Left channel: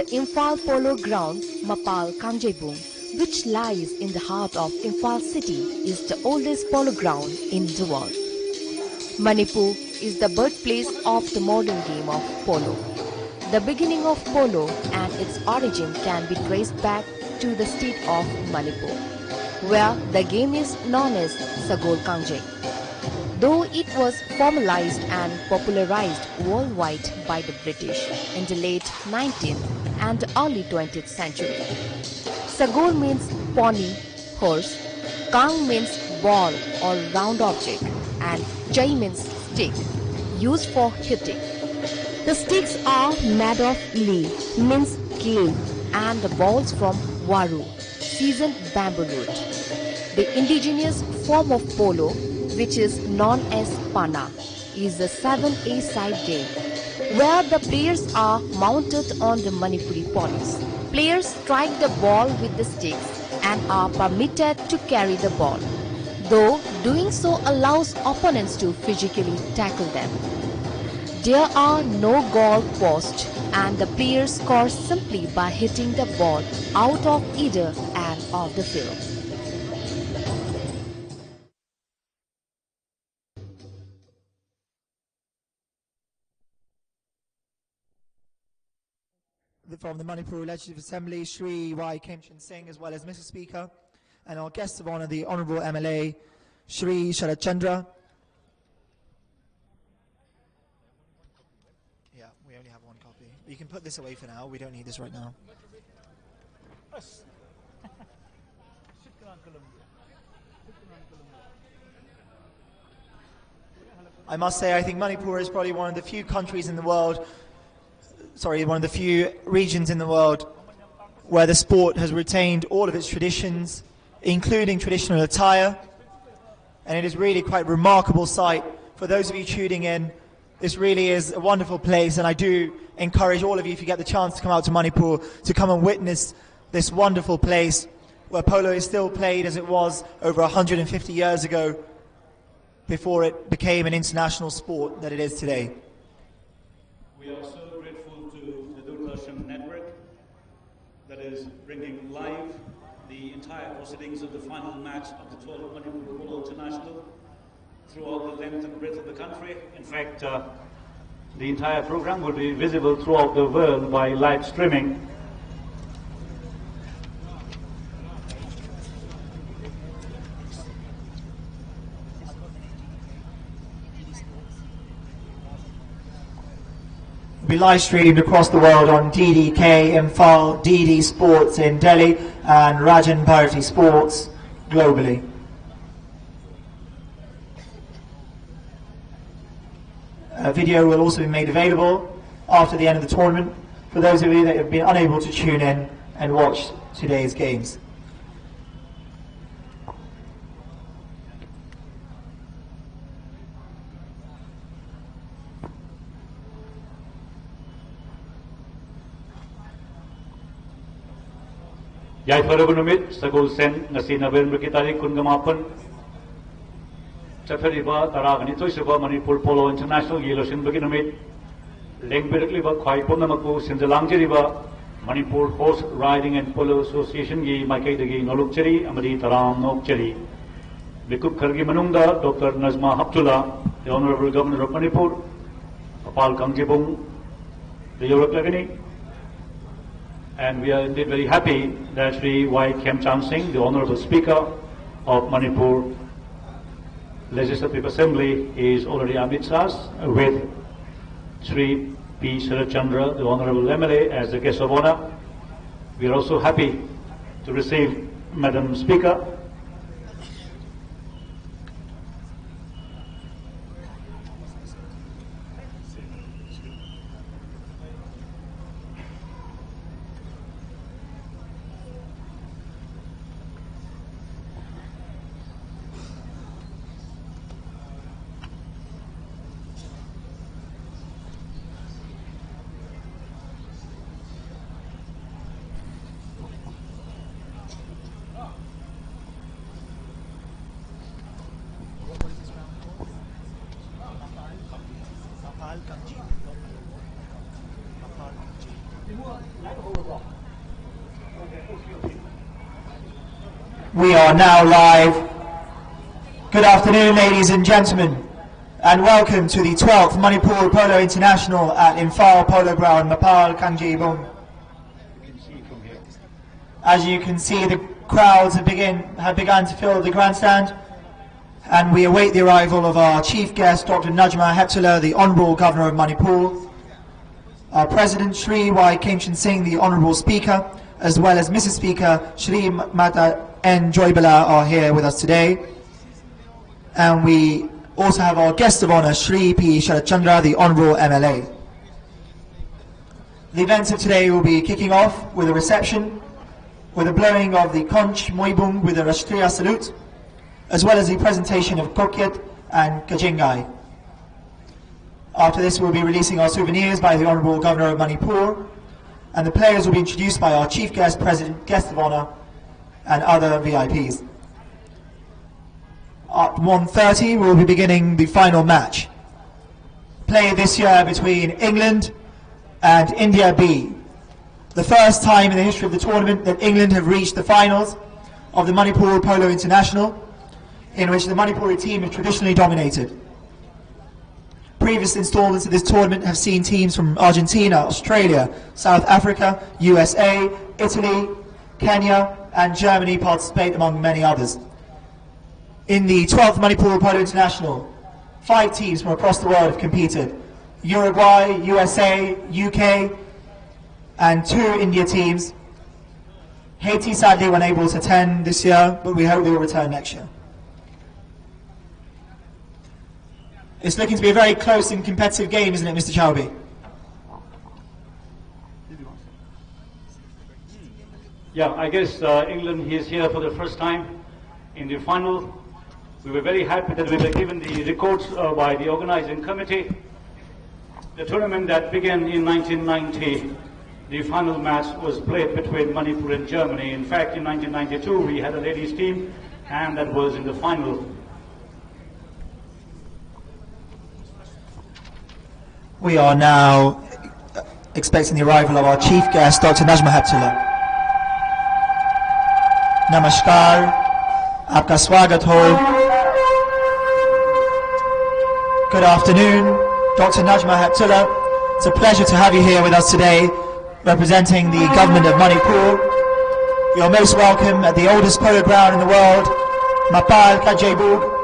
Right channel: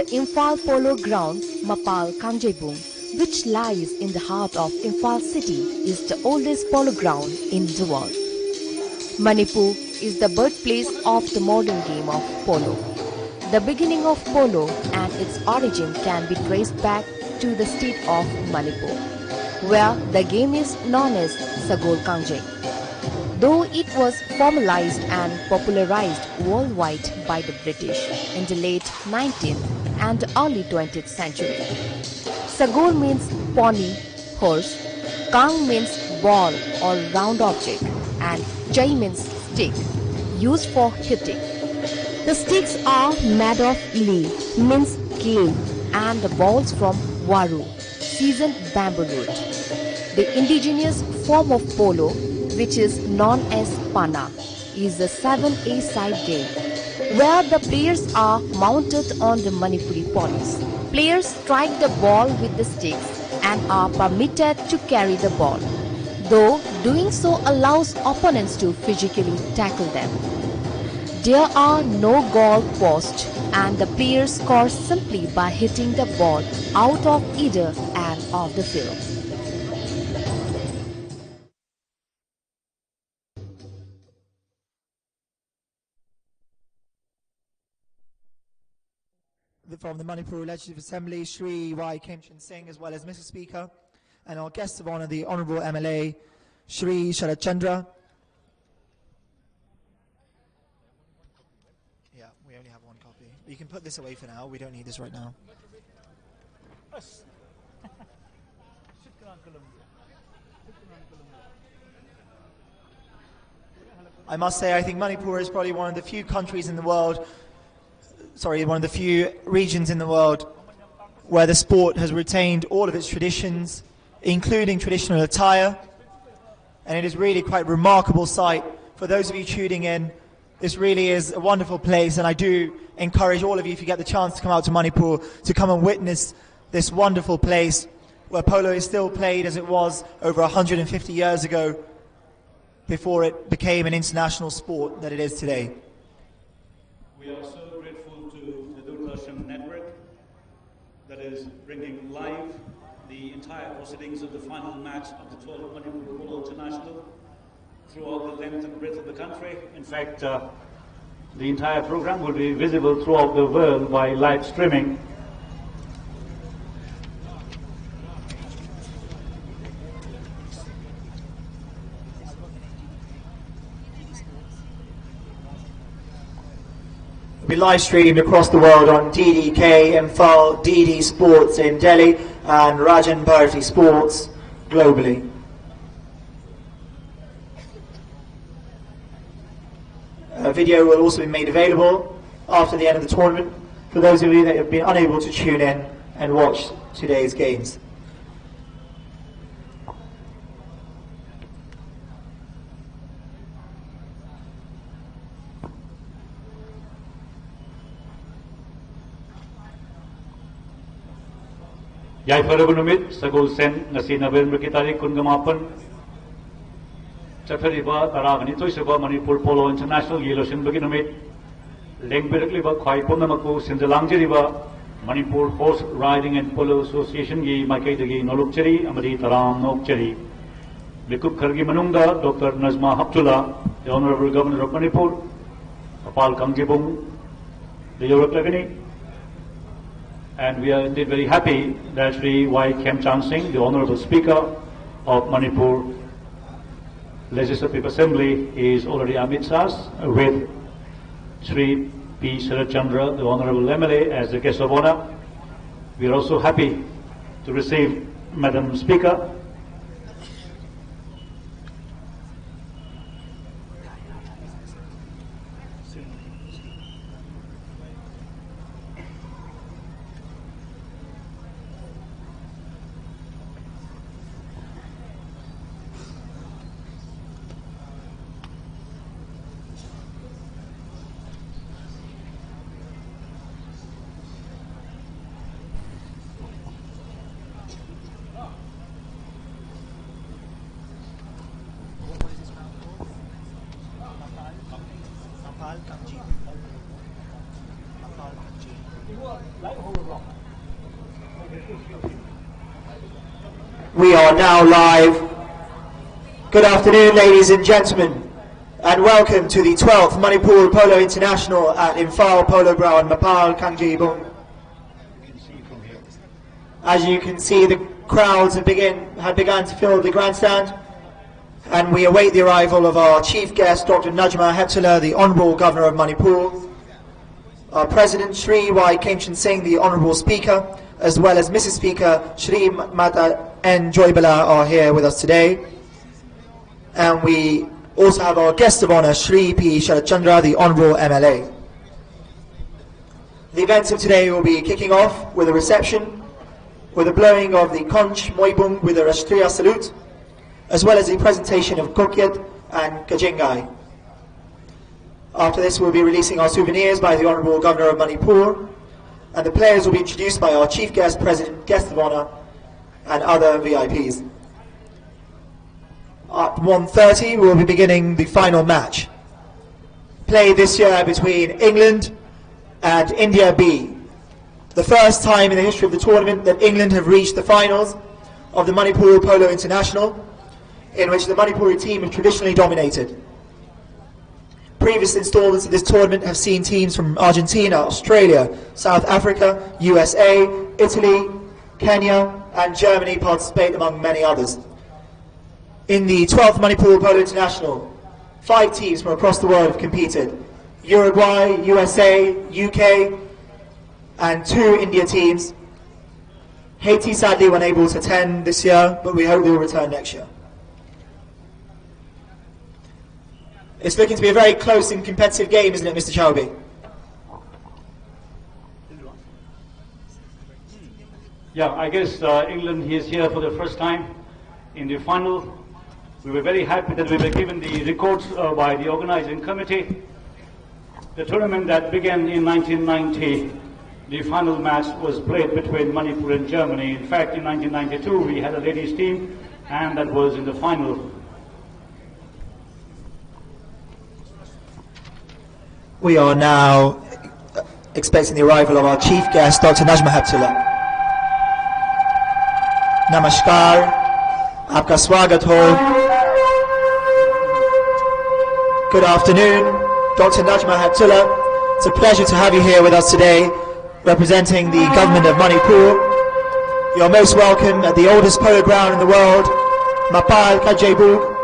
the Imphal Polo Ground, Mapal Kangjebung, which lies in the heart of Imphal city, is the oldest polo ground in the world. Manipur is the birthplace of the modern game of polo. The beginning of polo and its origin can be traced back to the state of Manipur, where the game is known as Sagol Kangjeng. Though it was formalized and popularized worldwide by the British in the late 19th and early 20th century. Sagol means pony, horse, Kang means ball or round object, and Jai means stick, used for hitting. The sticks are made of lee, means clay, and the balls from waru, seasoned bamboo root. The indigenous form of polo, which is known as pana, is the 7A-side game, where the players are mounted on the Manipuri ponies. Players strike the ball with the sticks and are permitted to carry the ball, though doing so allows opponents to physically tackle them. There are no goal posts and the players score simply by hitting the ball out of either end of the field. From the Manipur Legislative Assembly, Shri Y. Kemchan Singh, as well as Mr. Speaker, and our guests of honour, the Honourable MLA, Shri Sharad Chandra. Yeah, we only have one copy. You can put this away for now. We don't need this right now. I must say, I think Manipur is probably one of the few countries in the world, one of the few regions in the world where the sport has retained all of its traditions, including traditional attire. And it is really quite a remarkable sight. For those of you tuning in, this really is a wonderful place, and I do encourage all of you, if you get the chance to come out to Manipur, to come and witness this wonderful place where polo is still played as it was over 150 years ago, before it became an international sport that it is today. We are so grateful to the Doordarshan network that is bringing live the entire proceedings of the final match of the 12th Manipur Polo International throughout the length and breadth of the country. In fact, the entire program will be visible throughout the world by live streaming. Be live streamed across the world on DDK Imphal, DD Sports in Delhi, and Rajan Bharati Sports globally. A video will also be made available after the end of the tournament for those of you that have been unable to tune in and watch today's games. Yai Farabunumit, Sagol Sen, Nasi November Kitari Kungamapan, Chafariba, Taragani Toshaba, Manipur Polo International, Yeloshin Baginumit, Lengberkli, Kwai Ponamaku, Sinjalangeriba, Manipur Horse Riding and Polo Association, Gi Maikaidagi Nolukcheri, Amadi Taram Nokcheri, Bikup Kargi Manunda, Dr. Nazma Haptullah, the Honorable Governor of Manipur, Apal Kangjebung, the Yorok Lagani. And we are indeed very happy that Sri Y. Kemchan Singh, the Honorable Speaker of Manipur Legislative Assembly, is already amidst us with Sri P. Sharad Chandra, the Honorable MLA, as the guest of honor. We are also happy to receive Madam Speaker, We are now live. Good afternoon, ladies and gentlemen, and welcome to the 12th Manipur Polo International at Imphal Polo Ground, Mapal, Kangjibung. As you can see, the crowds have begun to fill the grandstand, and we await the arrival of our chief guest, Dr. Najma Heptullah, the Honourable Governor of Manipur, our President Shri Y. Kemchan Singh, the Honourable Speaker, as well as Mrs. Speaker Shri Mata N. Joybala are here with us today. And we also have our guest of honour, Shri P. Sharat Chandra, the Honourable MLA. The events of today will be kicking off with a reception, with the blowing of the Conch Moibung with a Rashtriya salute, as well as the presentation of Kokyat and Kajingai. After this, we'll be releasing our souvenirs by the Honourable Governor of Manipur, and the players will be introduced by our Chief Guest, President, Guest of Honour, and other VIPs. At 1:30, we'll be beginning the final match, played this year between England and India B. The first time in the history of the tournament that England have reached the finals of the Manipur Polo International, in which the Manipuri team have traditionally dominated. Previous installments of this tournament have seen teams from Argentina, Australia, South Africa, USA, Italy, Kenya, and Germany participate, among many others. In the 12th Manipur Polo International, 5 teams from across the world have competed: Uruguay, USA, UK, and 2 India teams. Haiti sadly were unable to attend this year, but we hope they will return next year. It's looking to be a very close and competitive game, isn't it, Mr. Chowbey? Yeah, I guess England is here for the first time in the final. We were very happy that we were given the records by the organizing committee. The tournament that began in 1990, the final match was played between Manipur and Germany. In fact, in 1992, we had a ladies team, and that was in the final. We are now expecting the arrival of our chief guest, Dr. Najma Heptullah. Namaskar, aapka swagat ho. Good afternoon, Dr. Najma Heptullah. It's a pleasure to have you here with us today, representing the government of Manipur. You're most welcome at the oldest polo ground in the world, Mapal Kangjibung.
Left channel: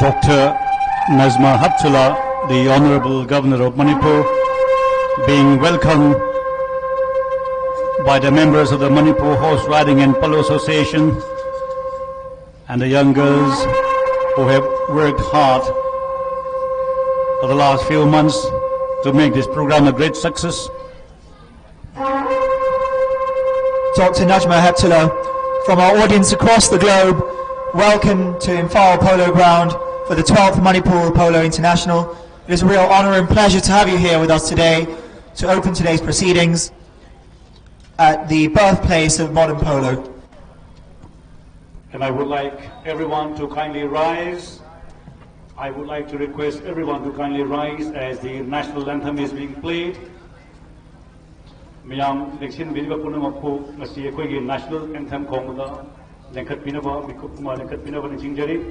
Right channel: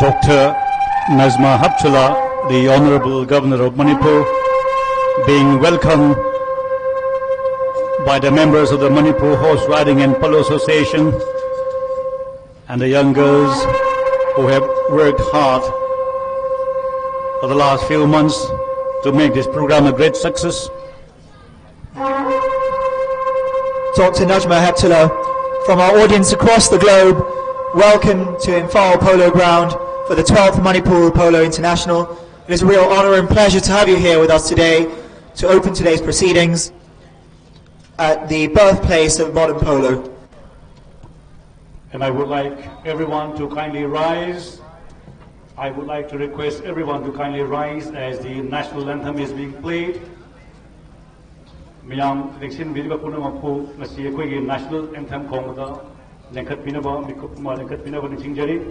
Dr. Najma Heptullah, the Honourable Governor of Manipur, being welcomed by the members of the Manipur Horse Riding and Polo Association and the young girls who have worked hard for the last few months to make this program a great success. Dr. Najma Heptullah, from our audience across the globe, welcome to Imphal Polo Ground for the 12th Manipur Polo International. It is a real honour and pleasure to have you here with us today to open today's proceedings at the birthplace of modern polo. And I would like everyone to kindly rise. I would like to request everyone to kindly rise as the national anthem is being played. Miyam Leksin Biniba Punamapu, Masi Ekwegi national anthem Kongda, Lenkat Pinaba, Mikupuma Lenkat Pinaba and Chingjari.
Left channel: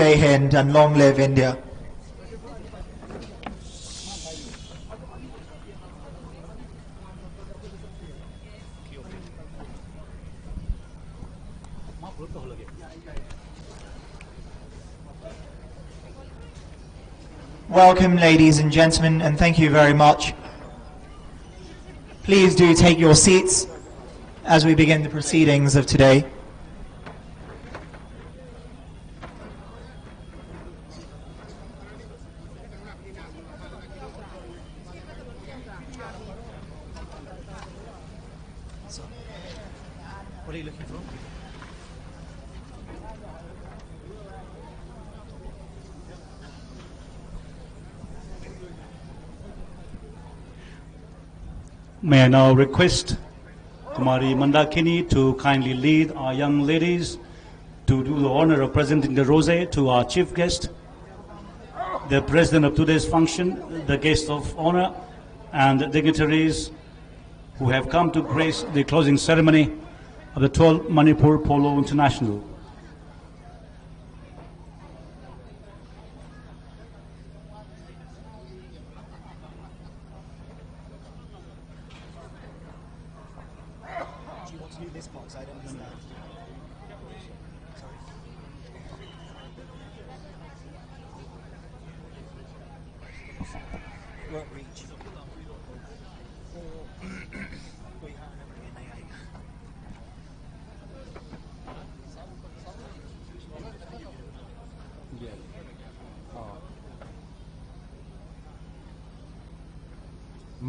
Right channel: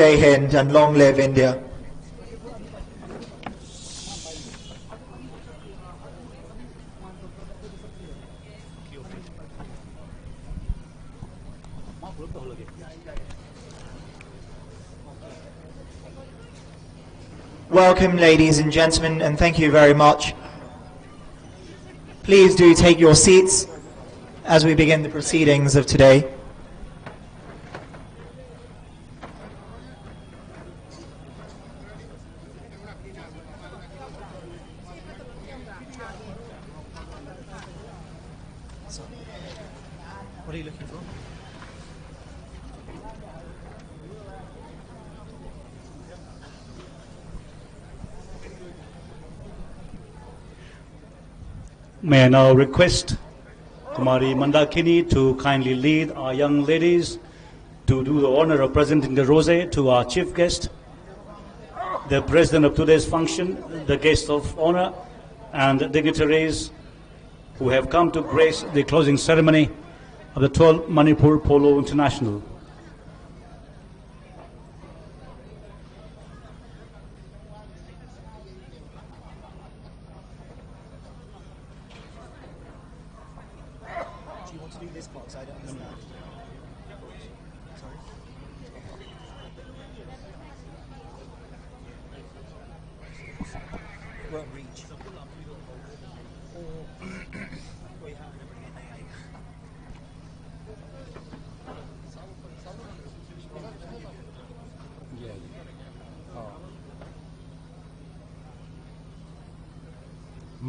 Jai Hind, and long live India. Welcome, ladies and gentlemen, and thank you very much. Please do take your seats as we begin the proceedings of today. What are you looking for? May I now request Kumari Mandakini to kindly lead our young ladies to do the honor of presenting the rosé to our chief guest, the president of today's function, the guests of honor, and the dignitaries who have come to grace the closing ceremony of the 12th Manipur Polo International.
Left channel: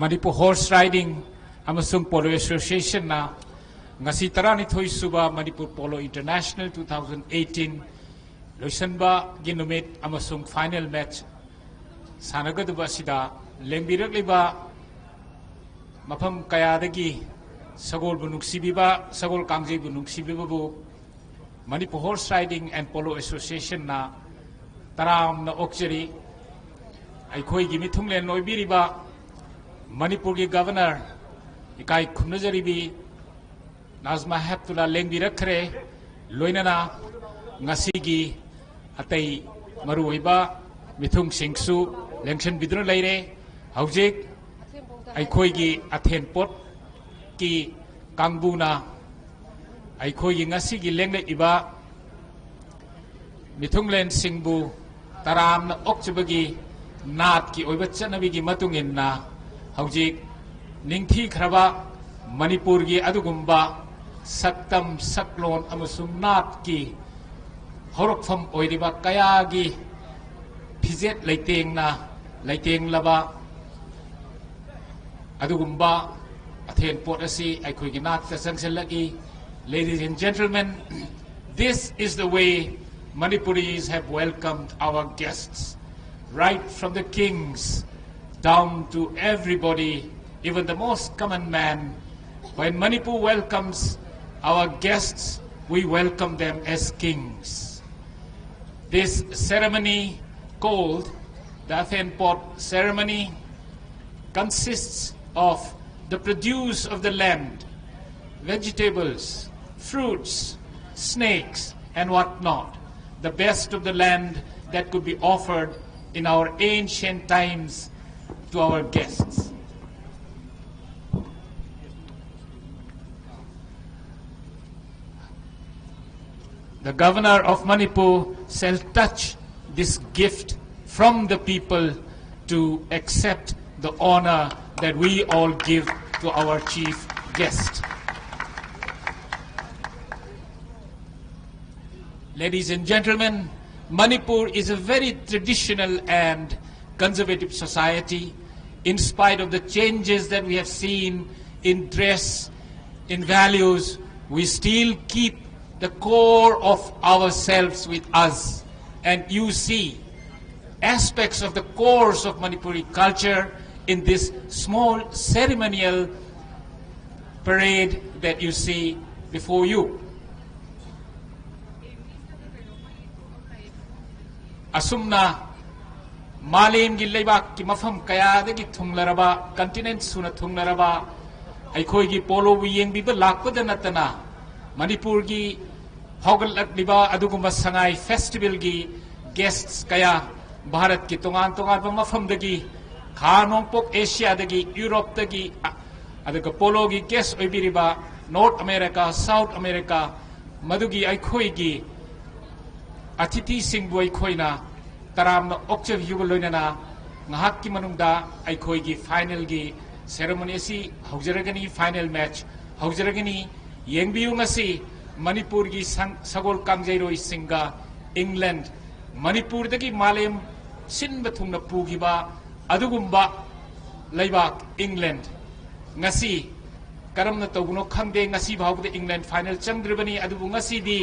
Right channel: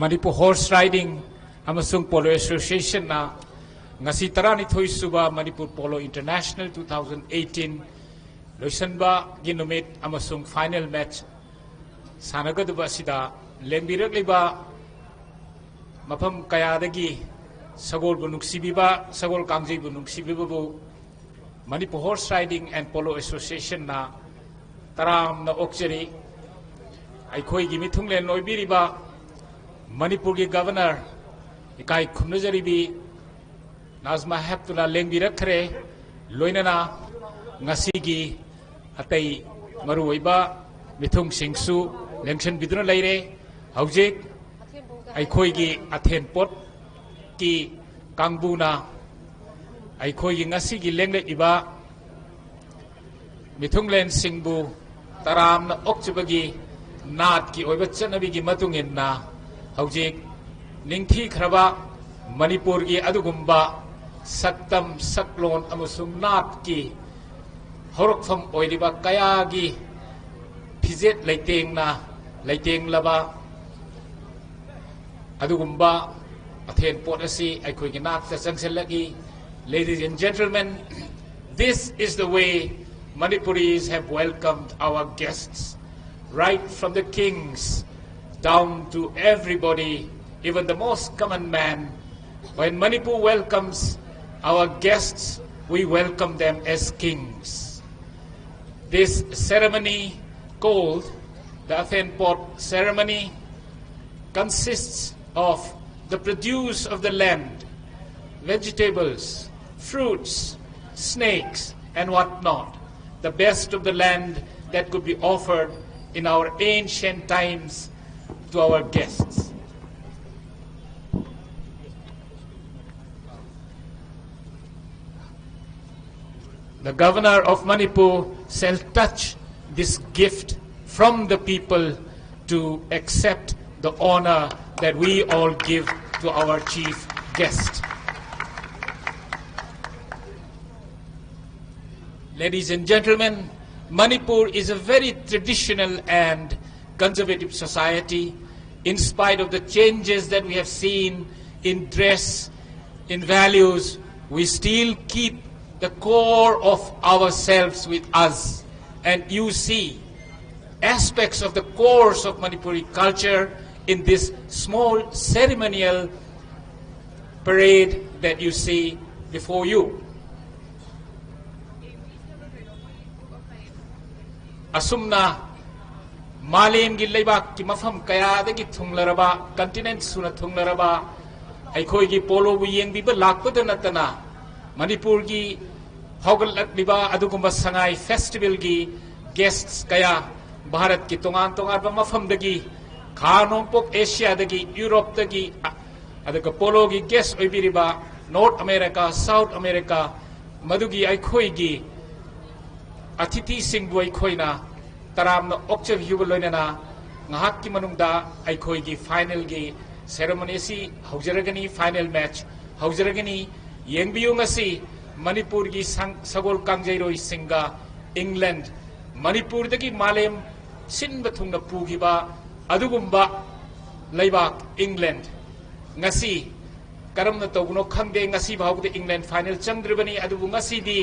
Manipur Horse Riding amasung Polo Association na ngasi taranithoi suba Manipur Polo International 2018 loisanba ginumit amasung final match sanagadba sida lengbirakliba mafam kayadagi sagol bunungsibiba sagol kangjei bunungsibibabu Manipur Horse Riding and Polo Association na taram na okjeri aikoi gi mithunglen loibiriba Manipur ki governor ikai khumnajaribi Nazma Heptula lengbirakre loinana ngasi gi atai maruiba mithung singsu lengchen bidru leire haujik aikoi gi athen pot ki kangbuna aikoi gi ngasi gi lengle iba mithunglen singbu taram na okchbagi nat ki oiba chanabi gi matungin na Haujik ningthi khraba Manipur gi adugumba saktam saklon amasung nat ki horokpham oiriba kaya gi phizet leiteng na leiteng laba adugumba athen pot asi aikoi gi nat ka sangselagi. Ladies and gentlemen, this is the way Manipuris have welcomed our guests, right from the kings down to everybody, even the most common man. When Manipur welcomes our guests, we welcome them as kings. This ceremony, called the Athen Pot ceremony, consists of the produce of the land, vegetables, fruits, snakes, and whatnot, the best of the land that could be offered in our ancient times to our guests. The governor of Manipur shall touch this gift from the people to accept the honor that we all give to our chief guest. Ladies and gentlemen, Manipur is a very traditional and conservative society. In spite of the changes that we have seen in dress, in values, we still keep the core of ourselves with us. And you see aspects of the cores of Manipuri culture in this small ceremonial parade that you see before you. Asumna Malim gi leibak ki mafam kaya de gi thunglaraba continent suna thunglaraba aikoi gi polo wi yeng bi ba lakpada natana Manipur gi hogal liba adugumba sangai festival gi guests kaya Bharat ki tongan-tongan pa mafamdagi Kha Nongpok Asia dagi Europe dagi adaga polo gi guest oibiriba North America South America madugi aikhoi gi atithi singbu aikhoina taramna okchav yuba loinana ngahak ki manungda aikhoi gi final gi ceremony si haujaragani final match haujaragani yengbiyu ngasi Manipur gi sagol kangjairoi singa England Manipur dagi malem sin bathungna pugiba adugumba laibak England ngasi karamna tawguno khangde ngasi bhawde England final changdribani adubu ngasi di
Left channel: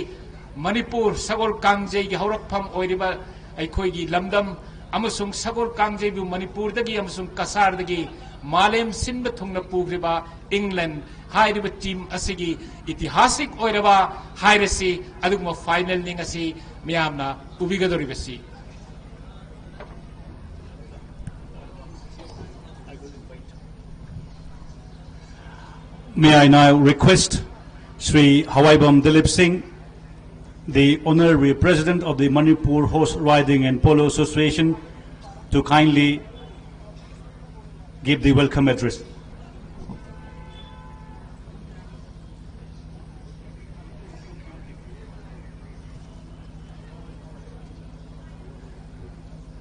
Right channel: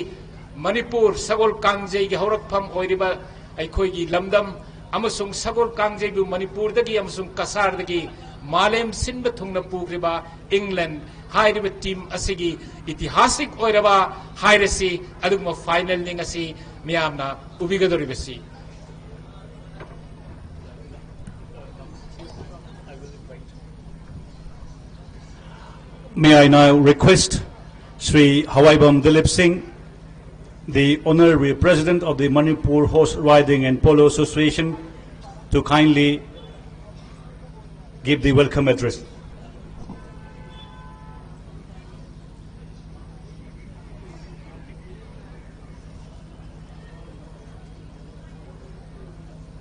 Manipur sagol kangjai gi haurakpham oiriba aikhoi gi lamdam amasung sagol kangjai bu Manipur dagi amasung kasar dagi malem sin bathungna pugriba England hairiba team asigi itihasik oiraba hairasi aduguma final ning asi miyamna ubigadoribasi May I now request Sri Hawaibam Dilip Singh, the Honorary President of the Manipur Horse Riding and Polo Association, to kindly give the welcome address.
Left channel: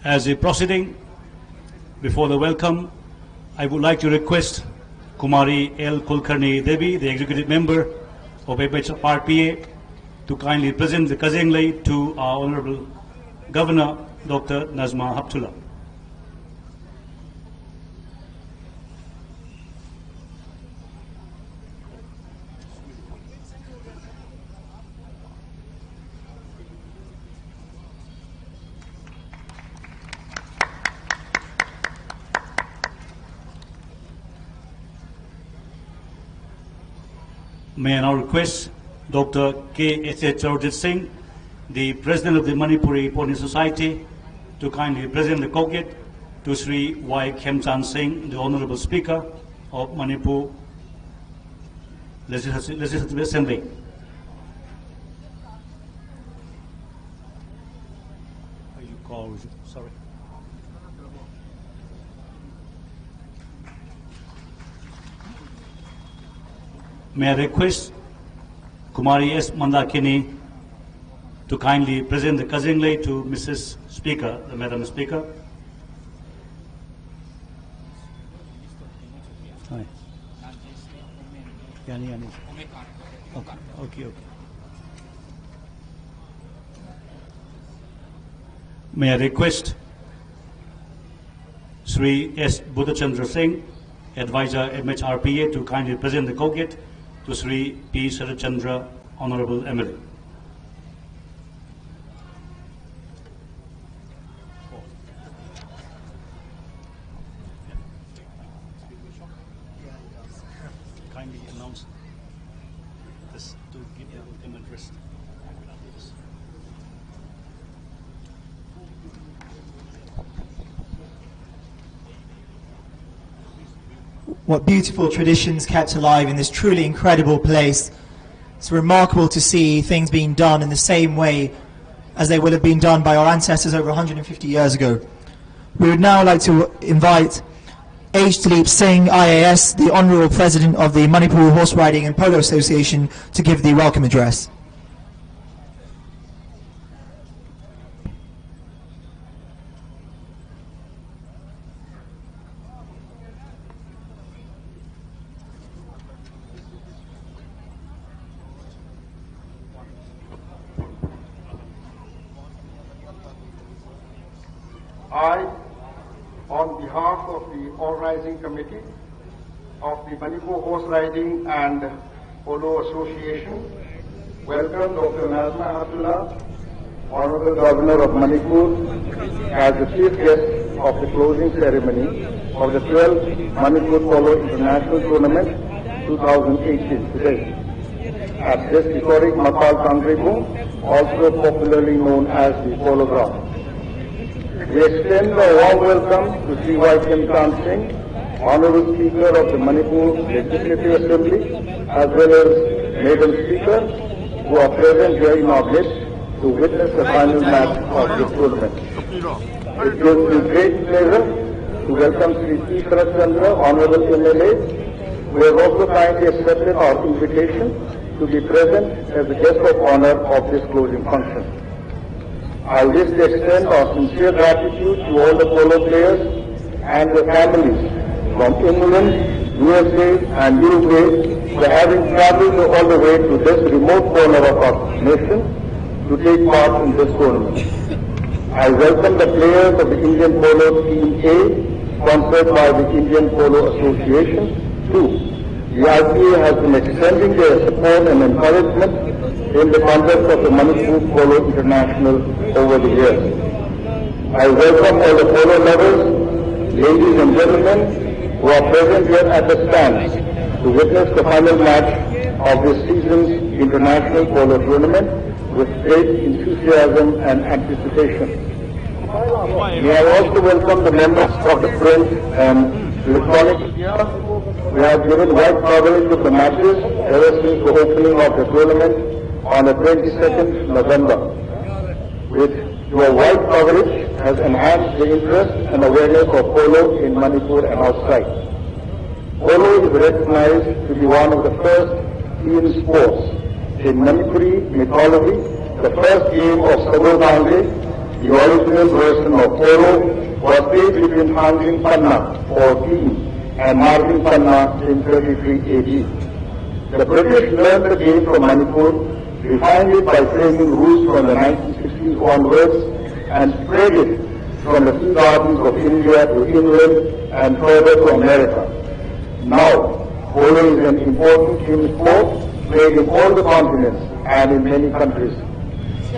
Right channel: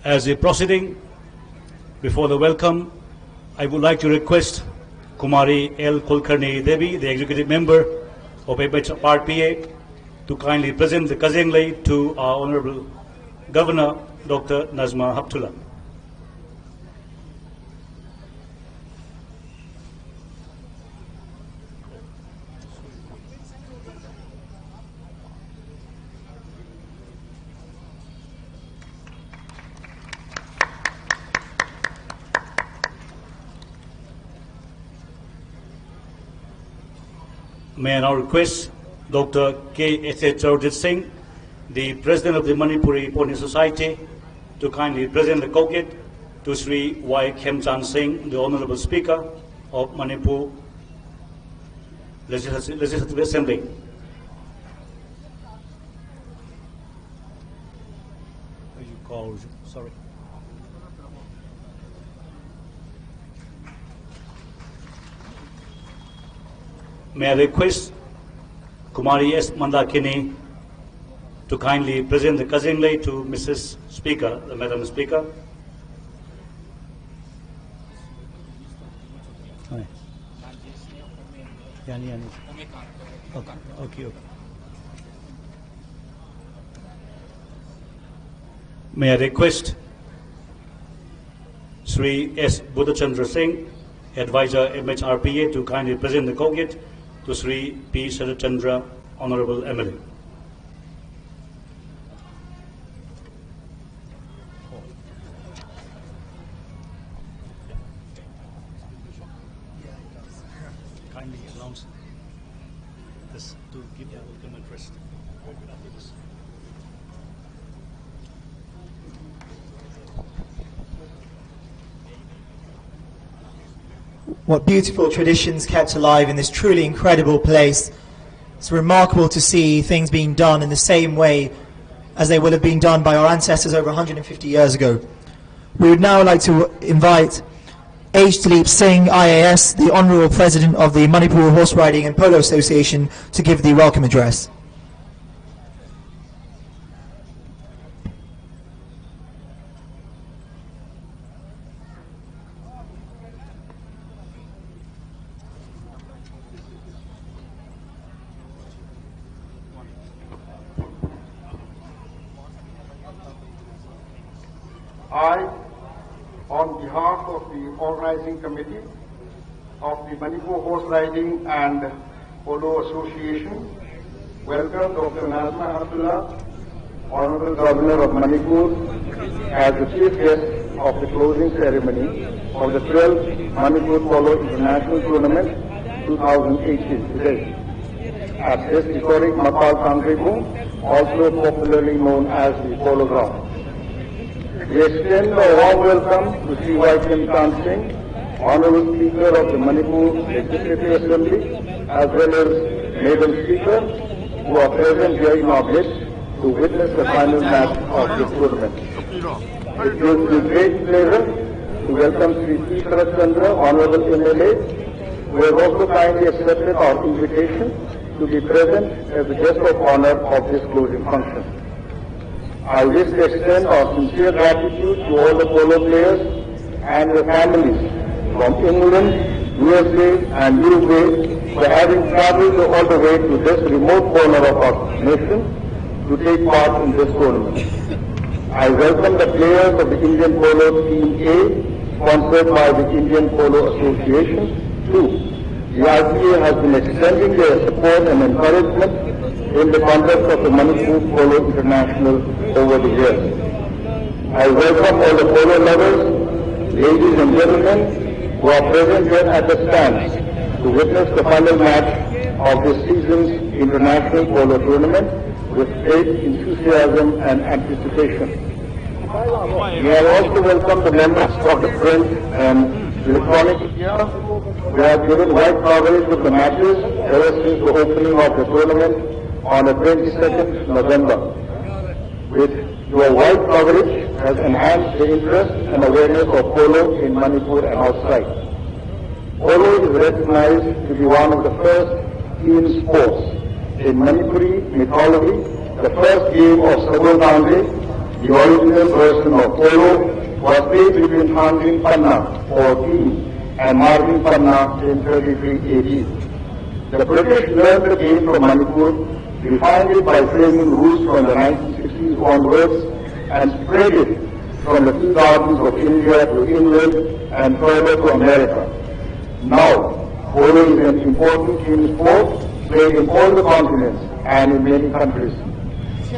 As a proceeding, before the welcome, I would like to request Kumari L. Kulkarni Devi, the Executive Member of FHRPA, to kindly present the Kazenglei to our Honorable Governor, Dr. Nazma Haptullah. May I now request Dr. K.S.H. Chaudhary Singh, the President of the Manipuri Pony Society, to kindly present the cockade to Sri Y. Khemchan Singh, the Honorable Speaker of Manipur Legislative Assembly. Sorry. May I request Kumari S. Mandakini to kindly present the Kazenglei to Mrs. Speaker, the Madam Speaker. Hi. Okay. May I request Sri S. Buddhachandra Singh, Advisor MHRPA, to kindly present the cockade to Sri P. Sarachandra, Honorable MLA. Kindly announce this to give the welcome address. What beautiful traditions kept alive in this truly incredible place. It's remarkable to see things being done in the same way as they would have been done by our ancestors over 150 years ago. We would now like to invite H. Dilip Singh, IAS, the Honourable President of the Manipur Horse Riding and Polo Association, to give the welcome address. I, on behalf of the Organizing Committee of the Manipur Horse Riding and Polo Association, welcome Dr. Nazma Haptullah, Honorable Governor of Manipur, as the chief guest of the closing ceremony of the 12th Manipur Polo International Tournament 2018 today at this historic Mapal Kangrebu, also popularly known as the Polo Ground. We extend a warm welcome to Sri Y. Khemchan Singh, Honorable Speaker of the Manipur Legislative Assembly, as well as Madam Speaker, who are present here in our midst, to witness the final match of this tournament. It gives me great pleasure to welcome Sri T. Sharat Chandra, Honorable MLA, who has also kindly accepted our invitation to be present as a guest of honor of this closing function. I wish to extend our sincere gratitude to all the polo players and their families from England, USA and Uruguay for having traveled all the way to this remote corner of our nation to take part in this tournament. I welcome the players of the Indian Polo Team A, sponsored by the Indian Polo Association, too. The IPA has been extending their support and encouragement in the conduct of the Manipur Polo International over the years. I welcome all the polo lovers, ladies and gentlemen, who are present here at the stands to witness the final match of this season's International Polo Tournament with great enthusiasm and anticipation. May I also welcome the members of the print and electronic media who have given wide coverage of the matches ever since the opening of the tournament on the 22nd November. With your wide coverage has enhanced the interest and awareness of polo in Manipur and outside. Polo is recognized to be one of the first team sports. In Manipuri mythology, the first game of Sabur Dange, the original version of polo, was played between Hanging Panna or team and Margin Panna in 33 AD. The British learned the game from Manipur, refined it by framing rules from the 1960s onwards, and spread it from the sea gardens of India to England and further to America. Now, polo is an important team sport played in all the continents and in many countries.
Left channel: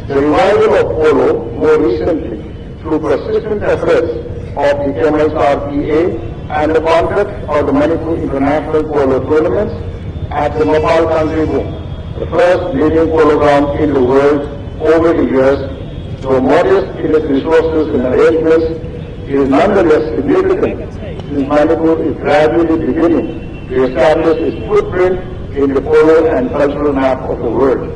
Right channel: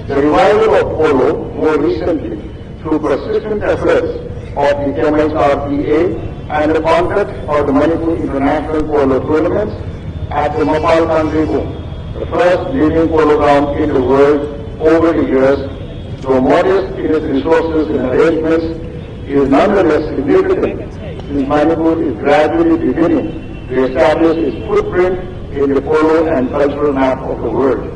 The revival of polo more recently through persistent efforts of the MSRPA and the conduct of the Manipur International Polo Tournaments at the Mapal Kangrebo, the first leading polo ground in the world over the years, though modest in its resources and arrangements, it is nonetheless significant since Manipur is gradually beginning to establish its footprint in the polo and cultural map of the world.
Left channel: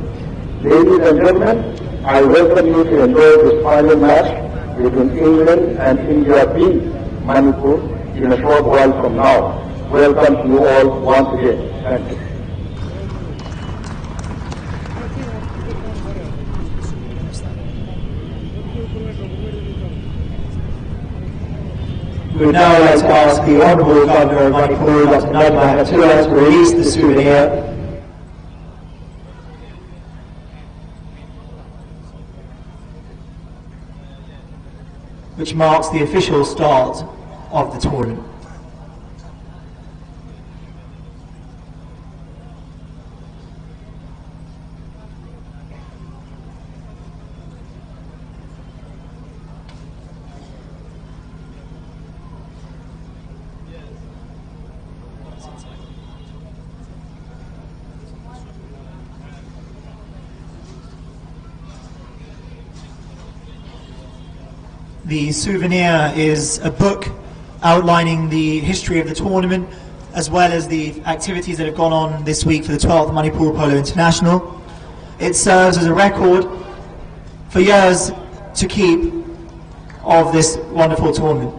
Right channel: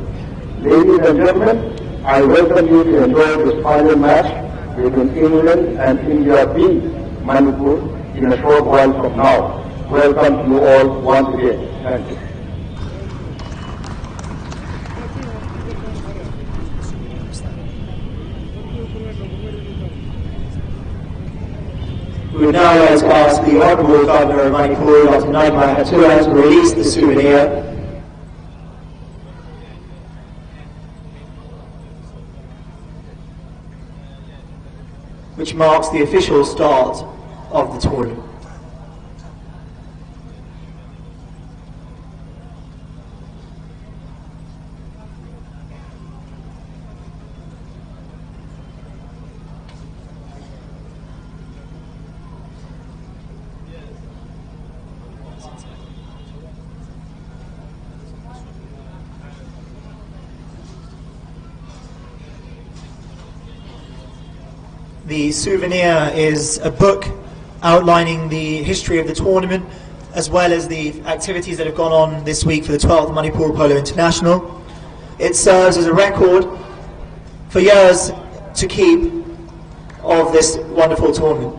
Ladies and gentlemen, I welcome you to enjoy this final match between England and India B, Manipur, in a short while from now. Welcome to you all once again. Thank you. We would now like to ask the Honourable Governor of Manipur, Dr. Nadma Hatula, to release the souvenir which marks the official start of the tournament. The souvenir is a book outlining the history of the tournament as well as the activities that have gone on this week for the 12th Manipur Polo International. It serves as a record for years to keep of this wonderful tournament.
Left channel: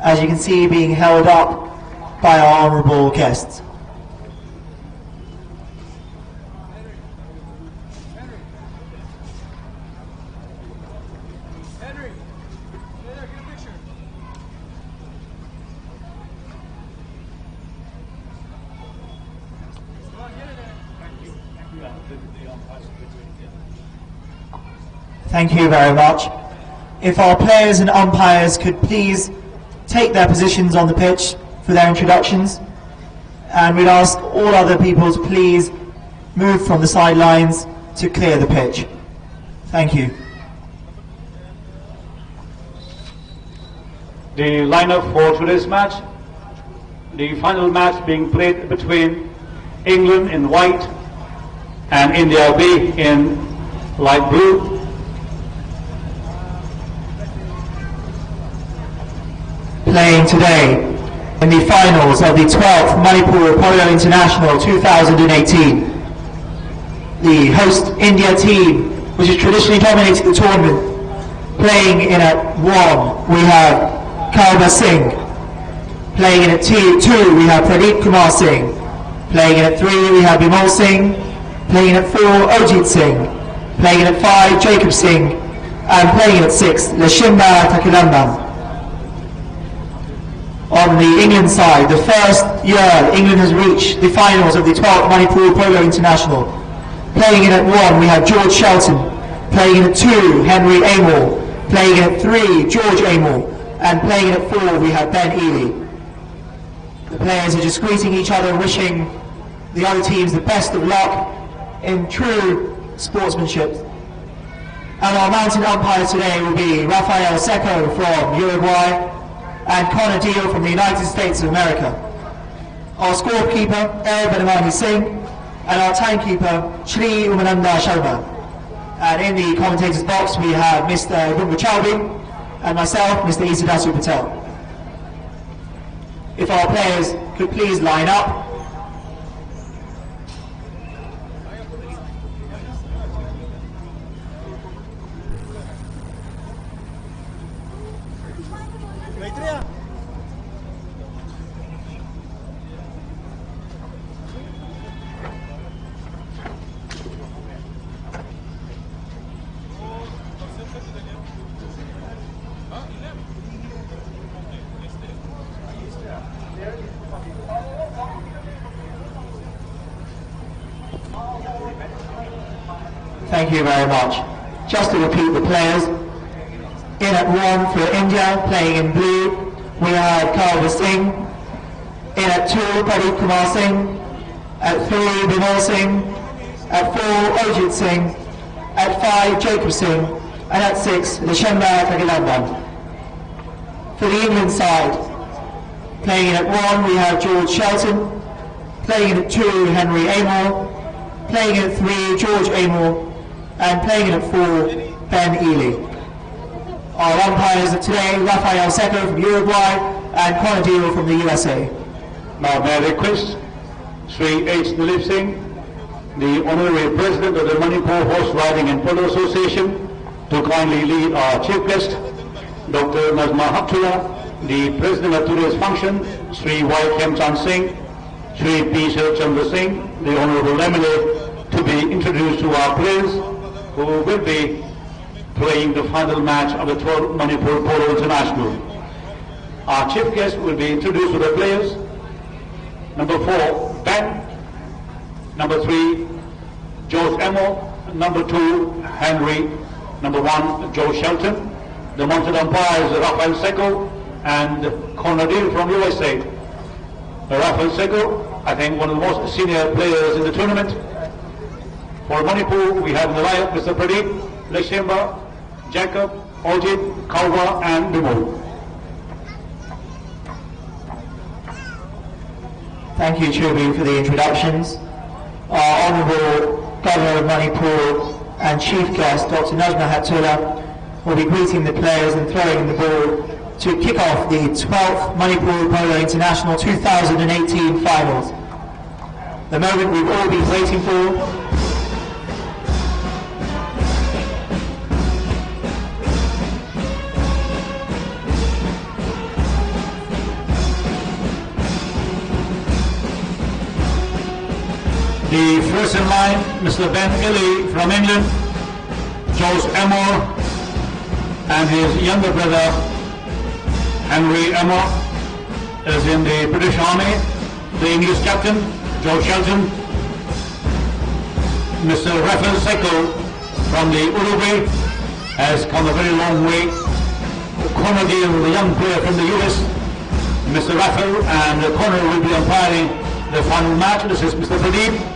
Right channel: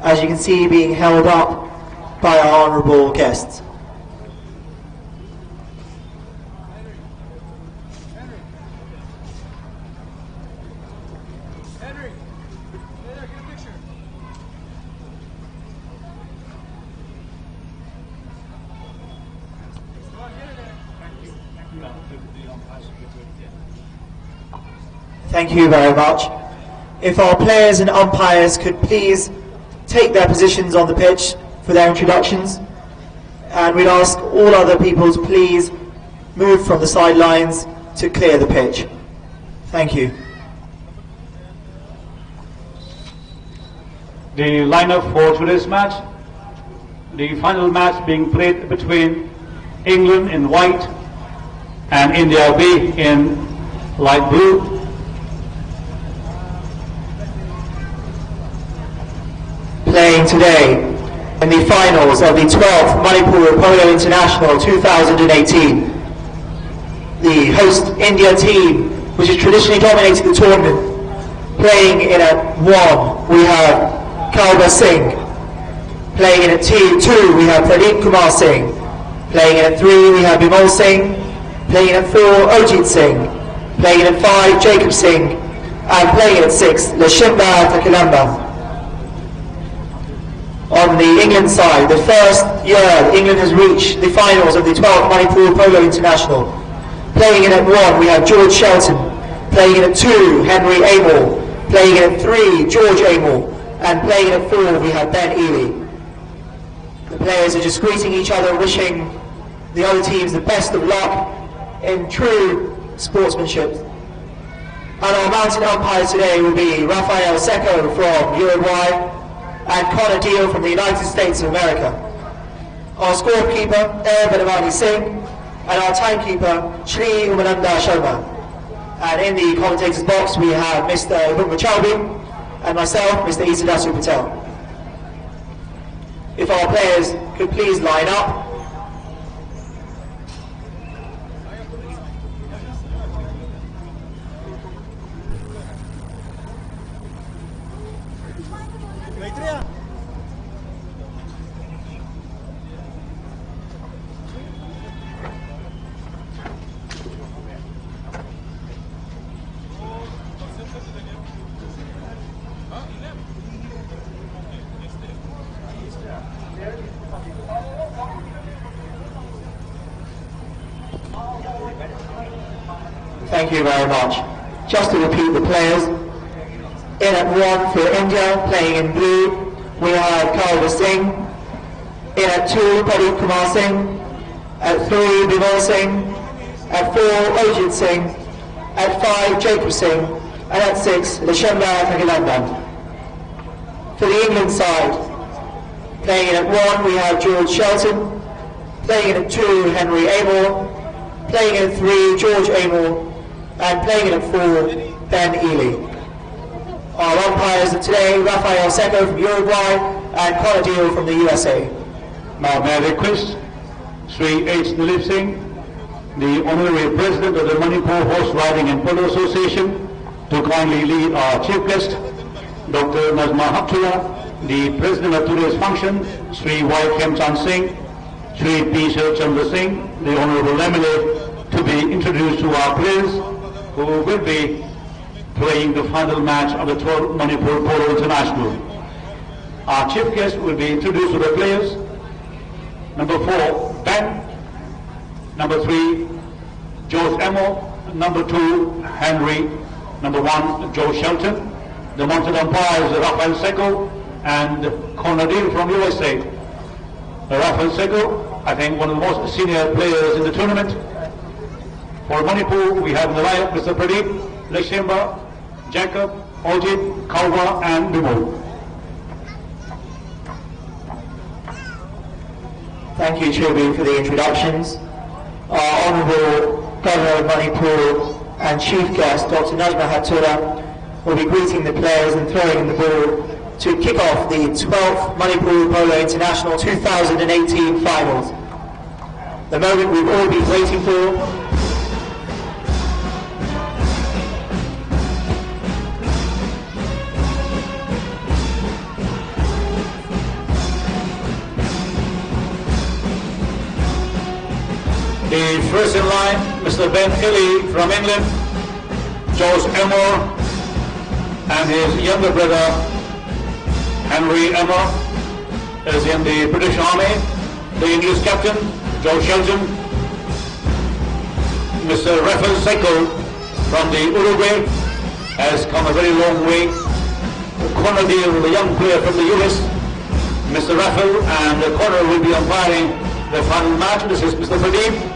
As you can see, being held up by our honourable guests. Thank you very much. If our players and umpires could please take their positions on the pitch for their introductions, and we'd ask all other people to please move from the sidelines to clear the pitch. Thank you. The lineup for today's match, the final match being played between England in white and India B in light blue. Playing today in the finals of the 12th Manipur Polo International 2018. the host India team, which has traditionally dominated the tournament. Playing in at 1, we have Kalba Singh. Playing in at 2, we have Pradeep Kumar Singh. Playing in at 3, we have Bimal Singh. Playing in at 4, Ojit Singh. Playing in at 5, Jacob Singh. And playing in at 6, Lashimba Takilandam. On the England side, the first year England has reached the finals of the 12th Manipur Polo International. Playing in at 1, we have George Shelton. Playing in at 2, Henry Amor. Playing in at 3, George Amor. And playing in at 4, we have Ben Ely. The players are just greeting each other and wishing the other teams the best of luck in true sportsmanship. And our mountain umpire today will be Rafael Seco from Uruguay and Connor Deal from the United States of America. Our scorekeeper, El Benamani Singh, and our timekeeper, Shri Umananda Sharma. And in the commentators box we have Mr. Bunga Chowdhury and myself, Mr. Isadasu Patel. If our players could please line up. Thank you very much. Just to repeat the players, in at 1 for India, playing in blue, we have Kalba Singh. In at 2, Pradeep Kumar Singh. At 3, Bimal Singh. At 4, Ojit Singh. At 5, Jacob Singh. And at 6, Lashemba Tagilandam. For the England side, playing in at 1, we have George Shelton. Playing in at 2, Henry Amor. Playing in at 3, George Amor. And playing in at 4, Ben Ely. Our umpires are today, Rafael Seco from Uruguay and Connor Deal from the USA. Now may I request Sri H. Nilip Singh, the Honorary President of the Manipur Horse Riding and Polo Association, to kindly lead our chief guest, Dr. Nazma Haptula, the President of today's function, Sri Y. Khemchand Singh, Sri P. Sharchandra Singh, the Honorable MLA, to be introduced to our players who will be playing the final match of the 12th Manipur Polo International. Our chief guest will be introduced to the players. Number 4, Ben. Number 3, George Emo. Number 2, Henry. Number 1, Joe Shelton. The mounted umpires are Rafael Seco and Connor Deal from USA. Rafael Seco, I think one of the most senior players in the tournament. For Manipur, we have in the lineup Mr. Pradeep, Leshemba, Jacob, Ojit, Kauba and Bimal. Thank you, Chubi, for the introductions. Our Honourable Governor of Manipur and Chief Guest, Dr. Nazma Haptula, will be greeting the players and throwing in the ball to kick off the 12th Manipur Polo International 2018 finals. The moment we've all been waiting for. The first in line, Mr. Ben Ely from England, George Amor, and his younger brother, Henry Amor, is in the British Army. The English captain, George Shelton, Mr. Rafael Seco from the Uruguay, has come a very long way. Connor Deal, the young player from the US, Mr. Rafael and Connor will be umpiring the final match. This is Mr. Pradeep.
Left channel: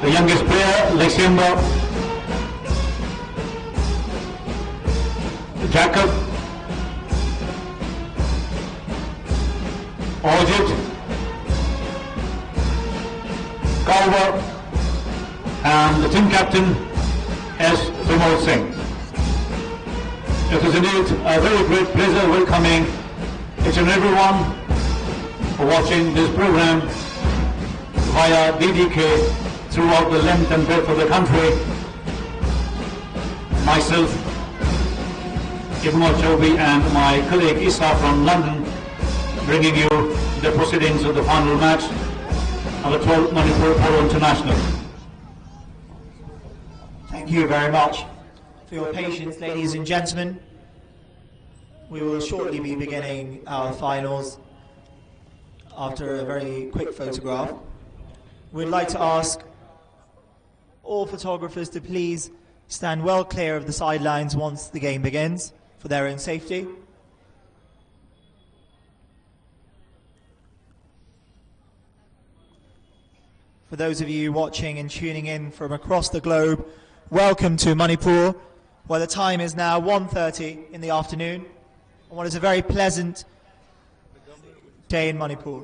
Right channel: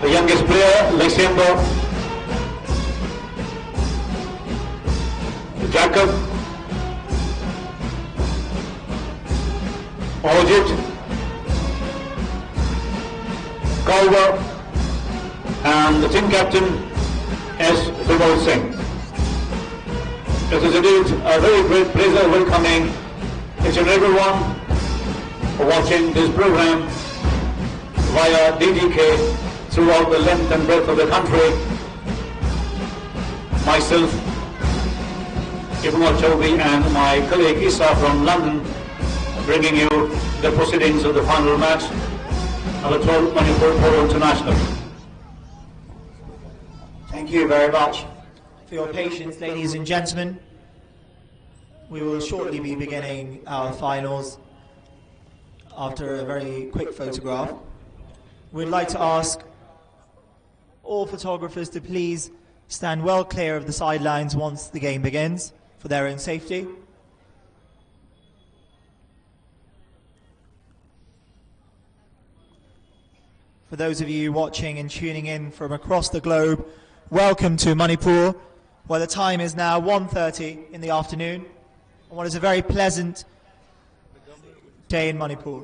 The youngest player, Leshemba, Jacob, Ojit, Kauba, and the team captain, S. Bimal Singh. It is indeed a very great pleasure welcoming each and everyone for watching this program via DDK throughout the length and breadth of the country. Myself, Ibn Chobi, and my colleague Isa from London, bringing you the proceedings of the final match of the 12th Manipur Polo International. Thank you very much for your patience, ladies and gentlemen. We will shortly be beginning our finals after a very quick photograph. We'd like to ask all photographers to please stand well clear of the sidelines once the game begins for their own safety. For those of you watching and tuning in from across the globe, welcome to Manipur, where the time is now 1:30 in the afternoon, on what is a very pleasant day in Manipur.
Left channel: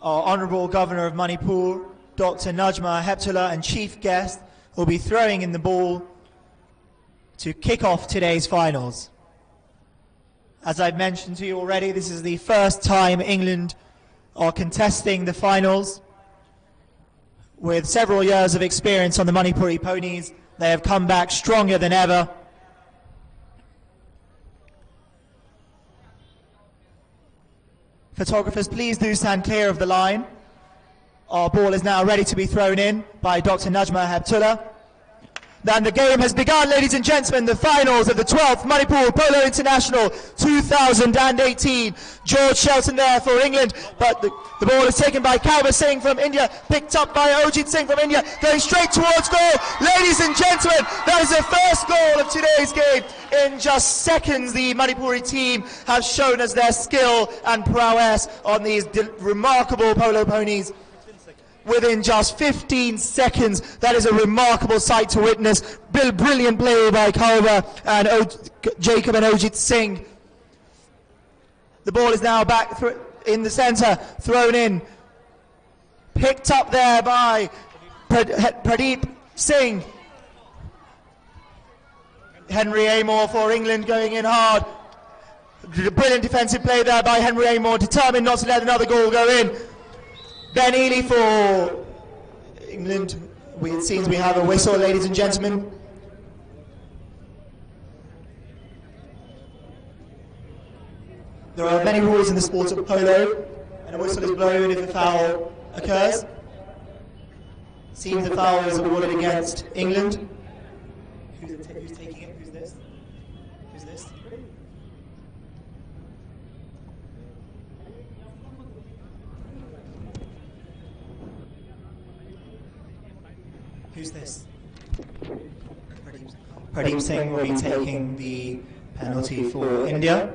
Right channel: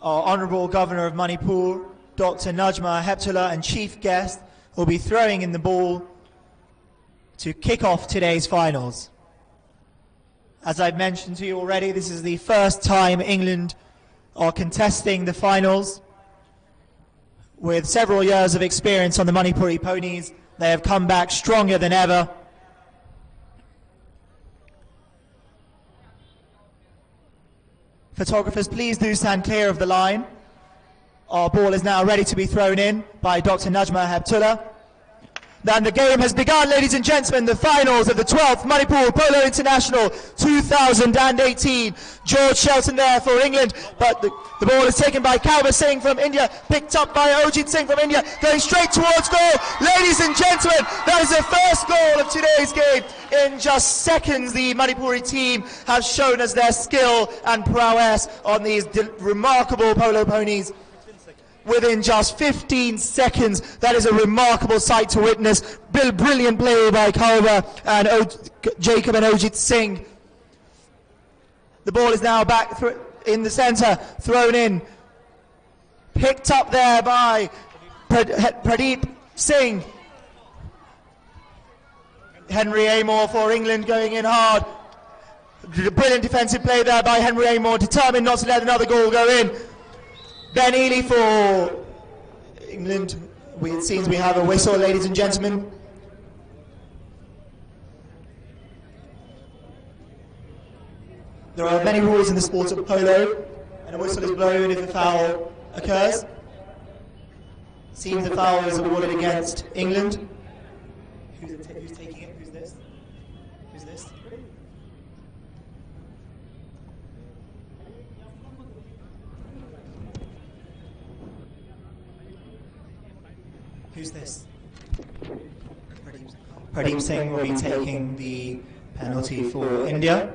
Our Honourable Governor of Manipur, Dr. Najma Heptullah, and chief guest will be throwing in the ball to kick off today's finals. As I've mentioned to you already, this is the first time England are contesting the finals. With several years of experience on the Manipuri ponies, they have come back stronger than ever. Photographers, please do stand clear of the line. Our ball is now ready to be thrown in by Dr. Najma Heptullah. Then the game has begun, ladies and gentlemen, the finals of the 12th Manipur Polo International 2018. George Shelton there for England, but the ball is taken by Kalba Singh from India, picked up by Ojit Singh from India, going straight towards goal. Ladies and gentlemen, that is the first goal of today's game. In just seconds, the Manipuri team have shown us their skill and prowess on these remarkable polo ponies. Within just 15 seconds, that is a remarkable sight to witness. Brilliant play by Kalba and Jacob and Ojit Singh. The ball is now back in the centre, thrown in. Picked up there by Pradeep Singh. Henry Amor for England going in hard. Brilliant defensive play there by Henry Amor, determined not to let another goal go in. Ben Ely for England. It seems we have a whistle, ladies and gentlemen. There are many rules in the sport of polo, and a whistle is blown if a foul occurs. It seems the foul is awarded against England. Who's taking it? Who's this? Who's this? Who's this? Pradeep Singh will be taking the penalty for India.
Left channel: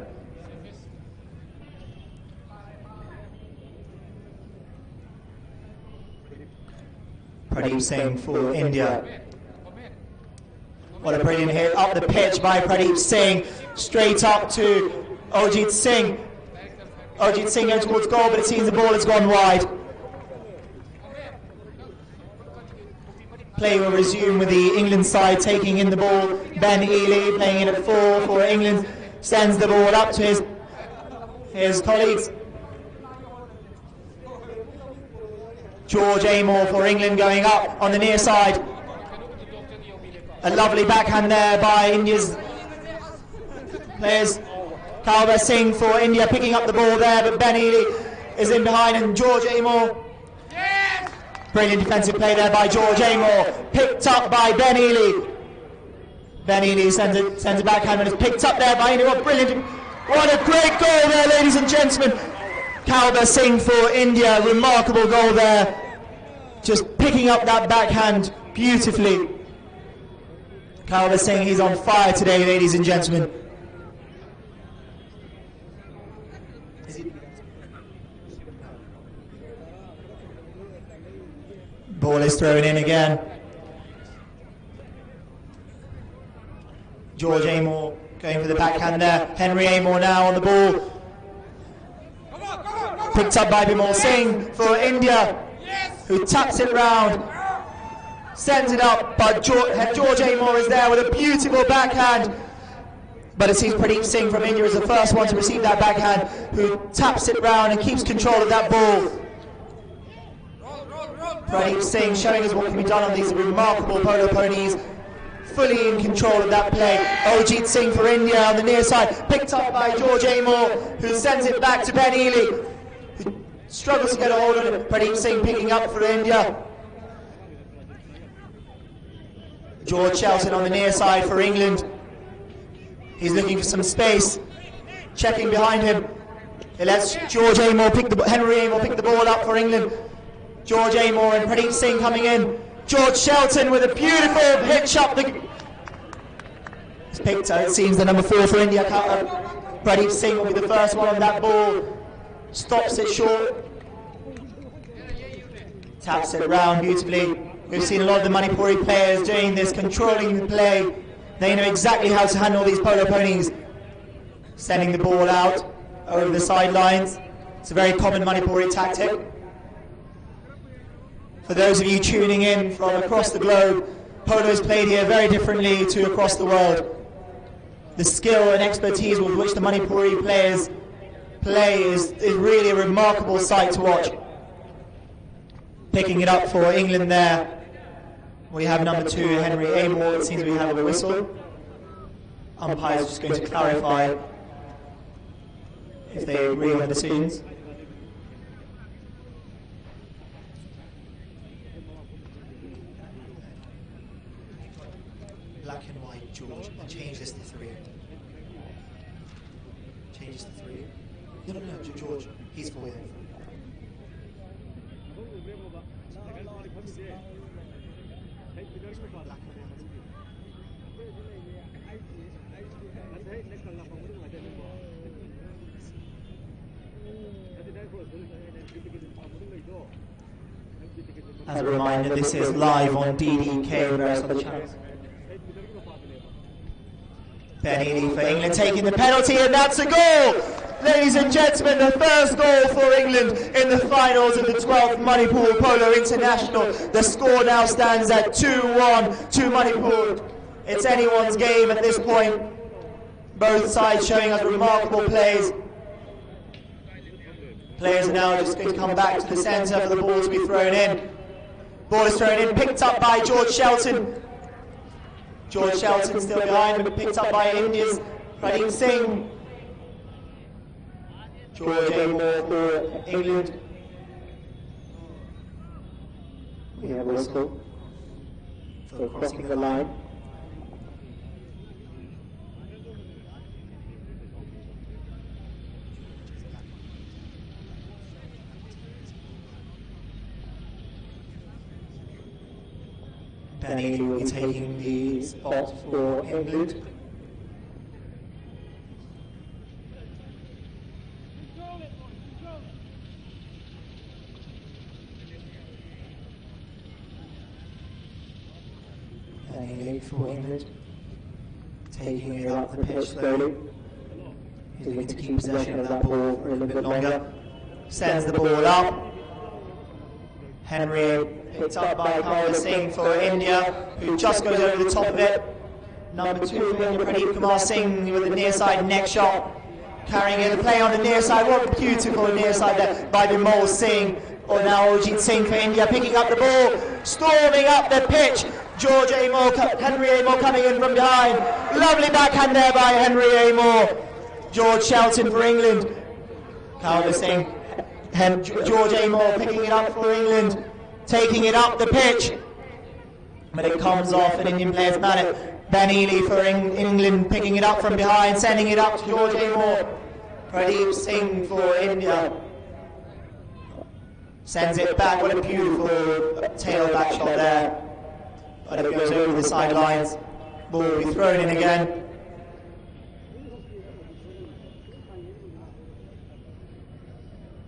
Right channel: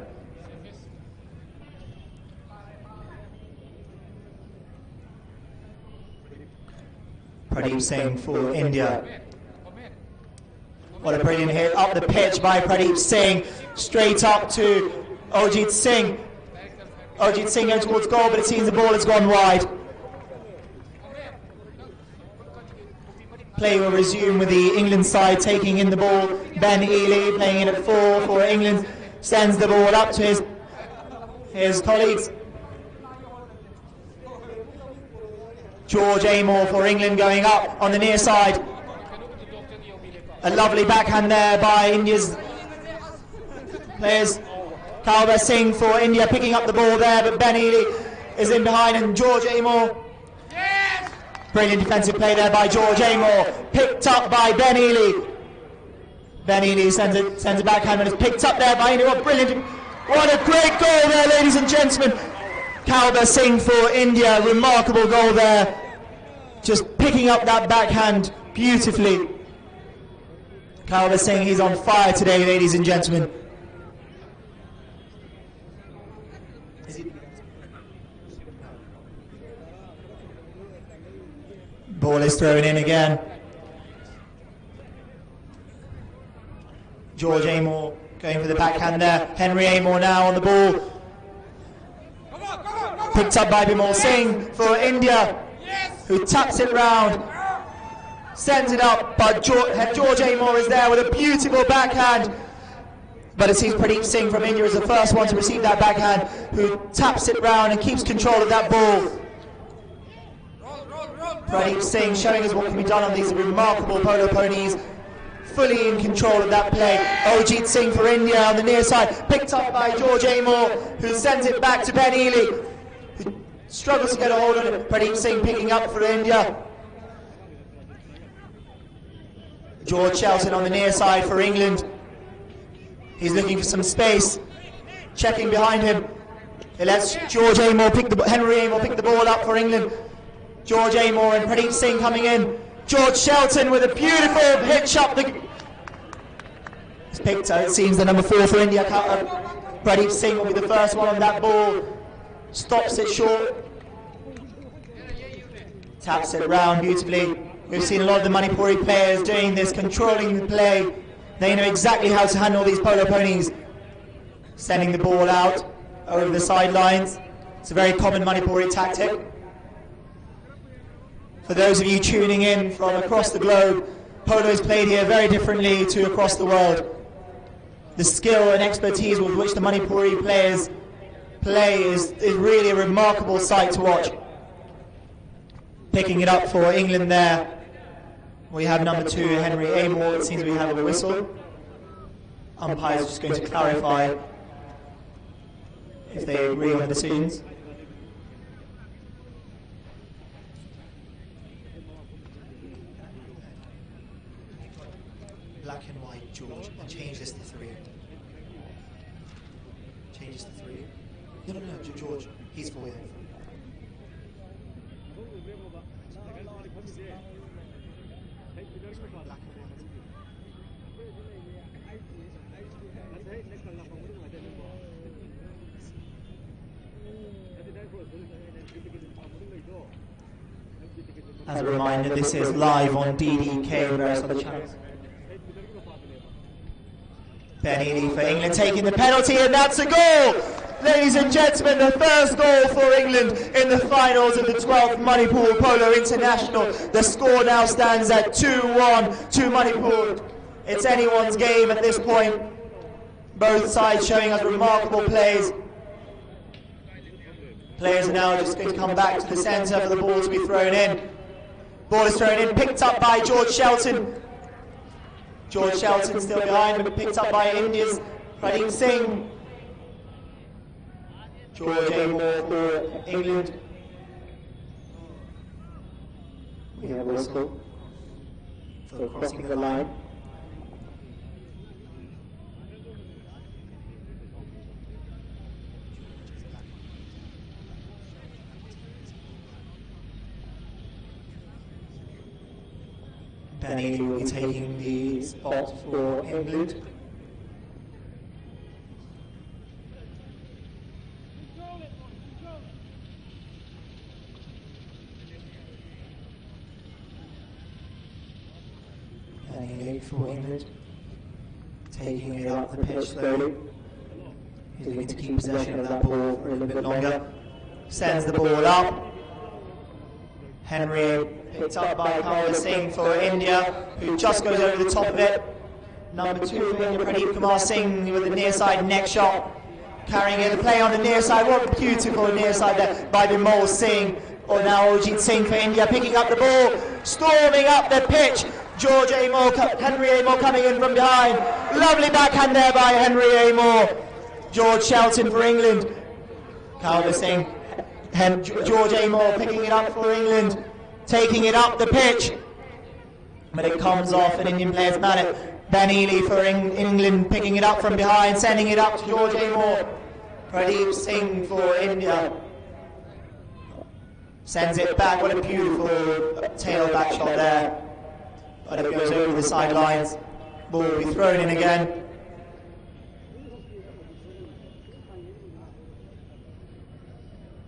Pradeep Singh for India. What a brilliant hit up the pitch by Pradeep Singh, straight up to Ojit Singh. Ojit Singh going towards goal, but it seems the ball has gone wide. Play will resume with the England side taking in the ball. Ben Ely playing in at 4 for England, sends the ball up to his colleagues. George Amor for England going up on the near side. A lovely backhand there by India's players. Kalba Singh for India picking up the ball there, but Ben Ely is in behind, and George Amor. Brilliant defensive play there by George Amor, picked up by Ben Ely. Ben Ely sends it backhand and is picked up there by India. What a great goal there, ladies and gentlemen. Kalba Singh for India, remarkable goal there. Just picking up that backhand beautifully. Kalba Singh, he's on fire today, ladies and gentlemen. Ball is thrown in again. George Amor going for the backhand there. Henry Amor now on the ball. Picked up by Bimal Singh for India, who taps it round. Sends it up, but George Amor is there with a beautiful backhand. But it seems Pradeep Singh from India is the first one to receive that backhand, who taps it round and keeps control of that ball. Pradeep Singh showing us what can be done on these remarkable polo ponies. Fully in control of that play. Ojit Singh for India on the near side, picked up by George Amor, who sends it back to Ben Ely, who struggles to get a hold of it. Pradeep Singh picking up for India. George Shelton on the near side for England. He's looking for some space, checking behind him. He lets George Amor Henry Amor pick the ball up for England. George Amor and Pradeep Singh coming in. George Shelton with a beautiful pitch up the... It's picked out, it seems, the number 4 for India. Pradeep Singh will be the first one on that ball. Stops it short. Taps it round beautifully. We've seen a lot of the Manipuri players doing this, controlling the play. They know exactly how to handle these polo ponies. Sending the ball out over the sidelines. It's a very common Manipuri tactic. For those of you tuning in from across the globe, polo is played here very differently to across the world. The skill and expertise with which the Manipuri players play is really a remarkable sight to watch. Picking it up for England there. We have number 2, Henry Amor. It seems we have a whistle. Umpire's just going to clarify if they agree on the decisions. Black and white, George. Change this to 3. Change this to 3. No, George. He's for you. As a reminder, this is live on DDK and various other channels. Ben Ely for England taking the penalty, and that's a goal! Ladies and gentlemen, the first goal for England in the finals of the 12th Manipur Polo International. The score now stands at 2-1 to Manipur. It's anyone's game at this point. Both sides showing us remarkable plays. Players are now just going to come back to the centre for the ball to be thrown in. Ball is thrown in, picked up by George Shelton. George Shelton still behind, but picked up by India's Pradeep Singh. George Amor for England. We have a whistle for crossing the line. Ben Ely will be taking the spot for England. Ben Ely for England, taking it up the pitch slowly. He's looking to keep possession of that ball for a little bit longer. Sends the ball up. Henry picked up by Pradeep Singh for India, who just goes over the top of it. Number 2 for India, Pradeep Singh with the near side neck shot. Carrying in the play on the near side. What a beautiful near side there by Bimal Singh. Or now Ojit Singh for India, picking up the ball, storming up the pitch. George Amor, Henry Amor coming in from behind. Lovely backhand there by Henry Amor. George Shelton for England. Bimal Singh. George Amor picking it up for England, taking it up the pitch, but it comes off an Indian player's mallet. Ben Ely for England picking it up from behind, sending it up to George Amor. Pradeep Singh for India sends it back. What a beautiful tail back shot there, but it goes over the sidelines. Ball will be thrown in again.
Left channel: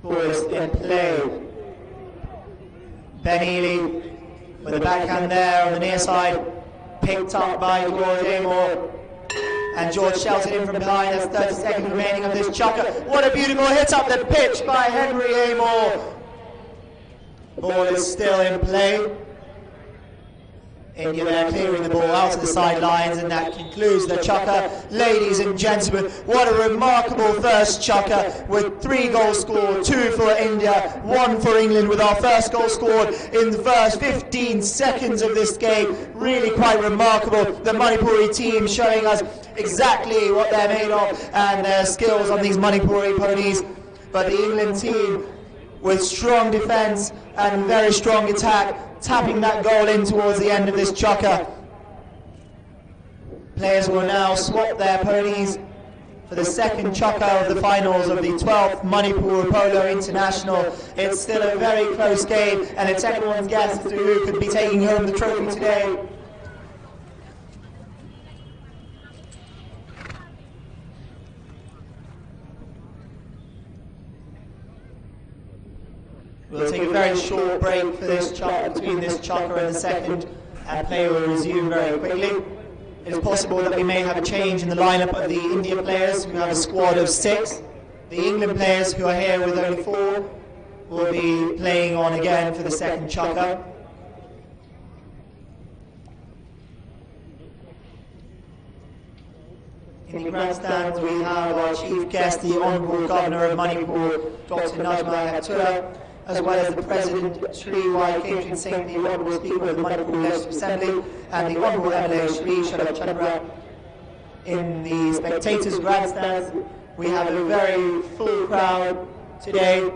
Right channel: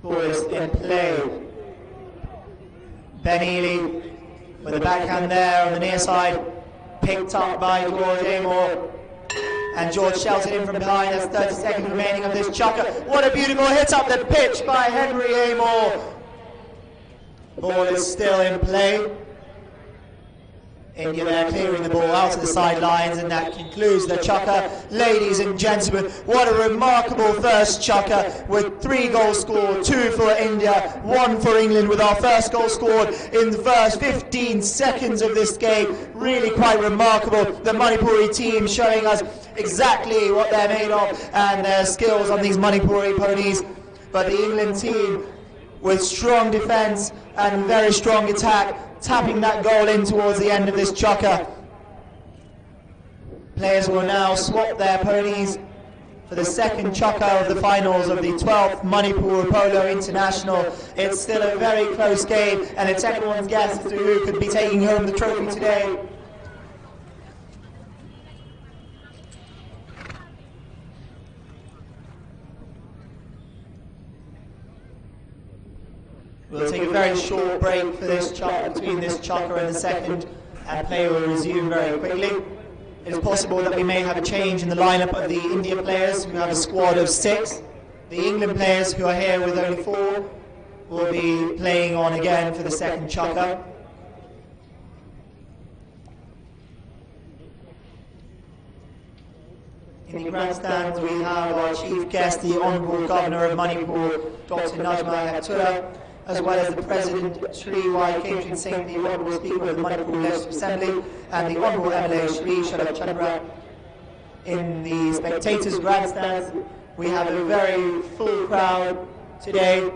Ball is in play. Ben Ely with a backhand there on the near side, picked up by George Amor. And George Shelton in from behind. There's 30 seconds remaining of this chukker. What a beautiful hit up the pitch by Henry Amor. Ball is still in play. India there clearing the ball out to the sidelines, and that concludes the chukker. Ladies and gentlemen, what a remarkable first chukker, with 3 goals scored, 2 for India, 1 for England, with our first goal scored in the first 15 seconds of this game. Really quite remarkable. The Manipuri team showing us exactly what they're made of and their skills on these Manipuri ponies. But the England team, with strong defence and very strong attack, tapping that goal in towards the end of this chukker. Players will now swap their ponies for the second chukker of the finals of the 12th Manipur Polo International. It's still a very close game, and it's everyone's guess as to who could be taking home the trophy today. We'll take a very short break for this between this chukker and the second, and play will resume very quickly. It is possible that we may have a change in the lineup of the India players, who have a squad of 6. The England players, who are here with only 4, will be playing on again for the second chukker. In the grandstands we have our chief guest, the Honourable Governor of Manipur, Dr. Najma Hattura, as well as the President, Shri Y. Catherine Singh, the Honourable Speaker of the Manipur Legislative Assembly, and the Honourable MLA Shri Sharad Chandra. In the spectators' grandstands, we have a very full crowd today,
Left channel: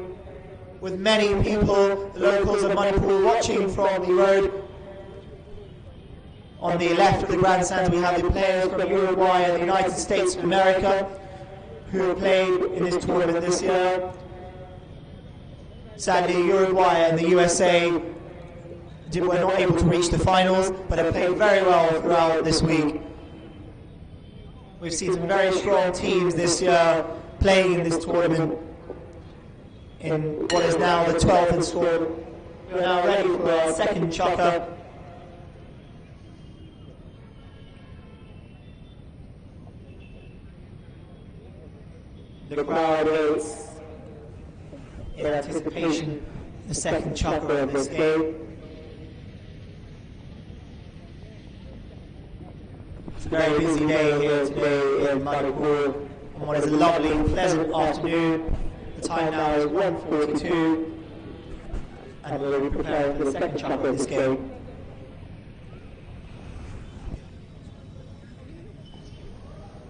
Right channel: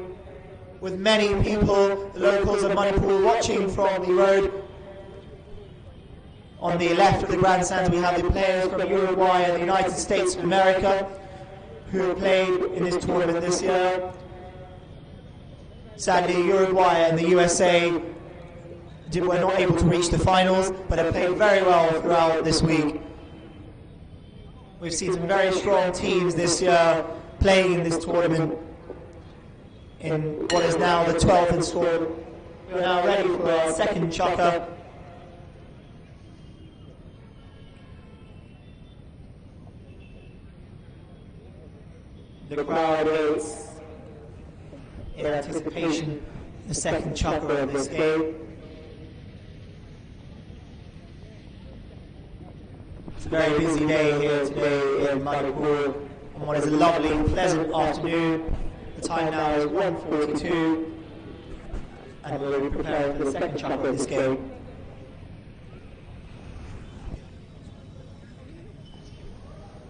with many people, the locals of Manipur, watching from the road. On the left of the grandstands, we have the players from Uruguay and the United States of America, who have played in this tournament this year. Sadly, Uruguay and the USA were not able to reach the finals, but have played very well throughout this week. We've seen some very strong teams this year playing in this tournament in what is now the 12th installment. We're now ready for our second chukker. The crowd waits in anticipation of the second chukker of this game. It's a very busy day here today in Manipur on what is a lovely, pleasant afternoon. The time now is 1:42, and we'll be preparing for the second chukker of this game.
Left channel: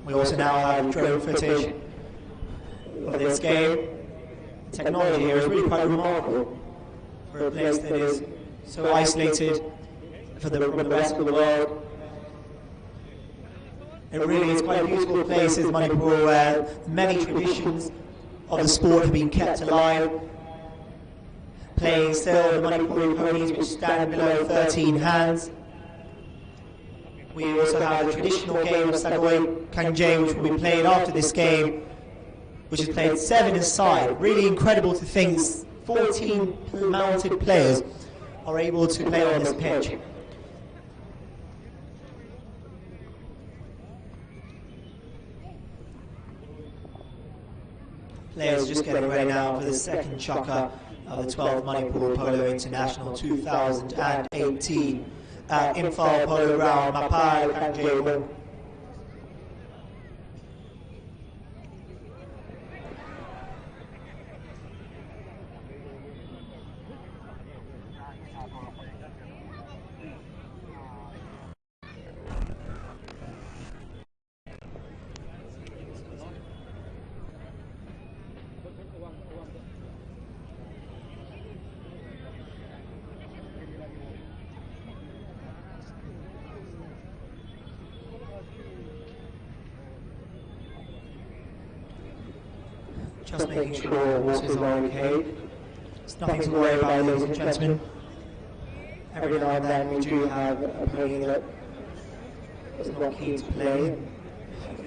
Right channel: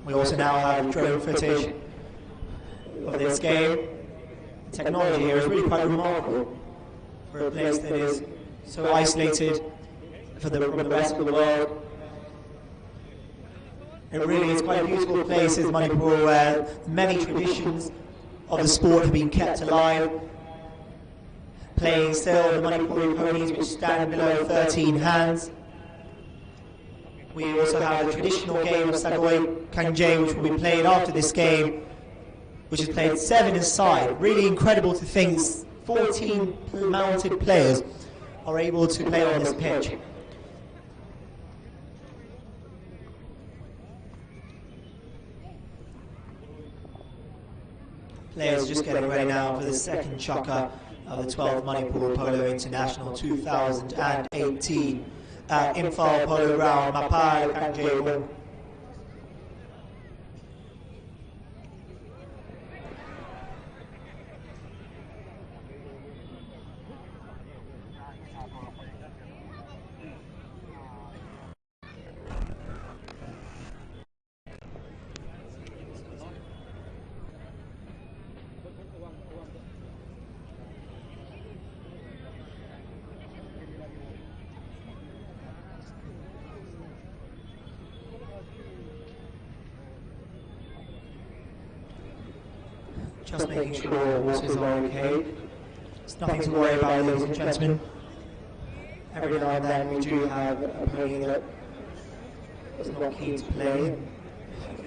We also now have drone footage of this game. The technology here is really quite remarkable for a place that is so isolated from the rest of the world. It really is quite a beautiful place in Manipur, where many traditions of the sport have been kept alive. Playing still the Manipuri ponies, which stand below 13 hands. We also have the traditional game of Sagoi Kangje, which will be played after this game, which is played 7-a-side. Really incredible to think 14 mounted players are able to play on this pitch. Players just getting ready now for the second chukker of the 12th Manipur Polo International 2018 at Imphal Polo Ground, Manipur Polo. Just making sure horses are okay. It's nothing to worry about, ladies and gentlemen. Every now and then we do have a pony that is not keen to play.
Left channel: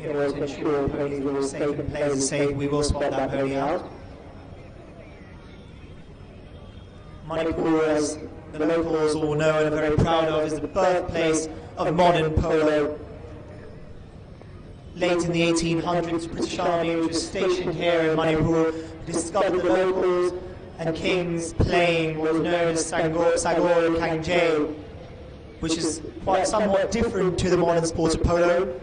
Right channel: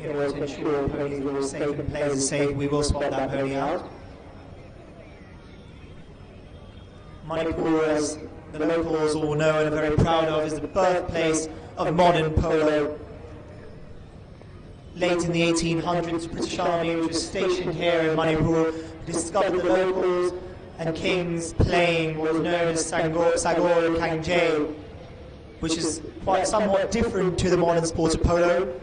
In order to ensure ponies are all safe and players are safe, we will swap that pony out. Manipur, as the locals all know and are very proud of, is the birthplace of modern polo. Late in the 1800s, the British Army, which was stationed here in Manipur, discovered the locals and kings playing what was known as Sagoi Kangje. which is quite somewhat different to the modern sport of polo.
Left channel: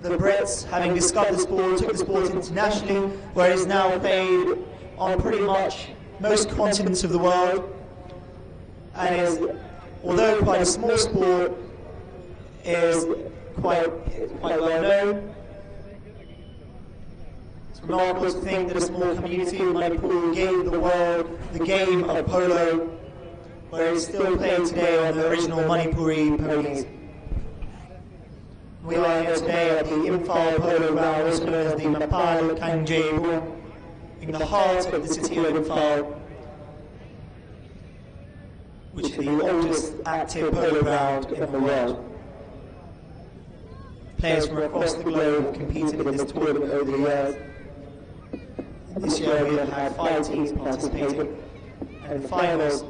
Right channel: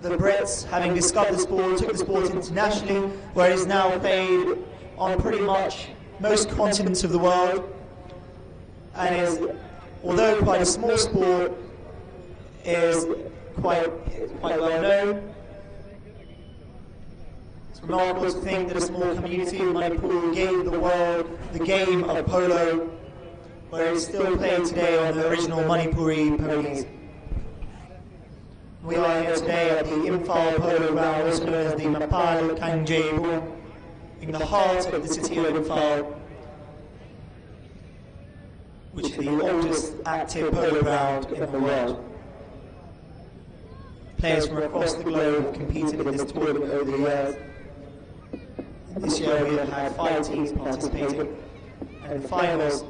The Brits, having discovered the sport, took the sport internationally, where it is now played on pretty much most continents of the world, and is, although quite a small sport, is quite well known. It's remarkable to think that a small community in Manipur gave the world the game of polo, where it is still played today on the original Manipuri ponies. We are here today at the Imphal Polo Ground, also known as the Mapal Kangjebung, in the heart of the city of Imphal, which is the oldest active polo ground in the world. Players from across the globe have competed in this tournament over the years. This year we have had 5 teams participating, and finals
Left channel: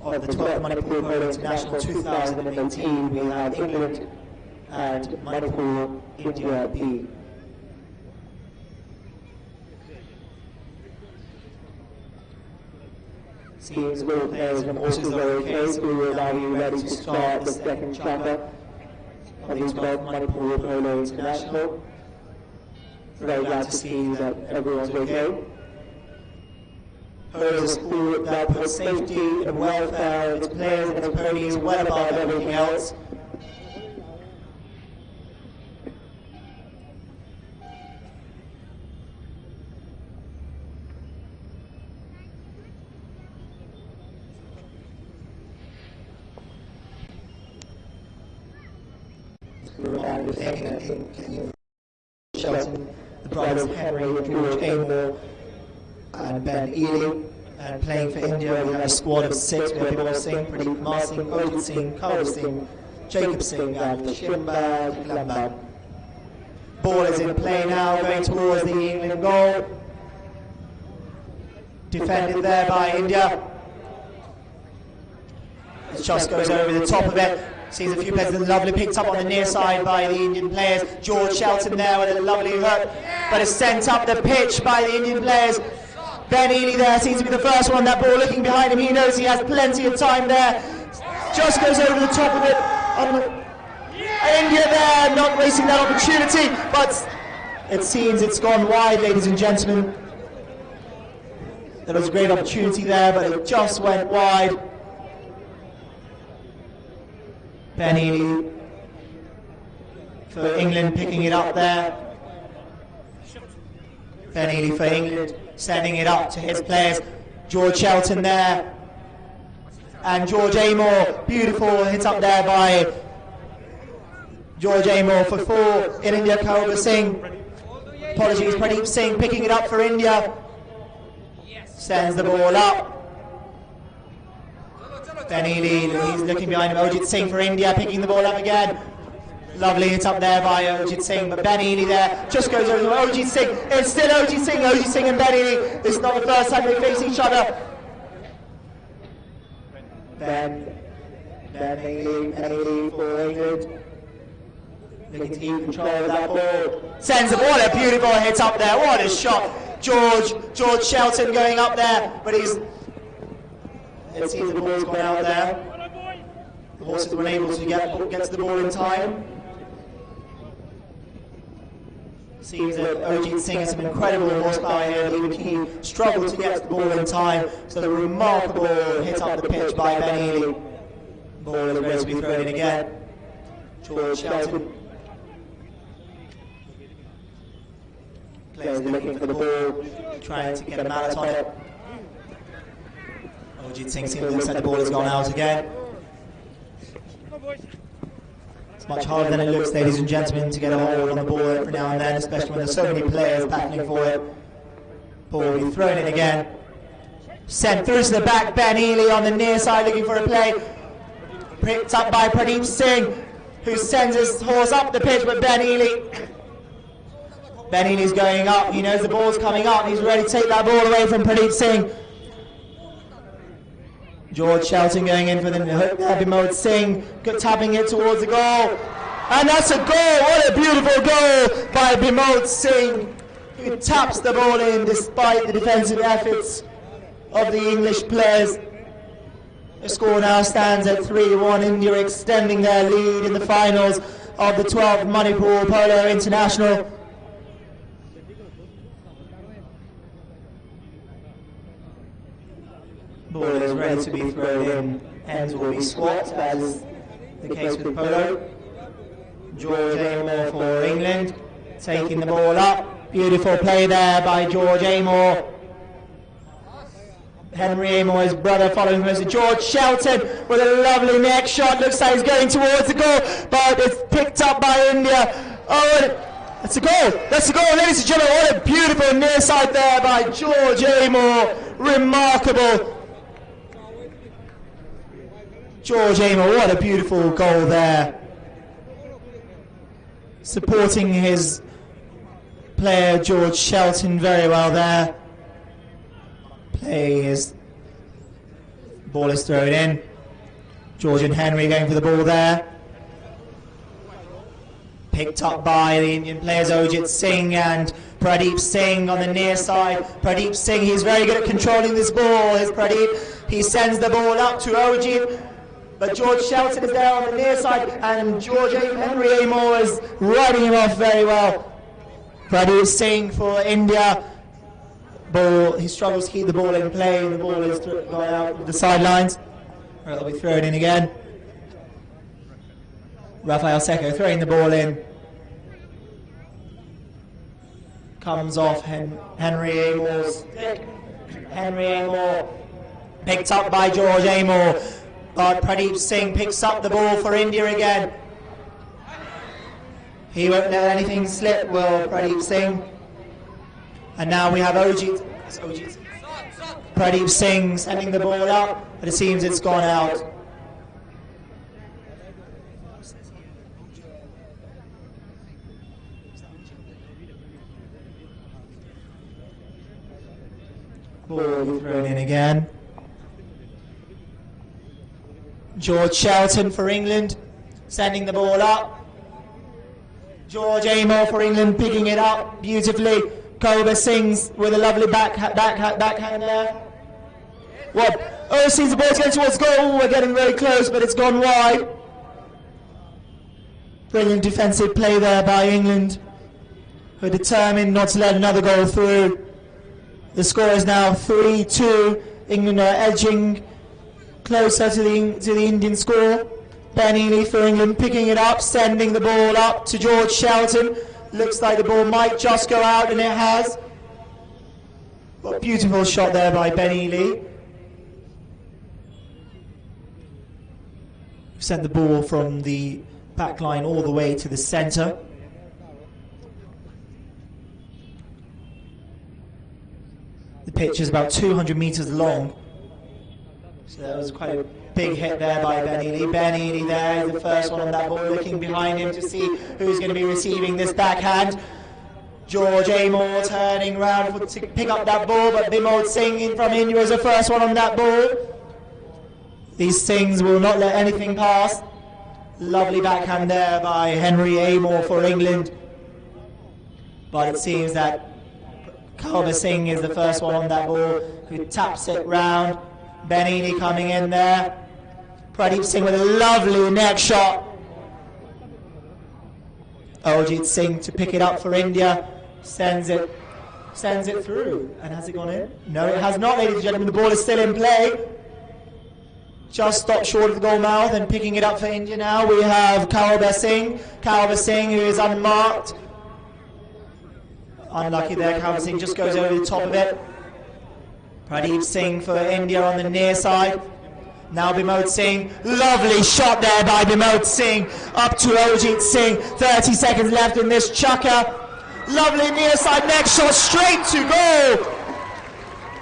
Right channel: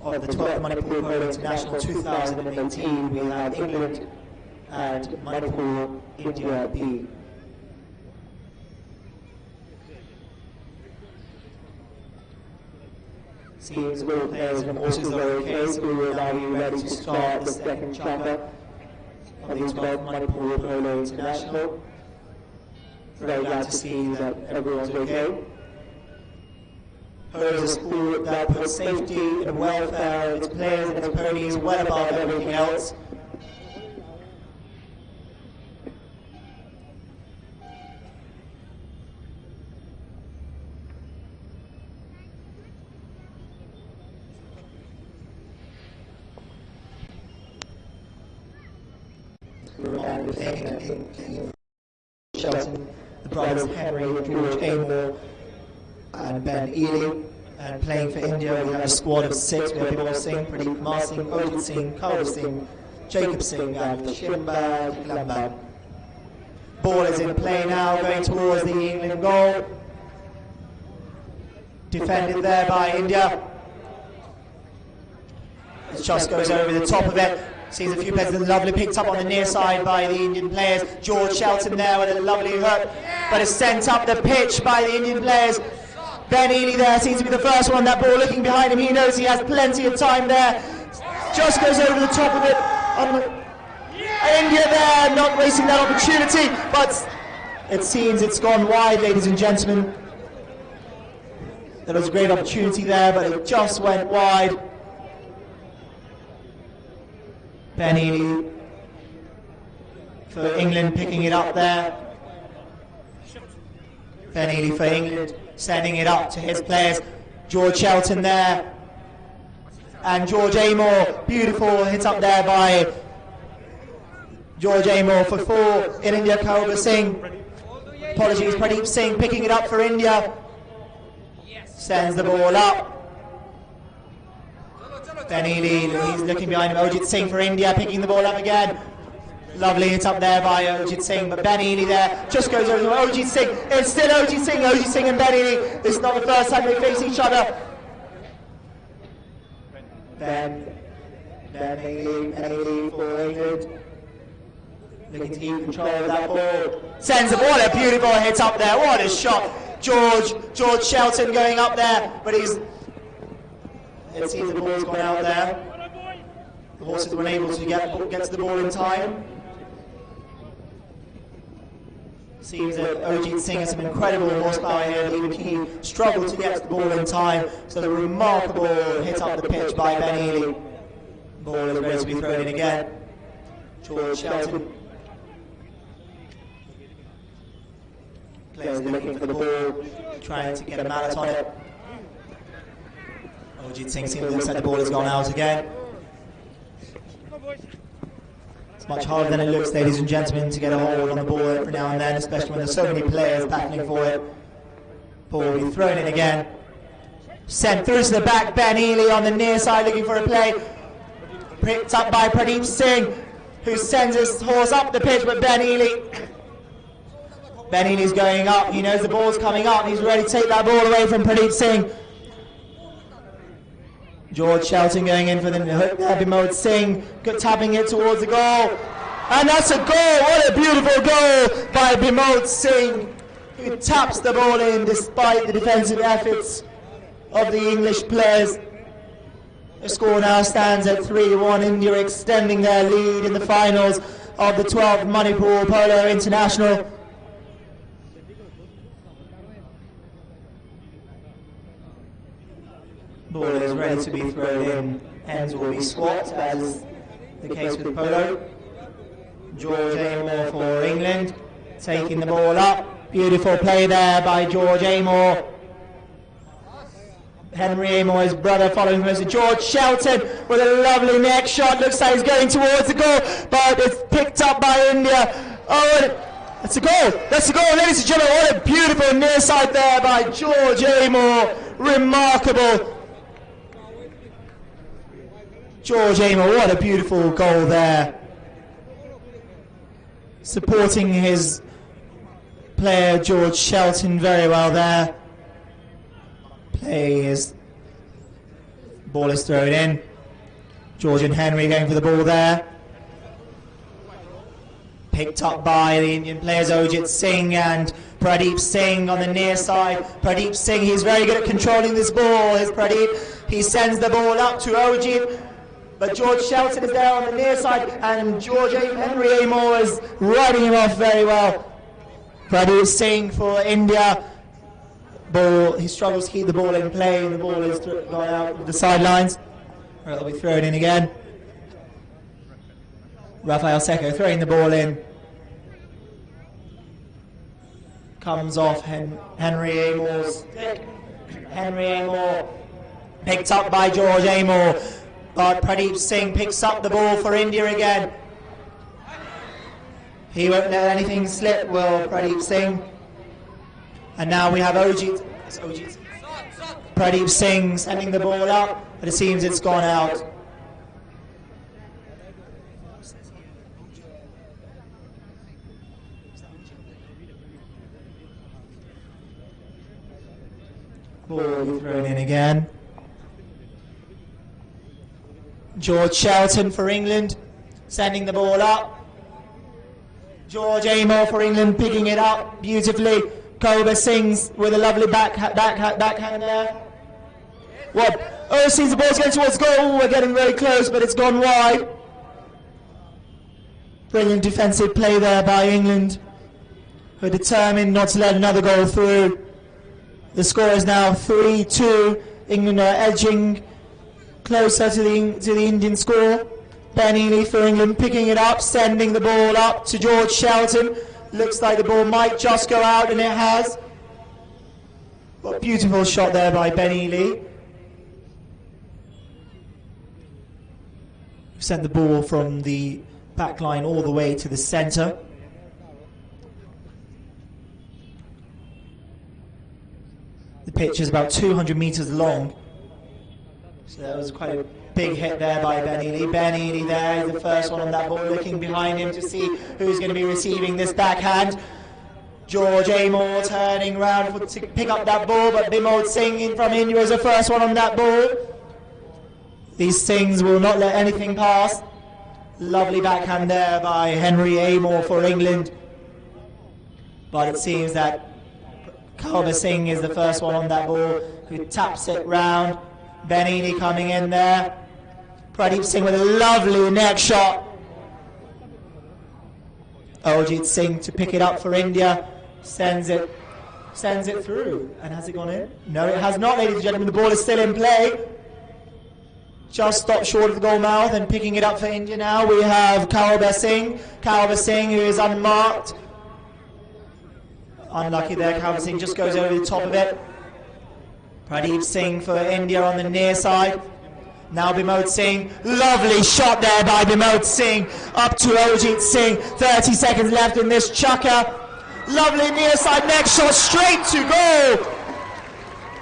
of the 12th Manipur Polo International 2018 we have England and Manipur, India B. Seems all players from horses lowercase who will now be ready to start the second chapter of the 12th Manipur Polo International. Very glad to see that everyone's okay. Polo is a sport that puts safety and welfare of its players and its ponies well above everything else. Shelton, the brothers Henry and George Amor and Ben Ely, and playing for India we have a squad of 6. We have Bimol Singh, Pradeep Kumar Singh, Ojit Singh, Kaur Singh, Jacob Singh and Shimbad Glambad. Ball is in play now, going towards the England goal. Defended there by India. It just goes over the top of it. Sees a few players, lovely picked up on the near side by the Indian players. George Shelton there with a lovely hook, but is sent up the pitch by the Indian players. Ben Ely there seems to be the first one. That ball looking behind him, he knows he has plenty of time there. Just goes over the top of it. India there, not wasting that opportunity, but it seems it's gone wide, ladies and gentlemen. There was a great opportunity there, but it just went wide. Ben Ely for England picking it up there. Ben Ely for England sending it up to his players. George Shelton there. And George Amor, beautiful hit up there by George Amor for 4 in India. Kaur Singh, apologies, Pradeep Singh picking it up for India. Sends the ball up. Ben Ely, he's looking behind him. Ojit Singh for India, picking the ball up again. Lovely hit up there by Ojit Singh, but Ben Ely there just goes over to Ojit Singh. It's still Ojit Singh and Ben Ely. This is not the first time they face each other. Ben Ely for England. Looking to keep control of that ball. Sends the ball, a beautiful hit up there. What a shot. George Shelton going up there, but it seems the ball's gone out there. The horses were unable to get to the ball in time. Seems that Ojit Singh has some incredible horsepower here, but even he struggled to get to the ball in time. So the remarkable hit up the pitch by Ben Ely. Ball is ready to be thrown in again. George Shelton. Players are looking for the ball, trying to get a mallet on it. Ojit Singh looks like the ball has gone out again. It's much harder than it looks, ladies and gentlemen, to get a hold on the ball every now and then, especially when there's so many players battling for it. Ball will be thrown in again. Sent through to the back, Ben Ely on the near side looking for a play. Picked up by Pradeep Singh, who sends his horse up the pitch, but Ben Ely's going up. He knows the ball's coming up. He's ready to take that ball away from Pradeep Singh. George Shelton going in for the hook there. Bimod Singh tapping it towards the goal. And that's a goal. What a beautiful goal by Bimod Singh, who taps the ball in despite the defensive efforts of the English players. The score now stands at 3-1. India extending their lead in the finals of the 12th Manipur Polo International. Ball is ready to be thrown in. Ends will be swapped, as is the case with polo. George Amor for England, taking the ball up. Beautiful play there by George Amor. Henry Amor, his brother, following him as George Shelton with a lovely neck shot. Looks like he's going towards the goal, but it's picked up by India. Oh, that's a goal! That's a goal, ladies and gentlemen. What a beautiful near side there by George Amor. Remarkable. George Amor, what a beautiful goal there. Supporting his player George Shelton very well there. Ball is thrown in. George and Henry going for the ball there. Picked up by the Indian players Ojit Singh and Pradeep Singh on the near side. Pradeep Singh, he's very good at controlling this ball. Here's Pradeep. He sends the ball up to Ojit. But George Shelton is there on the near side, and Henry Amor is riding him off very well. Pradeep Singh for India. Ball, he struggles to keep the ball in play, and the ball is going out the sidelines. It'll be thrown in again. Rafael Secco throwing the ball in. Comes off Henry Amor's stick. Henry Amor picked up by George Amor. But Pradeep Singh picks up the ball for India again. He won't let anything slip, will Pradeep Singh. And now we have Ojit. Pradeep Singh sending the ball up, but it seems it's gone out. Ball thrown in again. George Shelton for England, sending the ball up. George Amor for England, picking it up beautifully. Koba Singh with a lovely backhand there. What? Oh, sees the ball's going towards goal. We're getting very close, but it's gone wide. Brilliant defensive play there by England, who are determined not to let another goal through. The score is now 3-2. England are edging closer to the Indian score. Ben Ely for England picking it up, sending the ball up to George Shelton. Looks like the ball might just go out, and it has. What a beautiful shot there by Ben Ely. Sent the ball from the back line all the way to the centre. The pitch is about 200 metres long. So that was quite a big hit there by Ben Ely. Ben Ely there is the first one on that ball, looking behind him to see who's going to be receiving this backhand. George Amor turning round to pick up that ball, but Bimod Singh from India is the first one on that ball. These Singhs will not let anything pass. Lovely backhand there by Henry Amor for England. But it seems that Kalba Singh is the first one on that ball, who taps it round. Ben Ely coming in there. Pradeep Singh with a lovely neck shot. Ojit Singh to pick it up for India. Sends it through. And has it gone in? No, it has not, ladies and gentlemen. The ball is still in play. Just stopped short of the goal mouth, and picking it up for India now we have Kalba Singh. Kalba Singh, who is unmarked. Unlucky there, Kalba Singh just goes over the top of it. Pradeep Singh for India on the near side. Now Bimod Singh, lovely shot there by Bimod Singh, up to Ojit Singh. 30 seconds left in this chukker. Lovely near side neck shot, straight to goal.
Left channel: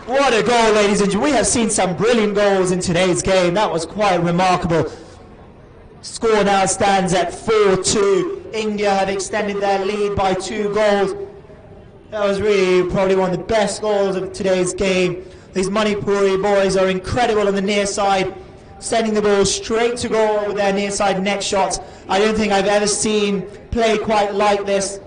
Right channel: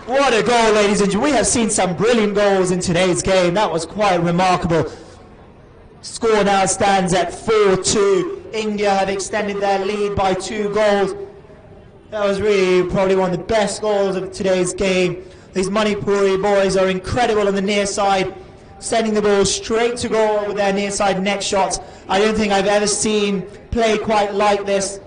What a goal, ladies and gentlemen. We have seen some brilliant goals in today's game. That was quite remarkable. Score now stands at 4-2. India have extended their lead by 2 goals. That was really probably one of the best goals of today's game. These Manipuri boys are incredible on the near side, sending the ball straight to goal with their near side neck shots. I don't think I've ever seen play quite like this.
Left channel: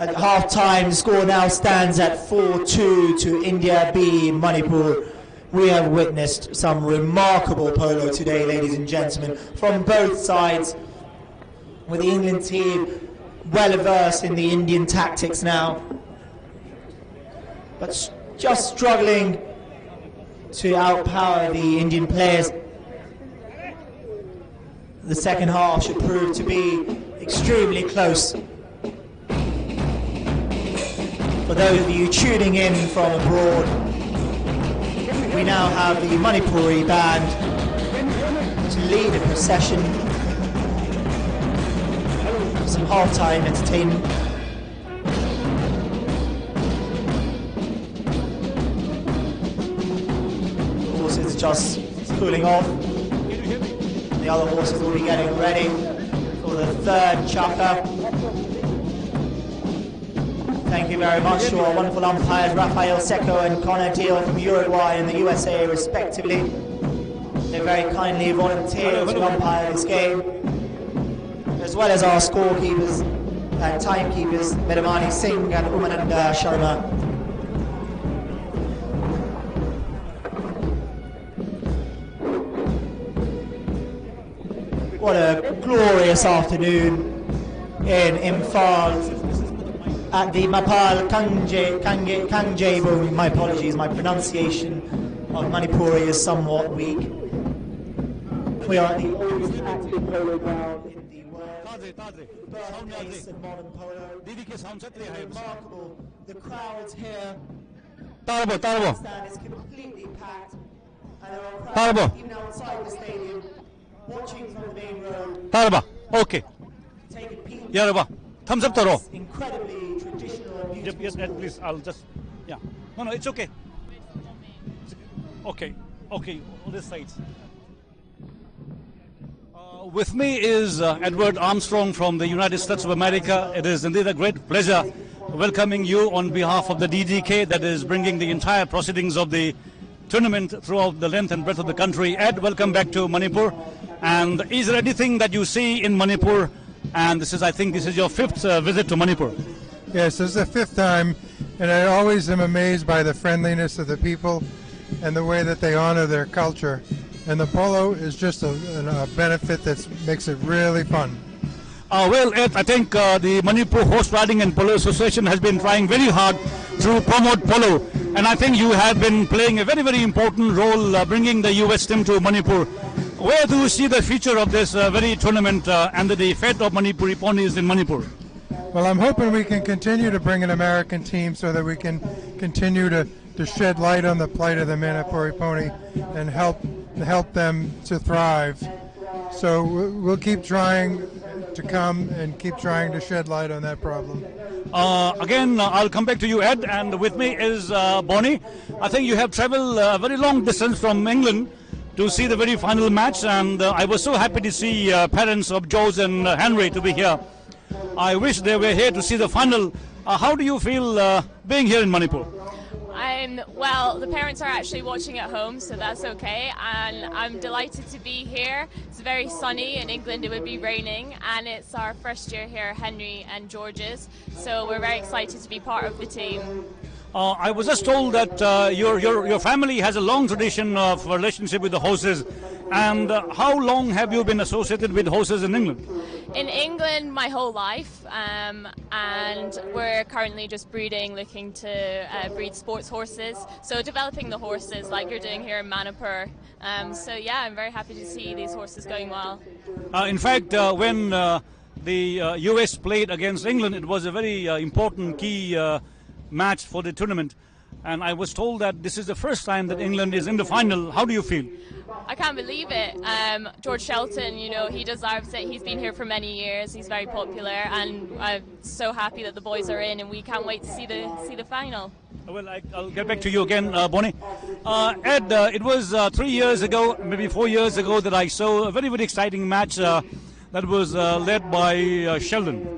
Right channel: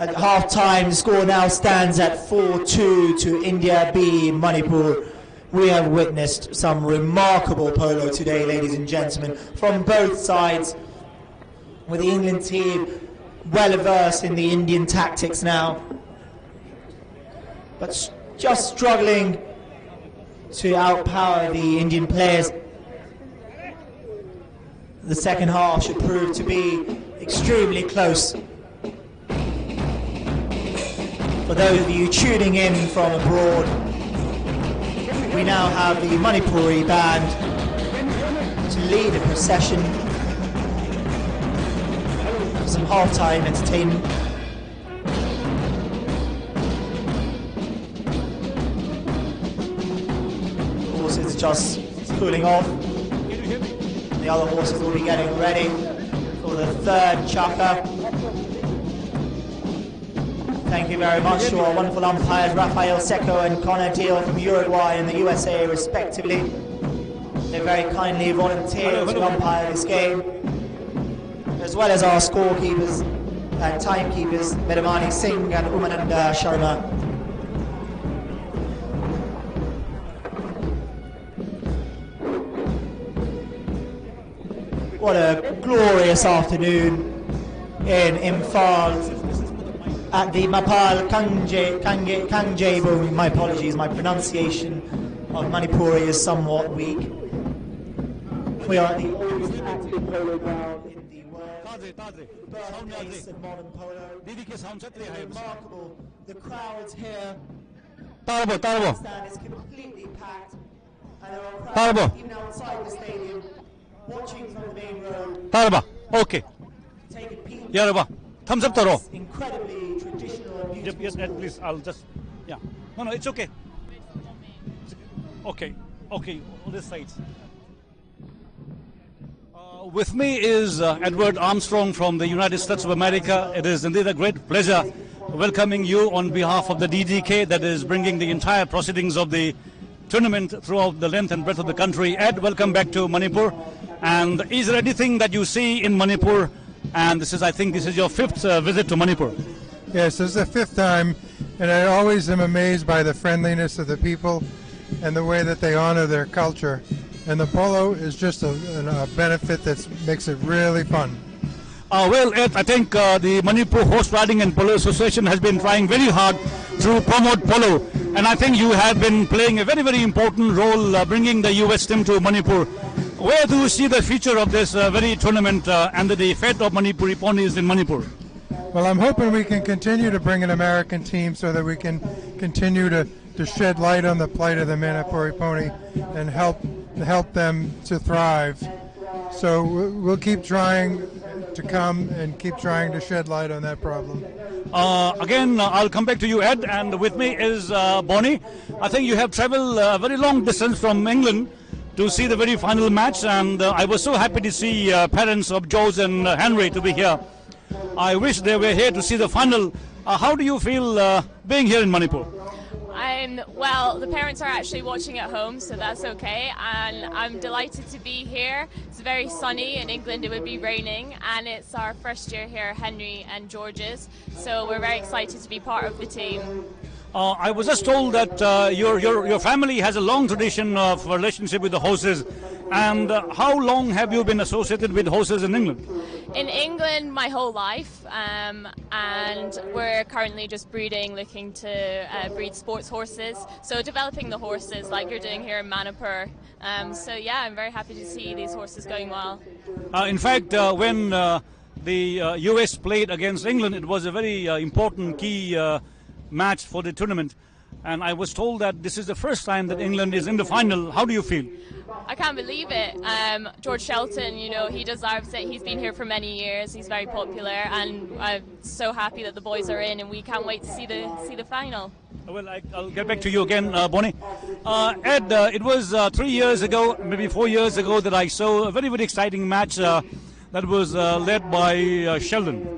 At half-time, the score now stands at 4-2 to India B, Manipur. We have witnessed some remarkable polo today, ladies and gentlemen, from both sides, with the England team well versed in the Indian tactics now, but just struggling to outpower the Indian players. The second half should prove to be extremely close. For those of you tuning in from abroad, we now have the Manipuri band to lead the procession. Some half-time entertainment. The horses just cooling off. The other horses will be getting ready for the third chaka. Thank you very much to our wonderful umpires, Rafael Seco and Connor Deal from Uruguay and the USA respectively. They very kindly volunteered to umpire this game, as well as our scorekeepers and timekeepers, Medamani Singh and Umananda Sharma. What a glorious afternoon in Imphal at the Mapal Kangjebung. My apologies, my pronunciation of Manipuri is somewhat weak. We are at the oldest active polo ground in the world. Birthplace of modern polo. Remarkable. The crowds here. The stand is completely packed, and there are crowds even outside the stadium watching from the main road. Okay. Take a peek. Yaraba. Thumbs up, Taro. Incredibly traditional and beautiful. Yes, Ed, please. I'll just. Yeah. No, it's okay. Okay. On this side. With me is Edward Armstrong from the United States of America. It is indeed a great pleasure welcoming you on behalf of the DDK that is bringing the entire proceedings of the tournament throughout the length and breadth of the country. Ed, welcome back to Manipur. And is there anything that you see in Manipur? And I think this is your fifth visit to Manipur. Yes, this is the fifth time, and I always am amazed by the friendliness of the people and the way that they honor their culture. And the polo is just a benefit that makes it really fun. Well, Ed, I think the Manipur Horse Riding and Polo Association has been trying very hard to promote polo. And I think you have been playing a very, very important role bringing the US team to Manipur. Where do you see the future of this very tournament and the fate of Manipuri ponies in Manipur? Well, I'm hoping we can continue to bring an American team so that we can continue to shed light on the plight of the Manipuri pony and help them to thrive. So we'll keep trying to come and keep trying to shed light on that problem. Again, I'll come back to you, Ed, and with me is Bonnie. I think you have traveled a very long distance from England to see the very final match, and I was so happy to see parents of George and Henry to be here. I wish they were here to see the final. How do you feel being here in Manipur? Well, the parents are actually watching at home, so that's okay, and I'm delighted to be here. It's very sunny. In England it would be raining, and it's our first year here, Henry and George's, so we're very excited to be part of the team. I was just told that your family has a long tradition of relationship with the horses. And how long have you been associated with horses in England? In England, my whole life, and we're currently just looking to breed sports horses. So developing the horses like you're doing here in Manipur. So yeah, I'm very happy to see these horses going well. In fact, when the US played against England, it was a very important key match for the tournament. And I was told that this is the first time that England is in the final. How do you feel? I can't believe it. George Shelton, he deserves it. He's been here for many years. He's very popular, and I'm so happy that the boys are in, and we can't wait to see the final. Well, I'll get back to you again, Bonnie. Ed, it was 3 years ago, maybe 4 years ago, that I saw a very, very exciting match that was led by Sheldon.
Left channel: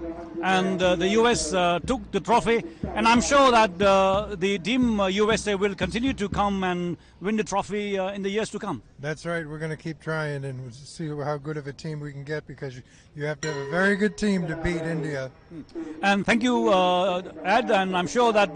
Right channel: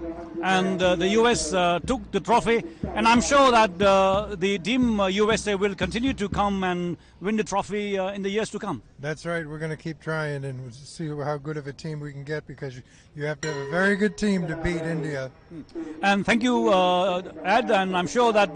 And the US took the trophy, And I'm sure that the team USA will continue to come and win the trophy in the years to come. That's right. We're going to keep trying and see how good of a team we can get, because you have to have a very good team to beat India. And thank you, Ed. And I'm sure that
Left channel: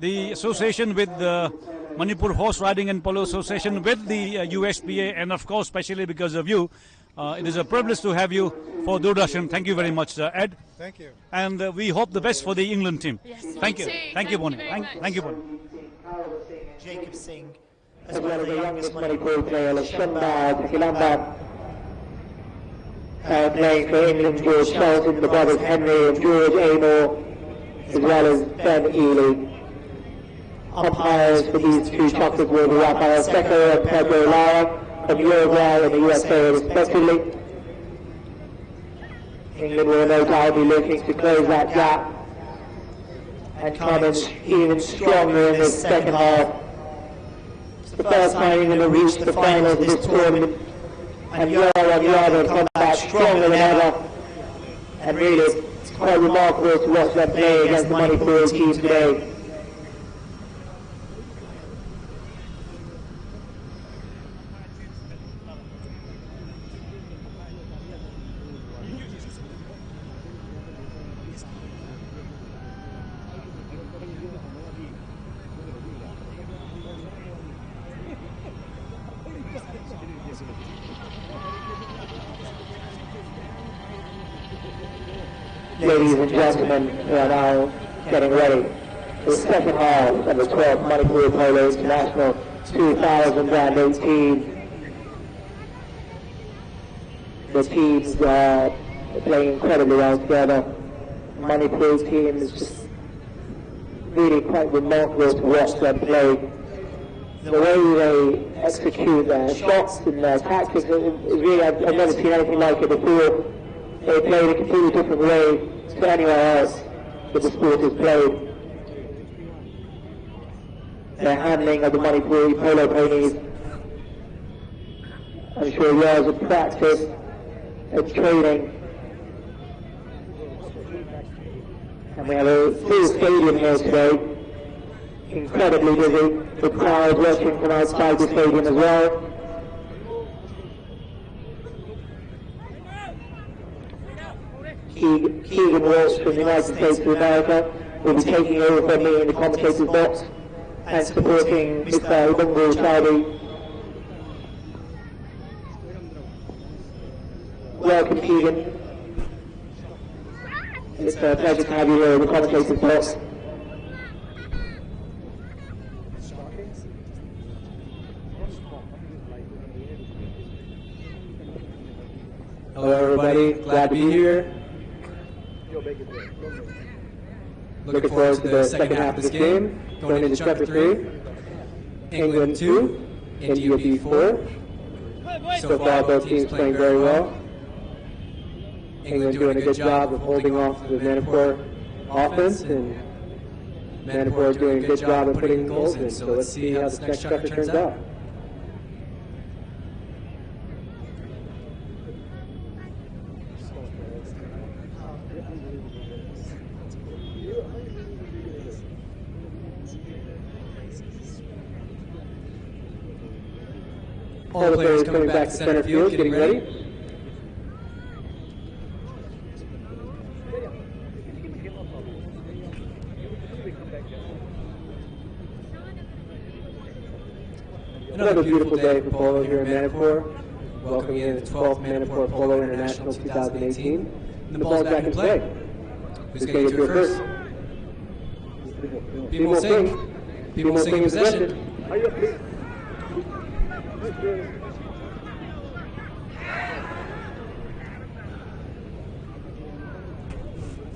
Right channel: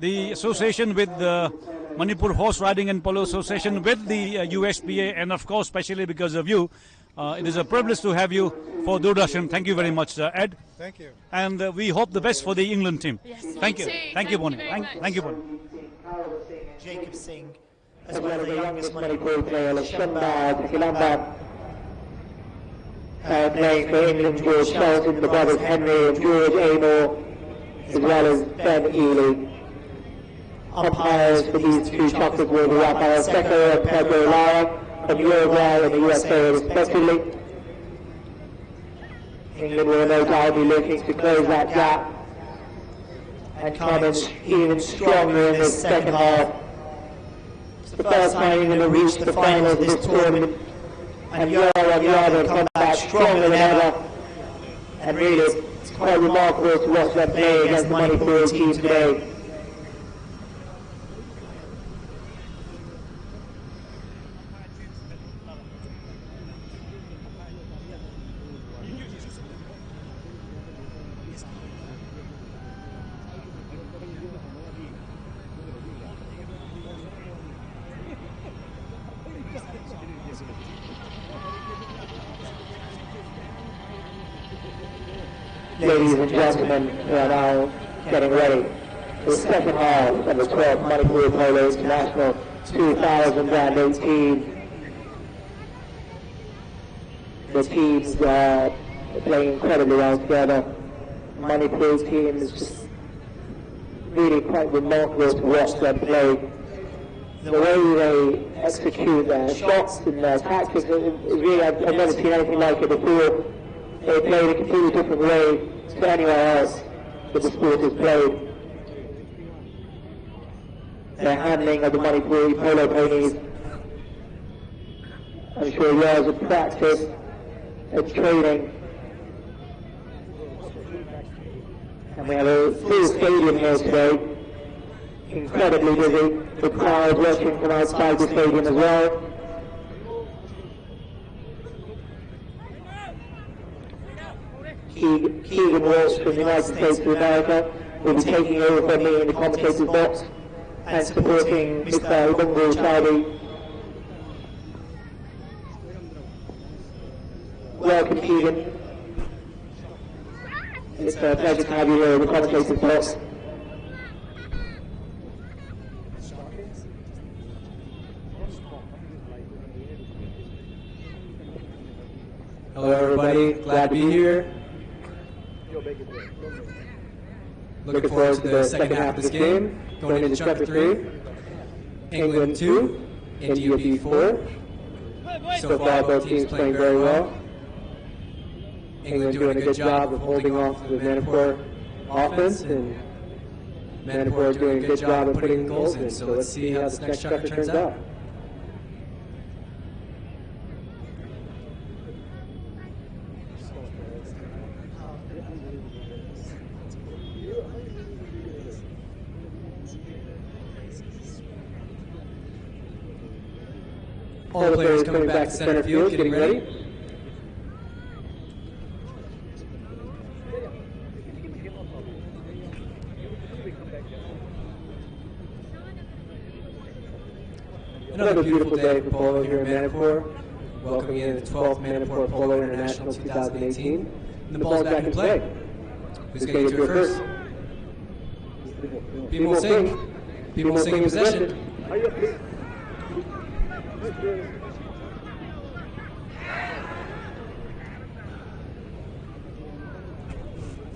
the association with the Manipur Horse Riding and Polo Association with the USPA, and of course, especially because of you, it is a privilege to have you for Doordarshan. Thank you very much, Ed. Thank you. And we hope the best for the England team. Yes, thank you. too. Thank you, Bonnie. Very much. Thank you, Bonnie. Jacob Singh, as well as the youngest Manipur player, Lashundar Kilamba, playing for England, George Shelton, the brothers Henry and George Amor, as well as Ben Ely. Umpires for these two choppers will be Rafael Seco and Pedro Lara from Uruguay and the USA respectively. England will no doubt be looking to close that gap and come in even stronger in this second half. It's the first time England have reached the finals of this tournament, and year on year they've come back stronger than ever. And really, it's quite remarkable to watch them play against the Manipur team today. Ladies and gentlemen, we are now getting ready for the second half of the 12th Manipur Polo International 2018. The teams are playing incredibly well together. Manipur's team is just really quite remarkable to watch them play. The way they execute their shots and their tactics is really, I've never seen anything like it before. They play in a completely different way to anywhere else that the sport is played. Their handling of the Manipuri polo ponies, I'm sure years of practice and training. And we have a full stadium here today, incredibly busy, with crowds watching from outside the stadium as well. Keegan Walsh from the United States of America will be taking over from me in the commentator's box and supporting Mr. Ubungu Chaudi. Welcome, Keegan. It's a pleasure to have you here in the commentator's box. Hello everybody, glad to be here. Looking forward to the second half of this game, going into chapter 3. England 2, India B4. So far both teams playing very well. England doing a good job of holding off the Manipur offense, and Manipur doing a good job of putting goals in. So let's see how this next chapter turns out. All the players coming back to center field, getting ready. Another beautiful day for polo here in Manipur. Welcoming in the 12th Manipur Polo International 2018. And the ball's back in play. Who's going to get to it first? People Singh. People Singh in possession.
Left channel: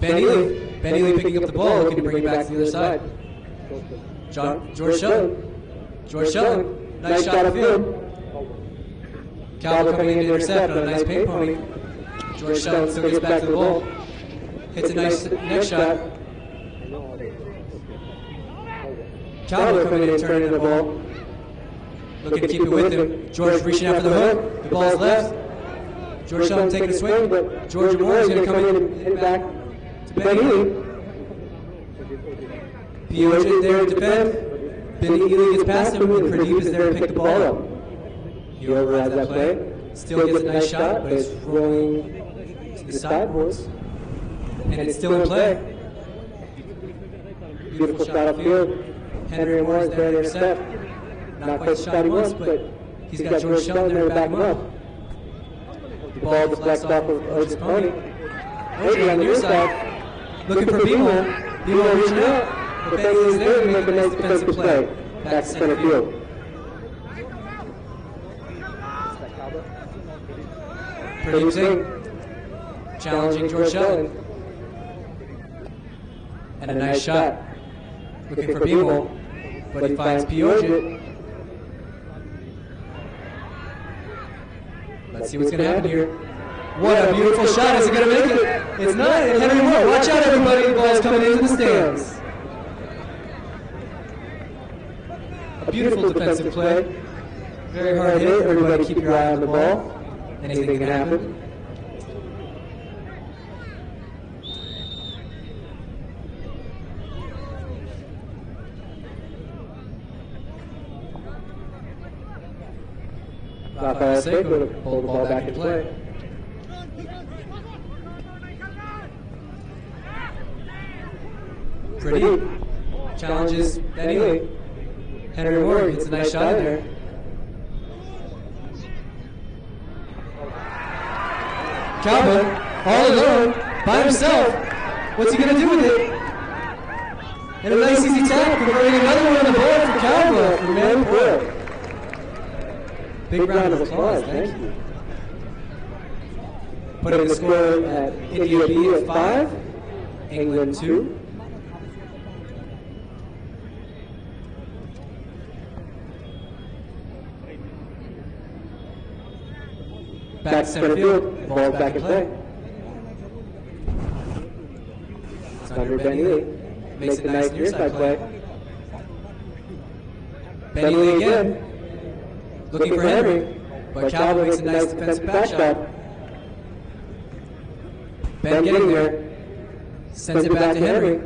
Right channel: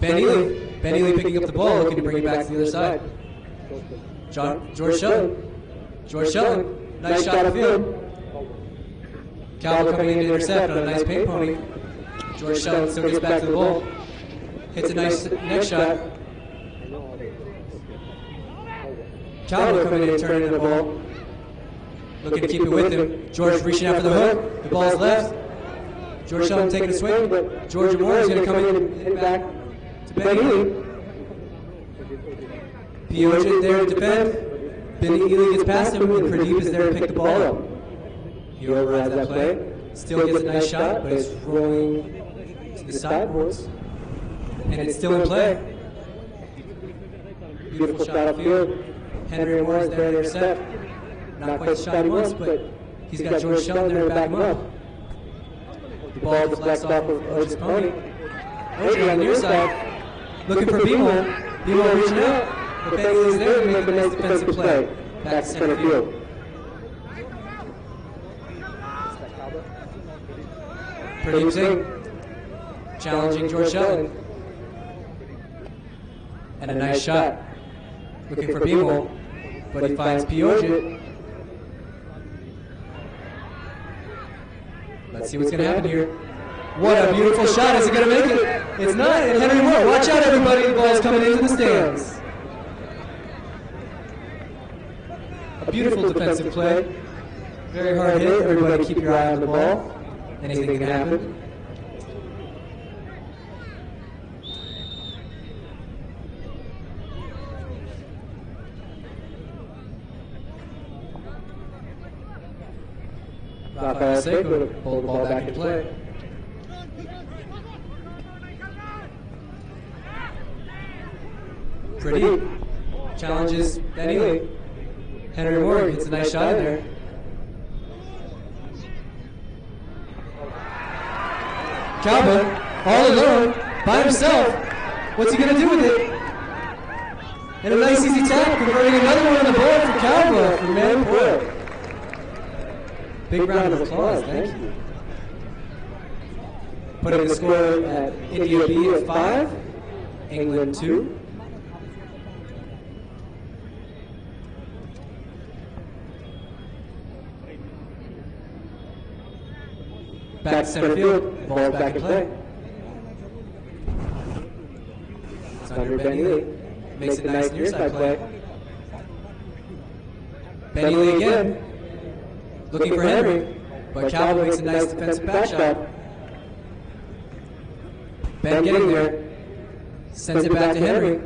Ben Ely picking up the ball, looking to bring it back to the other side. George Shelton, nice shot upfield. Calvo coming in to intercept on a nice paint pony. George Shelton still gets back to the ball. Hits a nice next shot. Calvo coming in and turning the ball. Looking to keep it with him. George reaching out for the hook. The ball's left. George Shelton taking a swing, but George Moore is going to come in and hit it back to Ben Ely. Pioja there to defend. Billy Ely gets past him, and Pradeep is there to pick the ball up. He overrides that play. Still gets a nice shot, but it's rolling to the sideboards. And it's still in play. Beautiful shot upfield. Henry Moore is there to intercept. Not quite the shot he wants, but he's got George Shelton there to back him up. The ball deflects off of Oja's pony. Oja on the near side, looking for Bimo. Bimo reaching out, but Benny is there to make a nice defensive play. Back to center field. Pretty Singh challenging George Shelton. And a nice shot. Looking for Bimo, but he finds Pioja. Let's see what's going to happen here. What a beautiful shot. Is he going to make it? It's not. And Henry Moore, watch out everybody. The ball's coming into the stands. A beautiful defensive play. Very hard hit. Everybody keep your eye on the ball. Anything can happen. Rafael Seiko to pull the ball back in play. Pradeep challenges Benny Lee. Henry Moore gets a nice shot in there. Calvin, all alone, by himself. What's he going to do with it? And a nice easy tap, converting another one on the board for Calvin from Manipur. Big round of applause, thank you. Putting the score at India B at 5, England 2. Back to center field, ball back in play. It's under Benny Lee. Makes a nice near side play. Benny Lee again. Looking for Henry, but Calvin makes a nice defensive back shot. Ben getting there. Sends it back to Henry.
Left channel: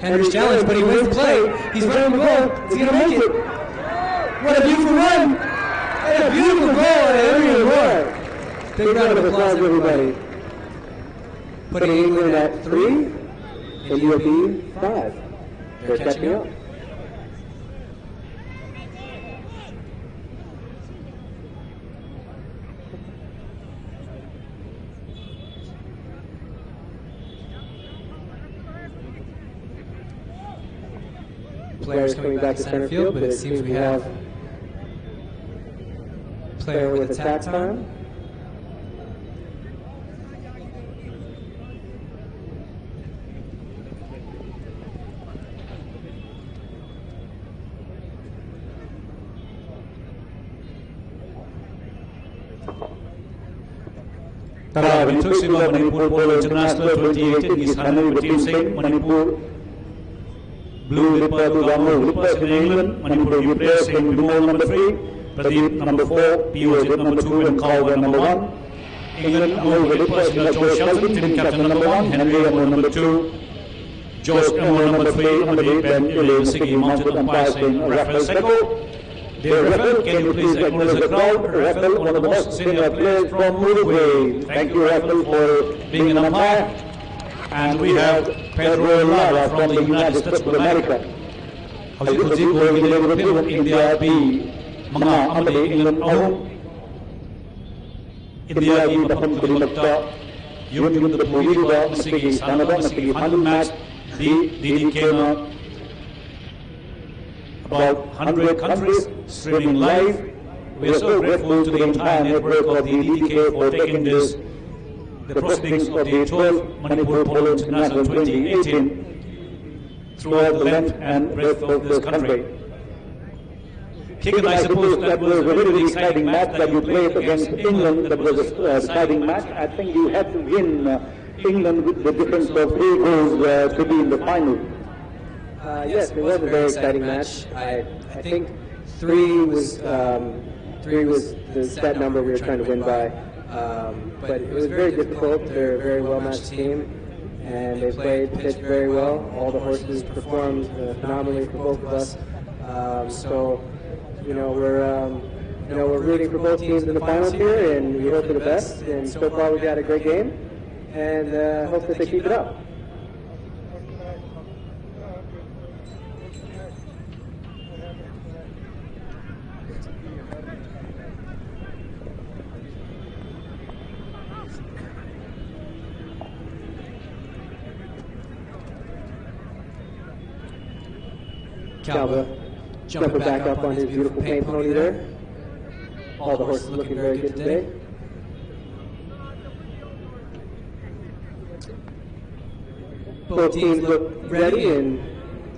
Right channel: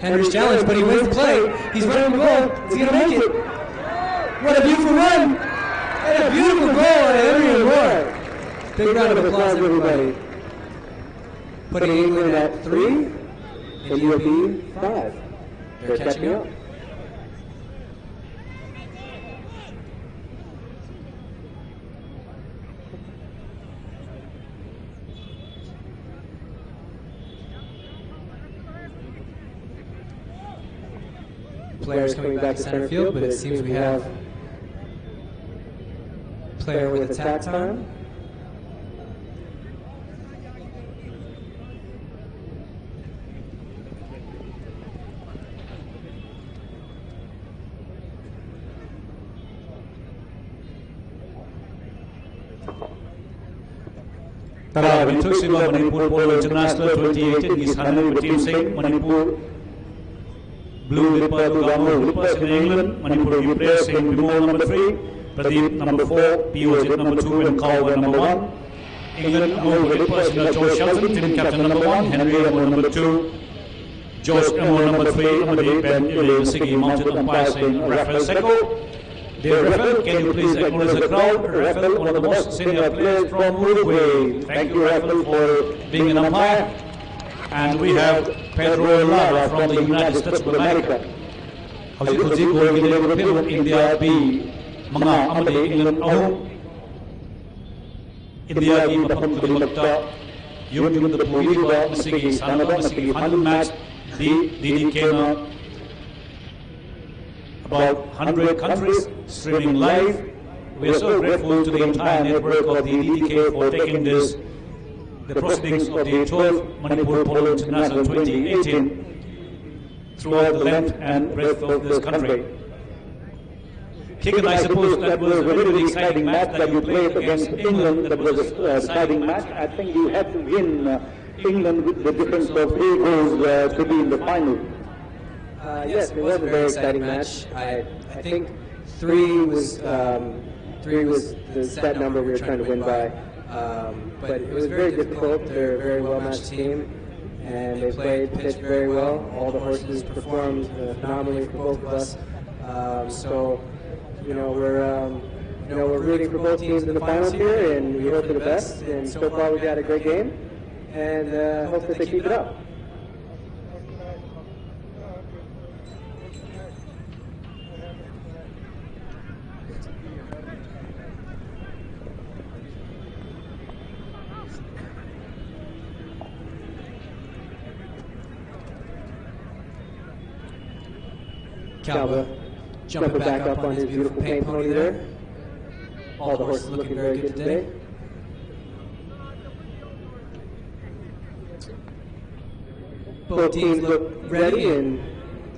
Henry's challenged, but he wins the play. He's running the goal. Is he going to make it? What a beautiful run! And a beautiful goal at Henry Moore. Big round of applause, everybody. Putting England at 3 and UAB 5. They're catching up. Players coming back to center field, but it seems we have player with attack time. Introduction of Manipur Polo International 2018 is handled by Team Singh, Manipur. Blue Lipper to Ramu Lippers in England, Manipur players in Bimol number 3, Pradeep number 4, Pioja number 2 and Calvin number 1. England Amol Lippers in George Shelton, team captain number 1, Henry Amol number 2, George Amol number 3, Amadip and Elaine Sigi mounted umpires in Rafael Seiko. Dear Rafael, can you please acknowledge the crowd? Rafael, one of the most senior players from Uruguay. Thank you, Rafael, for being an umpire. And we have Pedro Lara from the United States of America. Howzig going in the India B, Manga Amadi, England Ahum. India B, Baham Kulimata, Yum the Puliba, Sigi Sanada, Sigi Handle match, DDK. About 100 countries streaming live. We are so grateful to the entire network of the DDK for taking the proceedings of the 12th Manipur Polo International 2018 throughout the length and breadth of this country. Kicken, I suppose that was a really exciting match that you played against England. That was a exciting match. I think you had to win England with the difference of 3 goals to be in the final. Yes, it was a very exciting match. I think 3 was the set number we were trying to win by. But it was very difficult. They're a very well-matched team, and they pitched very well. All the horses performed phenomenally for both of us. So, we're rooting for both teams in the finals here, and we hope for the best. And so far, we've had a great game, and hope that they keep it up. Calva jumping back up on his beautiful paint pony there. All the horses looking very good today. Both teams look ready and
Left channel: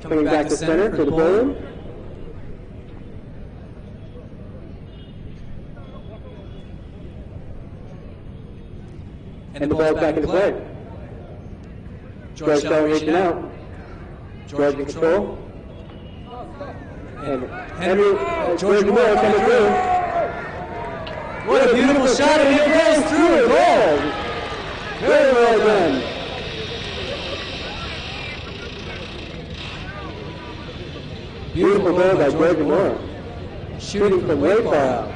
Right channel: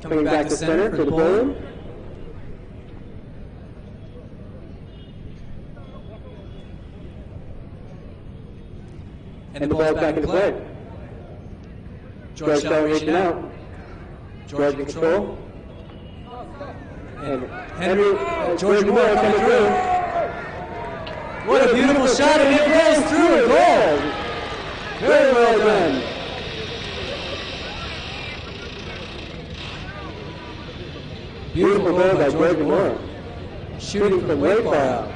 coming back to center for the bowling. And the ball's back into play. George Shell reaching out. George in control. And George Moore coming through. What a beautiful shot, and it goes through and goal. Very well done. Beautiful goal by George Moore. Shooting from way far out.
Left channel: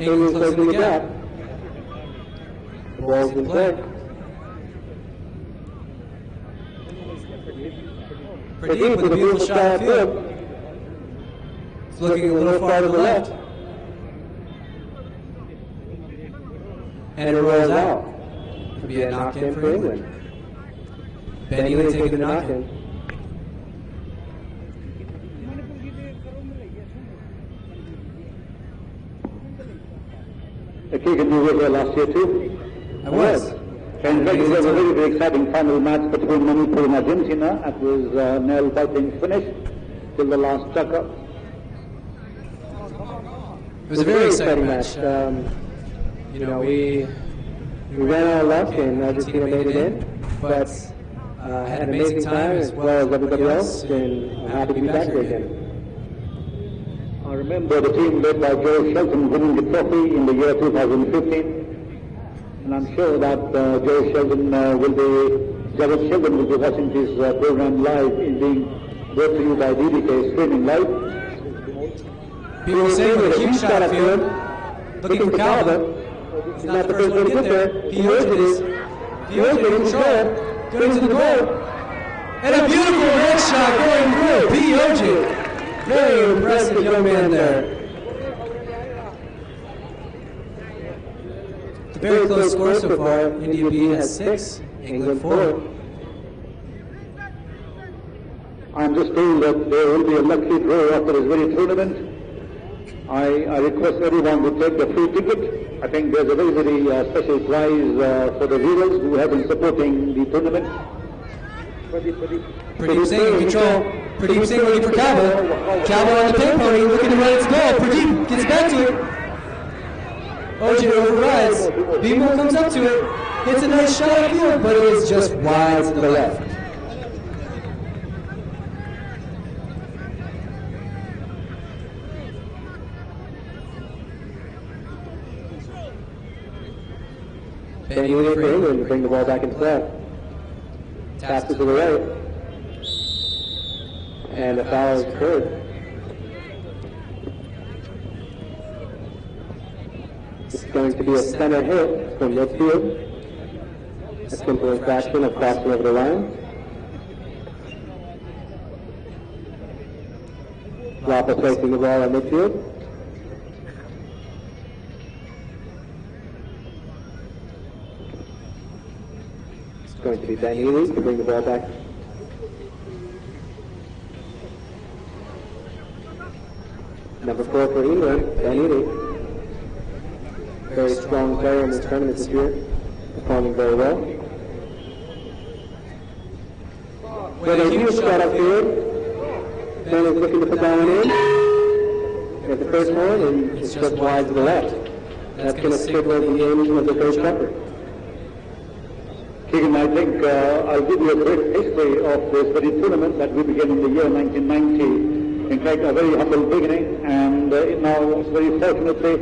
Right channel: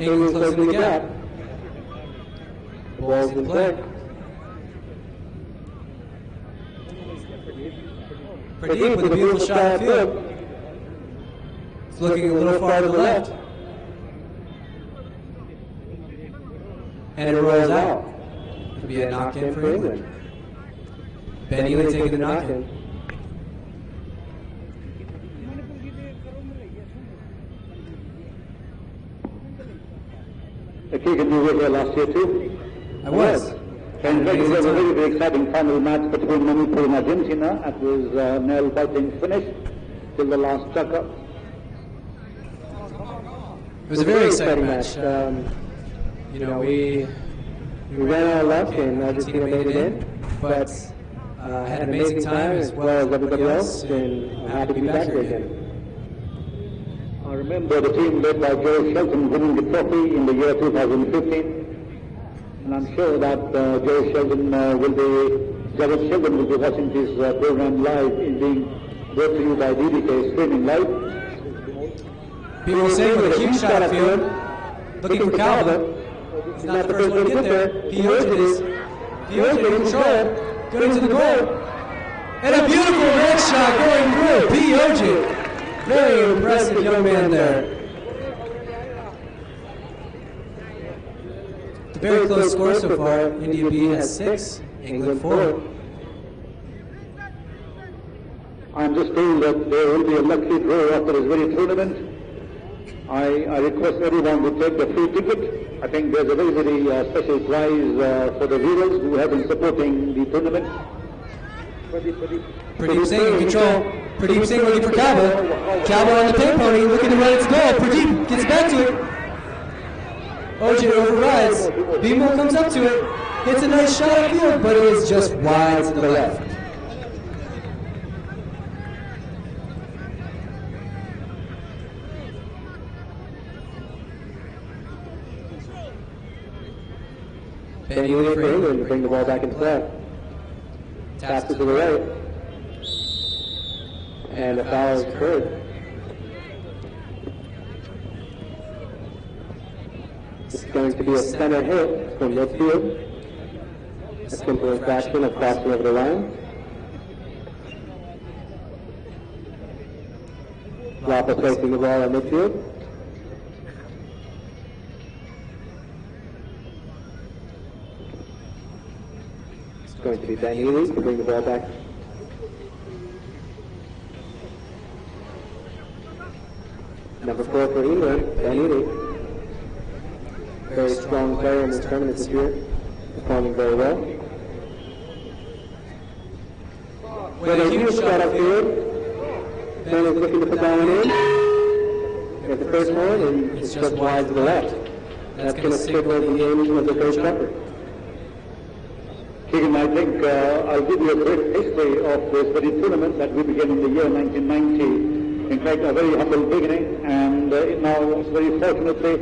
England closing the gap. The ball's in play. Pradeep with a beautiful shot upfield. It's looking a little far to the left. And it rolls out. Could be a knock-in for England. Ben Ely taking the knock-in. Keegan, you were here last year too? I was. And it was a very, very exciting final match between Manipur and Argentina. It was nail biting finish till the last chucker. It was a very exciting match. We ran out of luck and Argentina made it in, but had an amazing time as well as everybody else, and I'm happy to be back here again. I remember the team led by Joe Shelton winning the trophy in the year 2015. And I'm sure that Jared Sheldon will be watching this program live, in being brought to you by DDK streaming live. People saying with a huge shot upfield, looking for Calva. He's not the first one to get there. Pioja is. Pioja in control, going to the goal. And a beautiful red shot going through. Pioja. Very impressive young man there. A very close score so far. India B has 6, England 4. I'm just told that there will be a lucky draw after this very tournament. I request everyone to take the free ticket. I think there's a very, very special prize for the viewers who have been supporting the tournament. Pradeep Singh in control. Pradeep Singh looking for Calva. Calva on the pin pony, looking to run its goal. Pradeep gets back to it. Ojit overrides. Bimo comes up to it. Hits a nice shot upfield, but it is just wide to the left. Ben Ely for England to bring the ball back into play. Taps it to the right. And a foul is occurred. It's going to be a center hit from midfield. A simple infraction of crossing over the line. Lapa placing the ball at midfield. It's going to be Ben Ely to bring the ball back. Number 4 for England, Ben Ely. Very strong player in this tournament this year, performing very well. With a huge shot upfield, Ben is looking to put that one in. At the first one, and it's just wide to the left. That's going to signal the end of the first quarter. Keegan, I think I'll give you a brief history of this very tournament that we began in the year 1990. In fact, a very humble beginning, and now, very fortunately,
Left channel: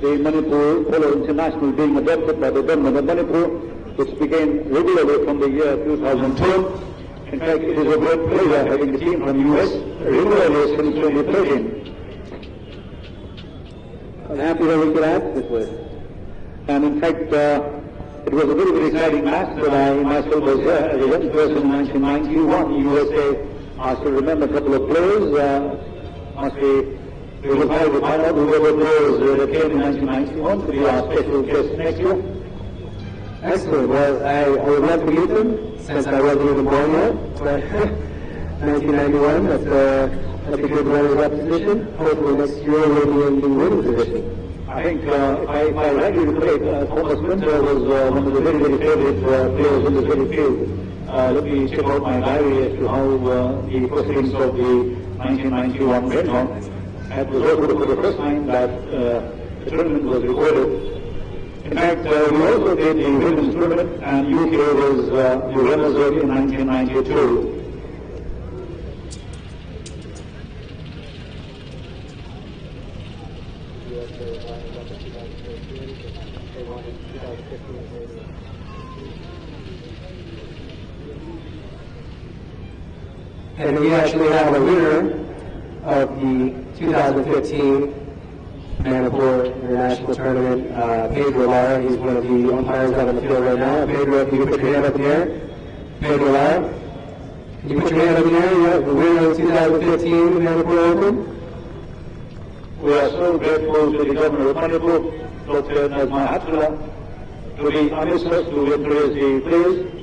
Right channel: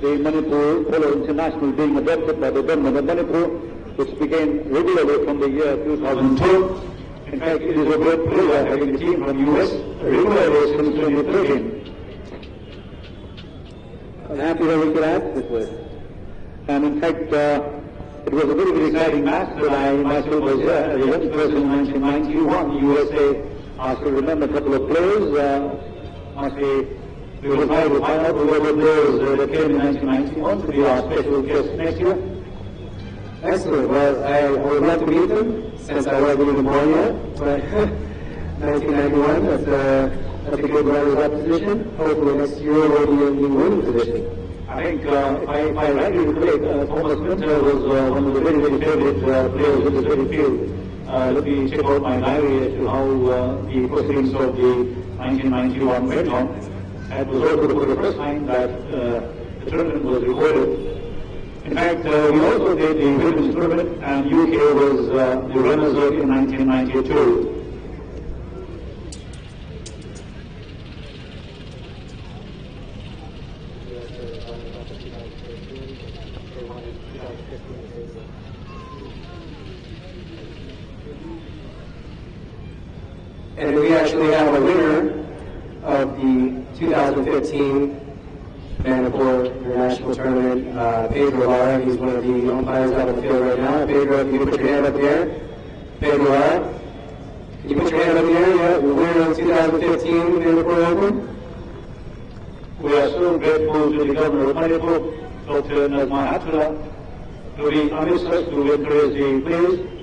the Manipur Polo International being adopted by the government of Manipur, which began regularly from the year 2012. In fact, it is a great pleasure having the team from the US regularly since 2013. I'm happy that we could add this with. And in fact, it was a very, very exciting match that I myself was there as a young person in 1991 USA. I still remember a couple of players. We will try to find out who were the players that came in 1991 to be our special guest next year. Excellent. Well, I would love to meet them since I wasn't even born yet. But 1991, that's a good runner-up position. Hopefully next year we'll be in the winning position. I think if I rightly recall, Thomas Winter was one of the very, very favorite players in this very field. Let me check out my diary as to how the proceedings of the 1991 went on. It was also for the first time that the tournament was recorded. In fact, we also did the women's tournament, and UK was the runners-up in 1992. And we actually have a winner of the 2015 Manipur International Tournament, Pedro Lara. He's one of the umpires out on the field right now. Pedro, if you could put your hand up in the air. Pedro Lara. Can you put your hand up in the air? You have the winner of the 2015 Manipur Open. We are so grateful to the governor of Manipur, Dr. Nazma Hatula, to be honest us to encourage the players.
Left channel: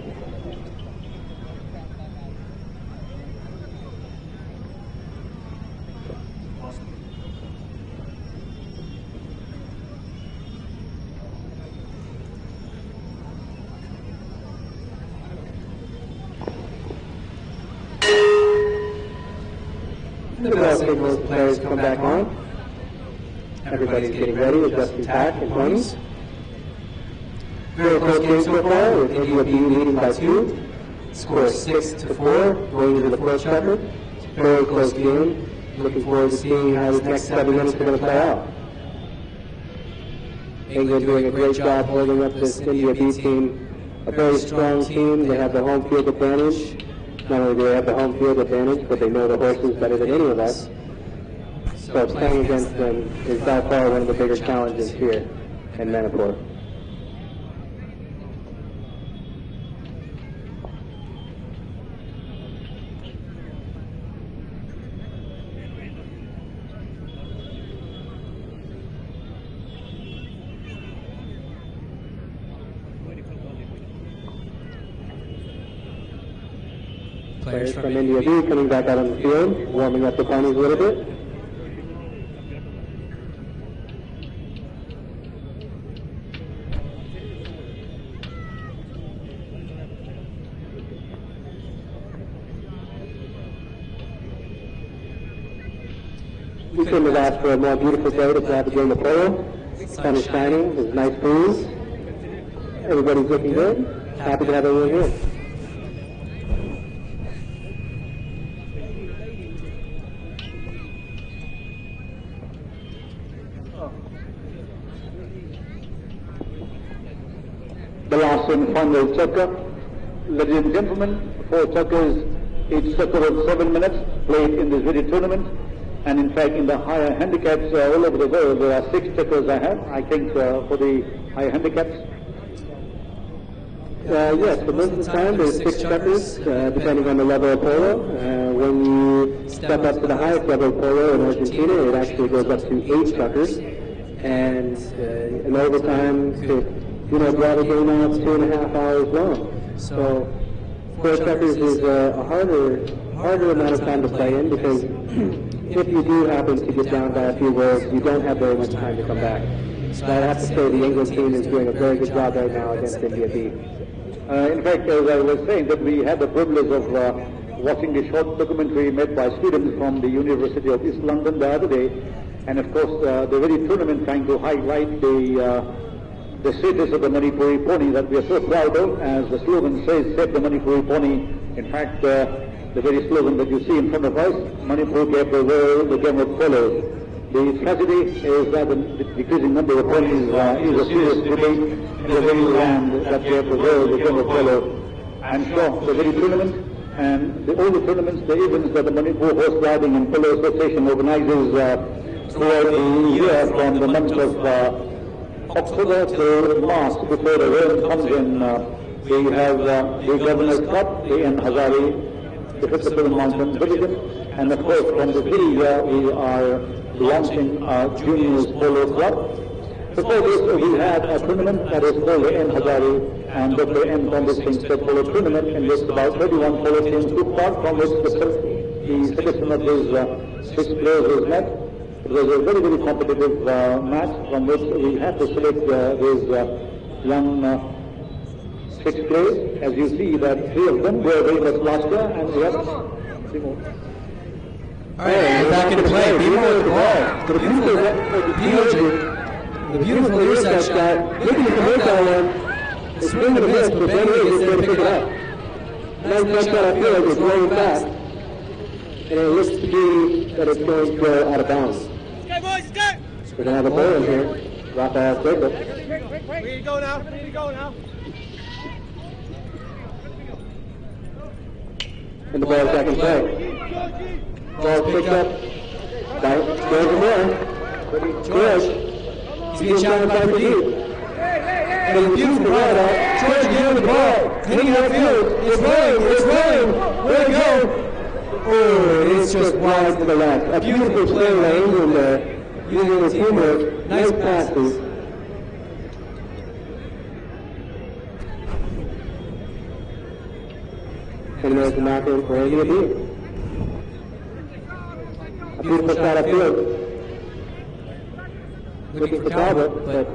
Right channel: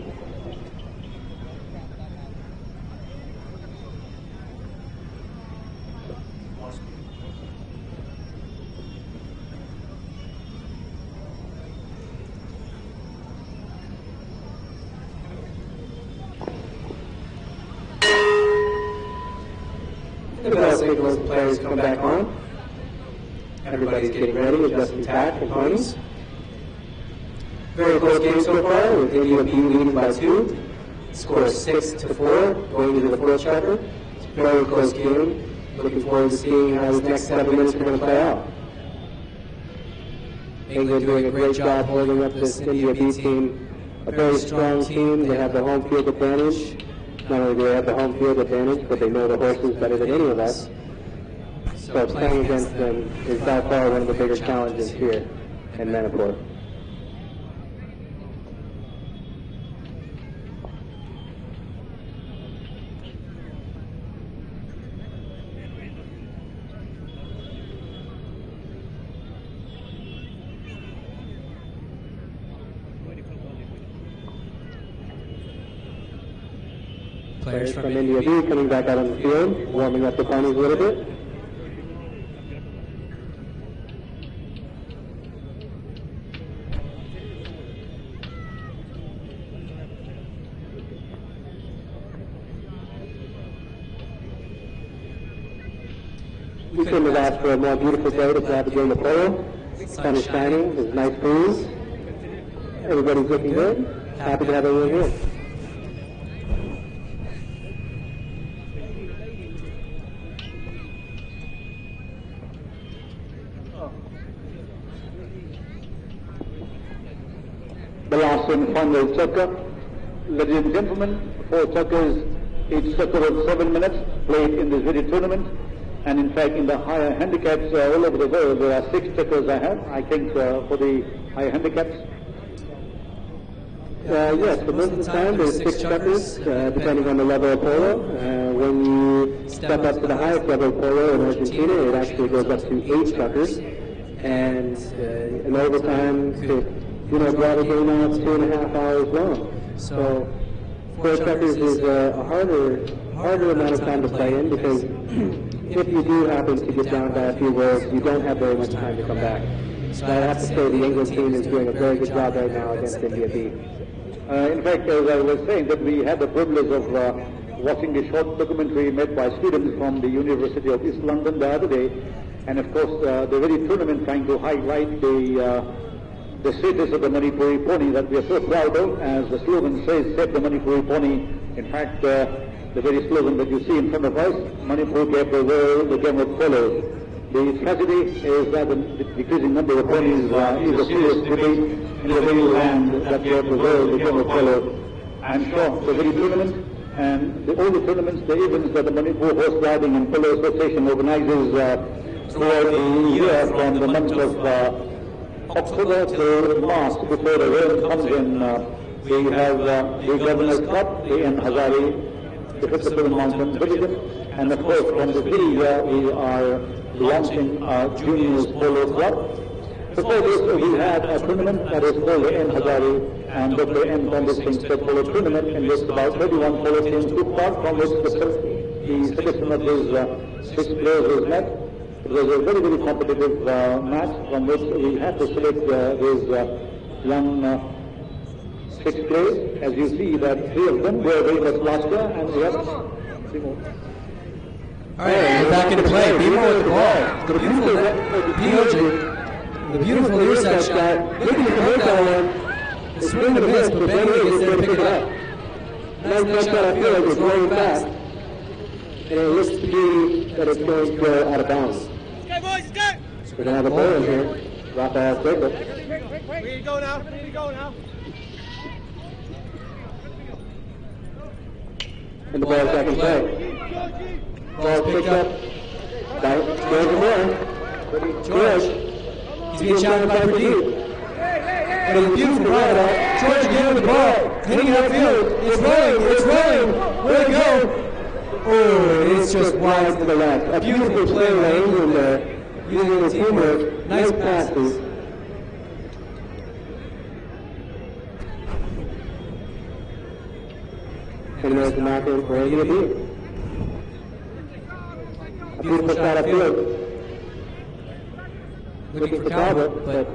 The bell signals the players come back on. Everybody's getting ready, adjusting tack and ponies. Very close game so far, with India B leading by 2. Score 6-4, going into the fourth checker. Very close game. Looking forward to seeing how the next 7 minutes are going to play out. England doing a great job holding up this India B team. A very strong team. They have the home field advantage. Not only do they have the home field advantage, but they know the horses better than any of us. So playing against them is by far one of the bigger challenges here in Manipur. Players from India B coming back out on the field, warming up the ponies a little bit. We couldn't have asked for a more beautiful day to have a game of polo. Sun is shining, there's a nice breeze. Everybody's looking good. Happy to have everyone here. The last and final checker. Ladies and gentlemen, 4 checkers, each checker of 7 minutes, played in this very tournament. And in fact, in the higher handicaps all over the world, there are 6 checkers I have, I think, for the higher handicaps. Yes, for most of the time there's 6 checkers, depending on the level of polo. When you step up to the highest level of polo in Argentina, it actually goes up to 8 checkers. And in overtime, draw the game out, it's 2.5 hours long. So 4 checkers is a harder amount of time to play in, because if you do happen to get down by a few rolls, you don't have very much time to come back. So I have to say the England team is doing a very good job right now against India B. In fact, as I was saying, that we had the privilege of watching a short documentary made by students from the University of East London the other day, and of course the very tournament trying to highlight the status of the Manipuri pony that we are so proud of. As the slogan says, save the Manipuri pony. In fact, the very slogan that you see in front of us, Manipur gave the world the game of polo. The tragedy is that the decreasing number of ponies is a serious debate in the very land that gave the world the game of polo. I'm sure the very tournament and all the tournaments, the events that the Manipur Horse Riding and Polo Association organizes throughout the year from the month of October to March before the rain comes in. We have the Governor's Cup, the N. Hazari, the Festival Mountain Division, and of course from the city here we are launching our Juniors Polo Club. Before this we had a tournament that is called the N. Hazari and Dr. N. Congress State Polo Tournament, in which about 31 polo teams took part, from which the selection of these 6 players was met. It was a very, very competitive match from which we had to select these young 6 players. As you see that 3 of them were very much larger and the others 3 more. Alright, we're back into play. People with the ball. The beautiful near side shot. Looking to make that one. It's swing and a miss, but Ben Lee gets there to pick it up. Nice jump shot up here. It's going fast. And it looks to be that it's going to go out of bounds. We're going to have a ball in here. Rafael Jacob. Where you go now? Where you go now? And the ball is back in play. Ball picked up by George Moore. George, he's being challenged by Pradeep. And a beautiful ride out. George again with the ball. Hitting outfield. It's rolling. Where to go? Oh, it's just wide to the left. A beautiful play by England there. Using his teamwork. Nice passes. And there's the knock-in for Andy Abib. A beautiful shot upfield. Looking for Talbot, but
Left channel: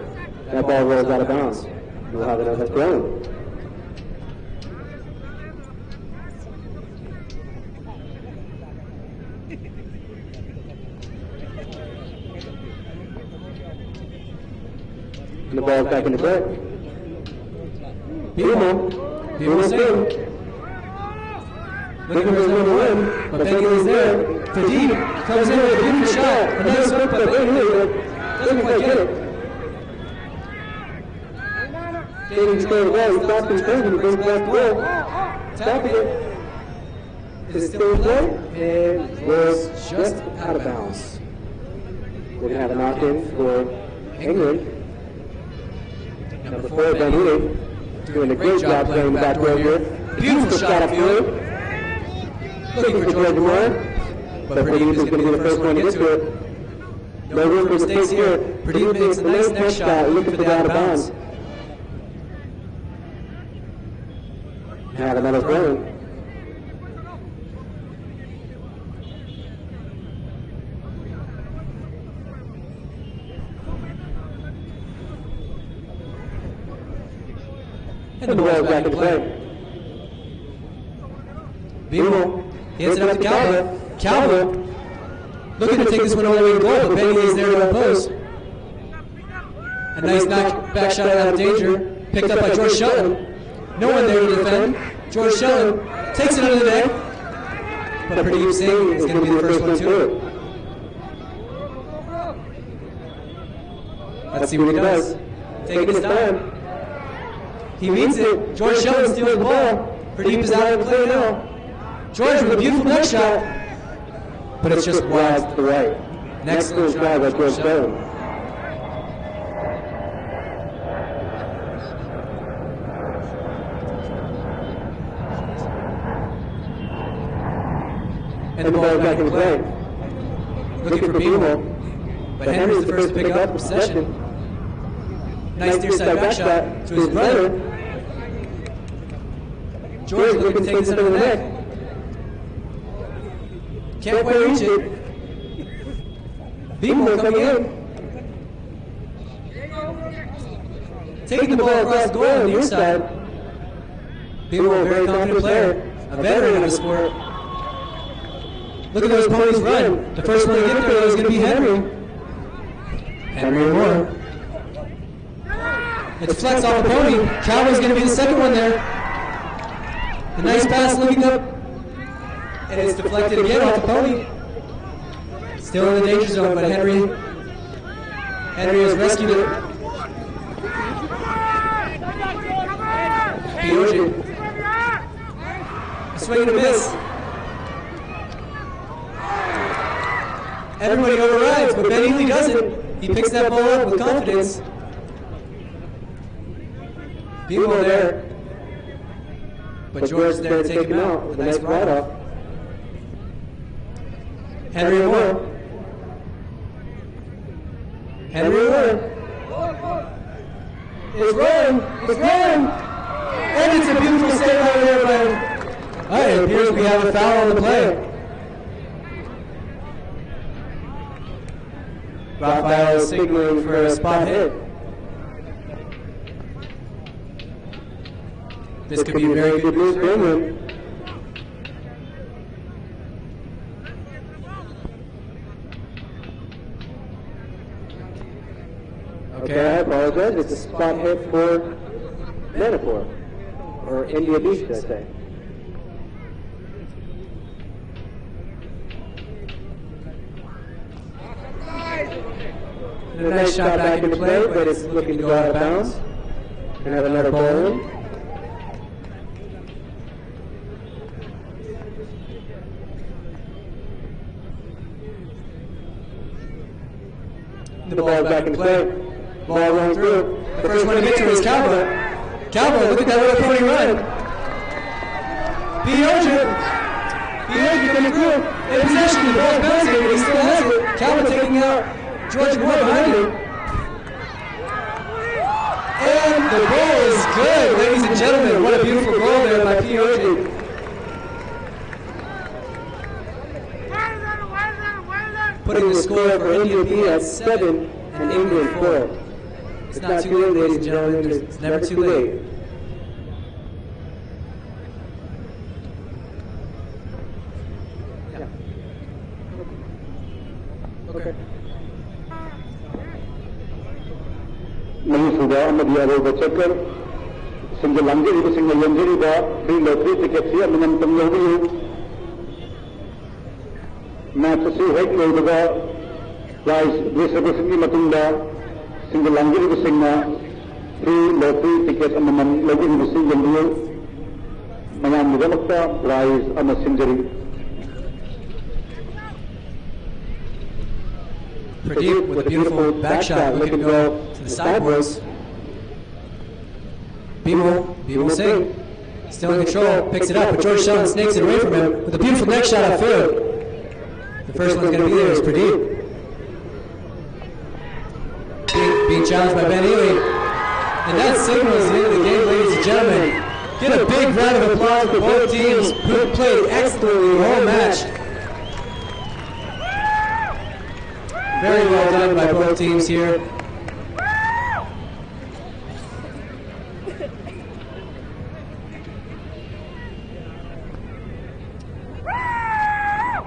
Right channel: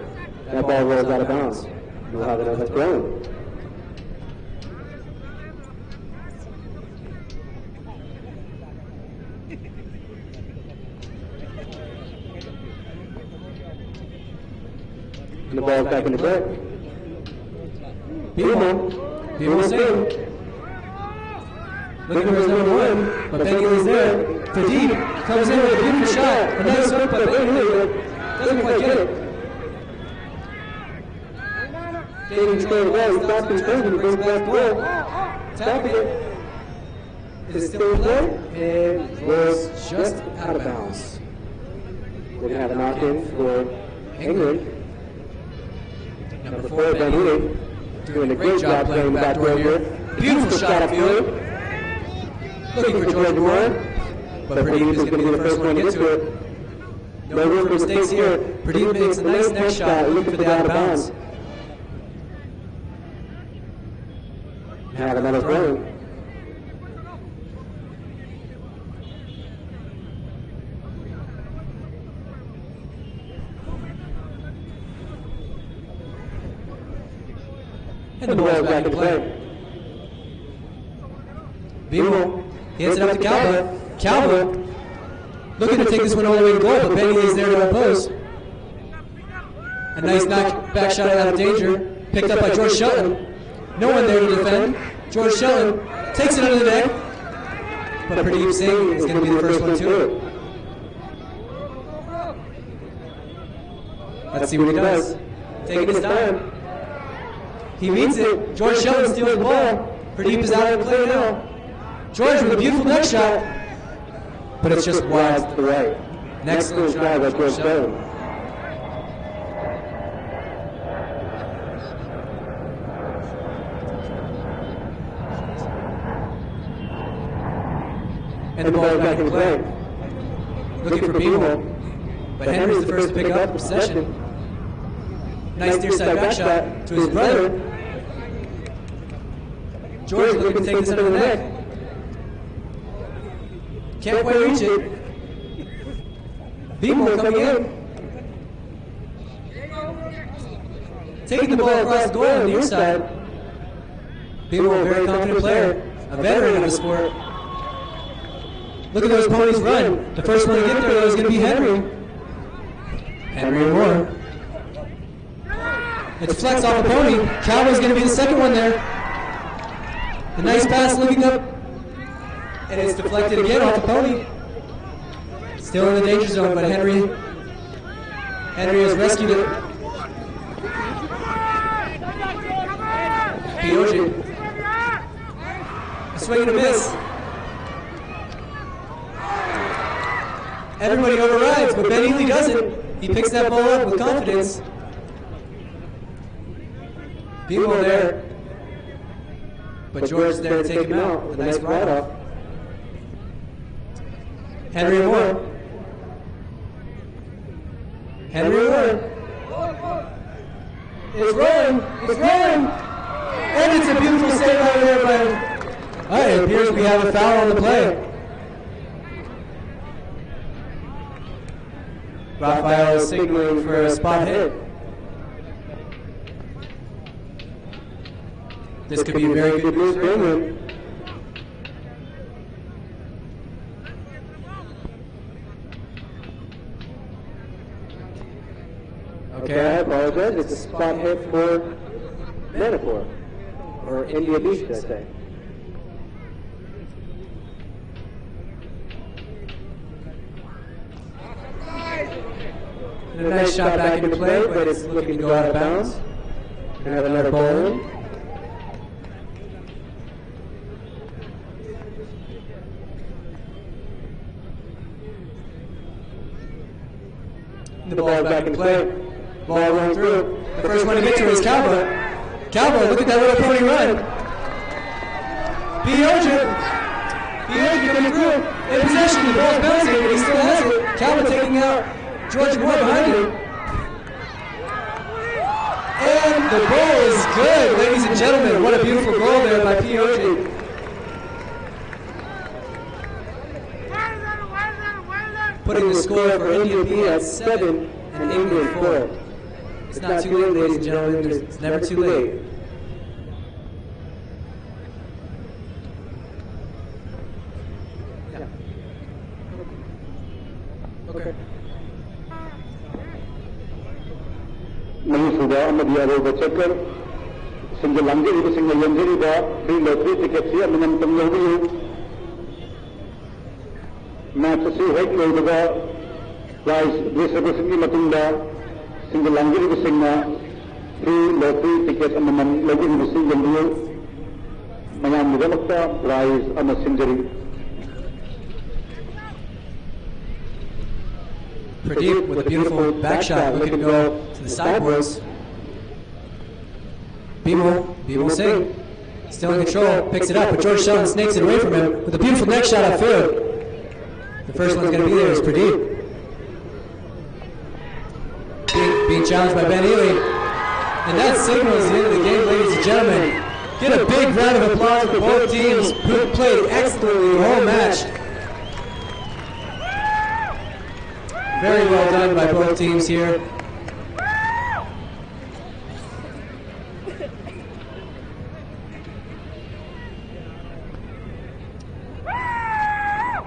that ball rolls out of bounds. We'll have another throw. And the ball's back into play. Beautiful swing. Looking for his number 1, but Bentley's there. Pradeep comes in with a beautiful shot. A nice hook by Bentley. Doesn't quite get it. Dating to go to the ball. He stops his thing and he goes back to goal. Stopping it. Is it still in play? It was just out of bounds. We're going to have a knock-in for England. Number 4, Bentley, doing a great job playing the back row here. Beautiful shot upfield. Looking for George Moore, but Pradeep is going to be the first one to get to it. No room for mistakes here. Pradeep makes a nice next shot, looking for the out of bounds. Have another throw. And the ball back in play. Beagle hits it up to Calvert. Calvert looking to take this one all the way to goal, but Bentley is there to oppose. A nice back shot out of danger, picked up by George Shelton. No one there to defend. George Shelton takes it under the net, but Pradeep Singh is going to be the first one to it. Let's see what he does. Taking his time. He meets it. George Shelton steals the ball. Pradeep is out of the play now. George with a beautiful next shot, but it's just wide to the right. Next goes by by George Shelton. And the ball back in play. Looking for Beamo, but Henry's the first to pick up possession. Nice near side back shot to his brother. George looking to take this under the net. Can't quite reach it. Beamo coming in. Taking the ball across goal on the near side. Beamo, a very confident player, a veteran of the sport. Look at those ponies run. The first one to get there is going to be Henry. Henry Moore. It's flex off the pony. Calvin's going to be the second one there. A nice pass looking up And it's deflected again off the pony. Still in the danger zone, but Henry has rescued it. Pioji. A swing and a miss. Everybody overrides, but Ben Ely doesn't. He picks that ball up with confidence. Bimo there. But George's there to take him out with a nice ride-off. Henry Moore. Henry Moore. It's rolling. It's rolling. And it's a beautiful save out there by... It appears we have a foul on the play. Raphael is signaling for a spot hit. This could be very good news for England. Okay, I apologize. It's a spot hit for Manipur, or India Beach, should I say. And a nice shot back into play, but it's looking to go out of bounds. We're going to have another ball in. The ball back in play. Ball rolling through. The first one to get to is Calvo. Calvo, look at that little pony run. Pioji coming through. In possession, the ball's bouncing, but he still has it. Calvo taking out George Moore behind him. And the goal is good, ladies and gentlemen. What a beautiful goal there by Pioji. Putting the score for India B at 7 and England 4. It's not too late, ladies and gentlemen. It's never too late. Yeah. Okay. Sudah media bercakap single lanjut itu single lanjut itu free lottery tiket siap menentang Yahudi. Match si hek juga prize distribution ni matunda single lanjut itu singa free lottery tiket amam lagi itu single dia mayam juga makta prize ama sinjari. Pradeep with a beautiful back shot, looking to go to the sideboards. Bimo Singh, still in control, picks it up, but George Sheldon snakes it away from him with a beautiful neck shot out field. The first one's going to be there is Pradeep. Being challenged by Ben Ely. And that signals the end of the game, ladies and gentlemen. Get a big round of applause for both teams who played excellently the whole match. Very well done by both teams here.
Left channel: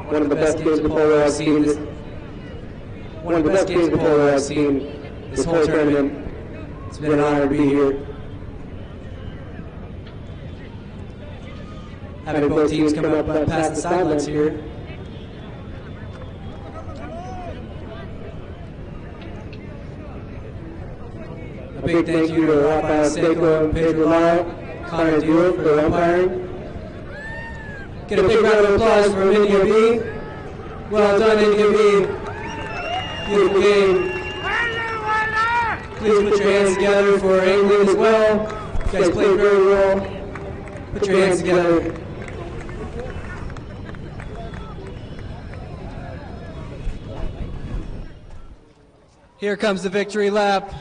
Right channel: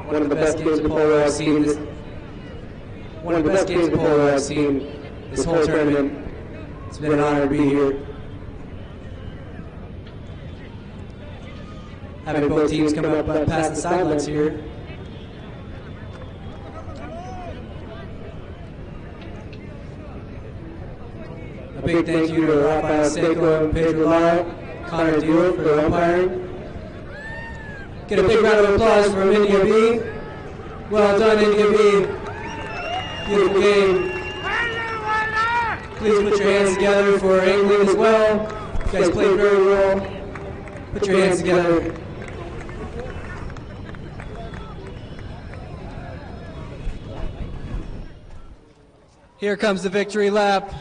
One of the best games of polo I've seen this whole tournament. It's been an honor to be here. Having both teams come up past the sidelines here. A big thank you to Rafael Seiko and Pedro Lara, Connor Dewar for the umpiring. Get a big round of applause for India B. Well done, India B. Beautiful game. Please put your hands together for England as well. You guys played very well. Put your hands together. Here comes the victory lap.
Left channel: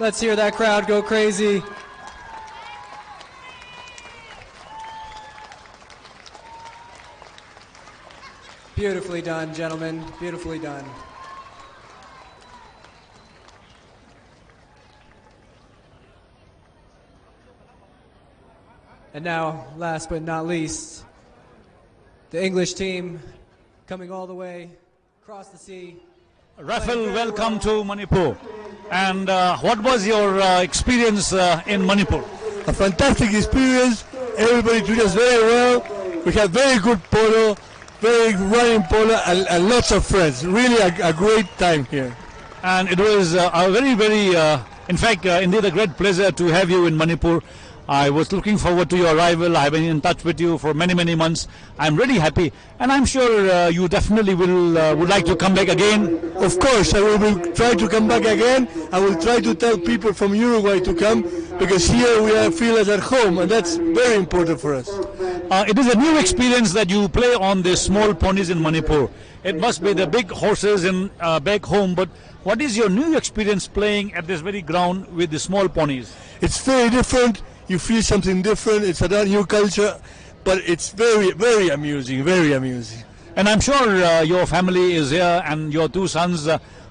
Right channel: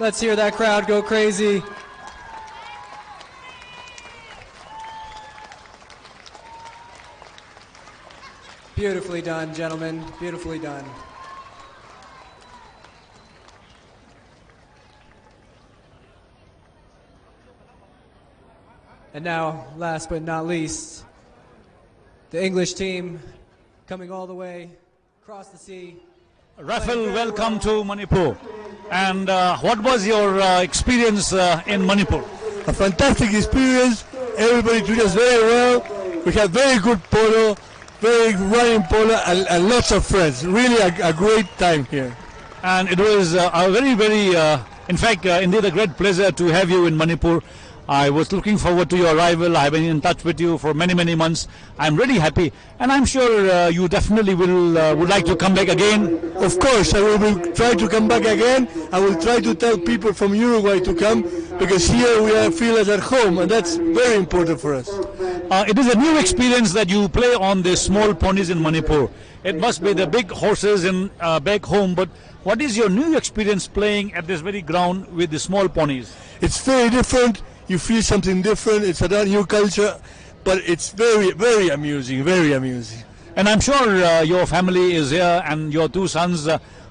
Let's hear that crowd go crazy. Beautifully done, gentlemen. Beautifully done. And now, last but not least, the English team coming all the way across the sea. Raphael, welcome to Manipur. And what was your experience in Manipur? A fantastic experience. Everybody treated us very well. We had very good polo, very running polo, and lots of friends. Really a great time here. And it was a very, very, in fact, indeed a great pleasure to have you in Manipur. I was looking forward to your arrival. I've been in touch with you for many, many months. I'm really happy, and I'm sure you definitely would like to come back again. Of course, I will try to come back again. I will try to tell people from Uruguay to come, because here we feel as at home, and that's very important for us. It is a new experience that you play on the small ponies in Manipur. It must be the big horses in back home, but what is your new experience playing at this very ground with the small ponies? It's very different. You feel something different. It's a new culture, but it's very, very amusing, very amusing. And I'm sure your family is here and your two sons.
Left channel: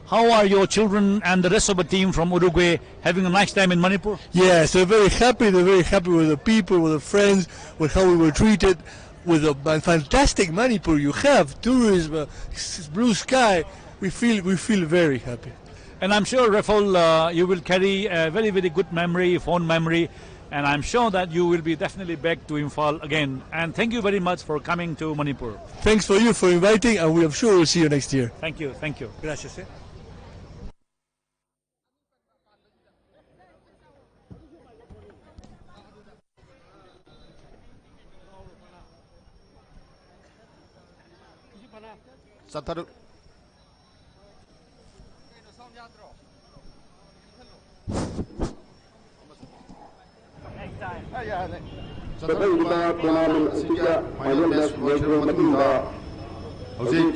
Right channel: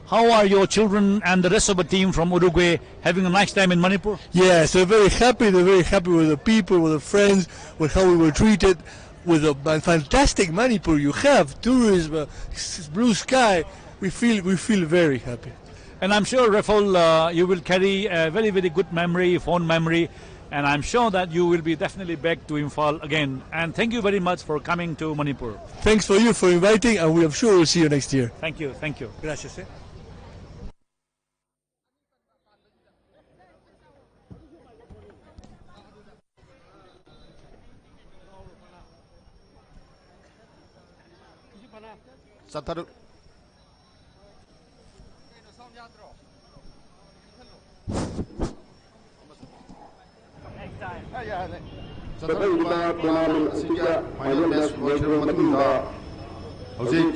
How are your children and the rest of the team from Uruguay having a nice time in Manipur? Yes, they're very happy. They're very happy with the people, with the friends, with how we were treated, with the fantastic Manipur you have, tourism, blue sky. We feel very happy. And I'm sure, Rafael, you will carry a very, very good memory, fond memory. And I'm sure that you will be definitely back to Imphal again. And thank you very much for coming to Manipur. Thanks for you for inviting, and I'm sure we'll see you next year. Thank you, thank you. Gracias. ꯆꯠꯊꯔꯤꯕ tournament ꯑꯁꯤꯗ final match ꯂꯣꯏꯈ꯭ꯔꯕ ꯃꯇꯨꯡꯗ ꯍꯧꯖꯤꯛ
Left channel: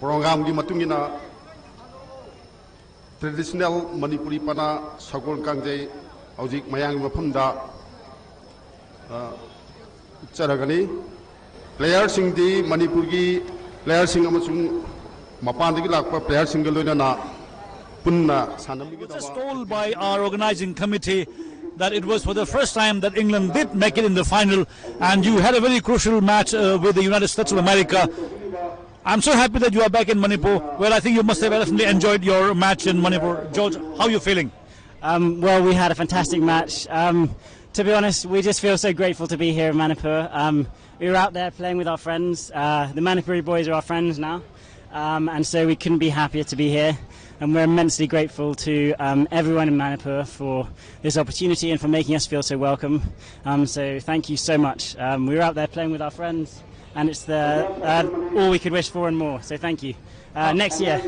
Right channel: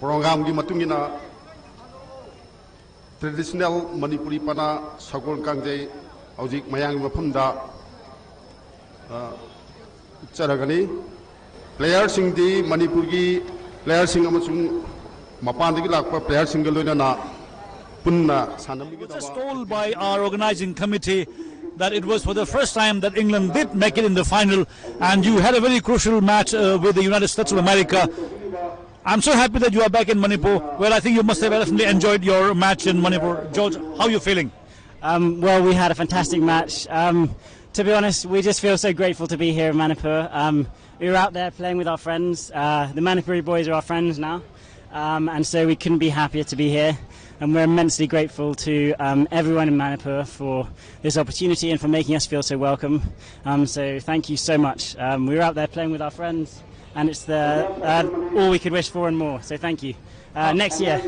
ꯄ꯭ꯔꯣꯒ꯭ꯔꯥꯝꯒꯤ ꯃꯇꯨꯡꯏꯟꯅ traditional Manipuri ꯄꯅꯥ ꯁꯒꯣꯜ ꯀꯥꯡꯖꯩ ꯍꯧꯖꯤꯛ ꯃꯌꯥꯝꯒꯤ ꯃꯐꯝꯗ ꯎꯠꯆꯔꯒꯅꯤ ꯄ꯭ꯂꯦꯌꯔꯁꯤꯡꯗꯤ ꯃꯅꯤꯄꯨꯔꯒꯤ ꯄ꯭ꯂꯦꯌꯔꯁꯤꯡ ꯑꯃꯁꯨꯡ ꯃꯄꯥꯟꯗꯒꯤ ꯂꯥꯛꯄ ꯄ꯭ꯂꯦꯌꯔꯁꯤꯡꯒ ꯂꯣꯏꯅꯅ punna sanamigidaba. Just told by our organizing committee that it was for the first time that England did make it in the final, and you had a very crucial match with the United States of America. I'm so happy that you are back in Manipur. Well, I think you must have definitely enjoyed your match in Manipur. George, how are you feeling? Well, we had a fantastic match. To be honest, we just feel so grateful to be here in Manipur. We were out there playing with our friends. The Manipuri boys are our friends now, and so we couldn't be happier to be here. And we're immensely grateful to everyone in Manipur for this opportunity and for making us feel so welcome. So thank you so much. We were out there playing with our friends, and it's all we could wish for and more. So thank you. Next year.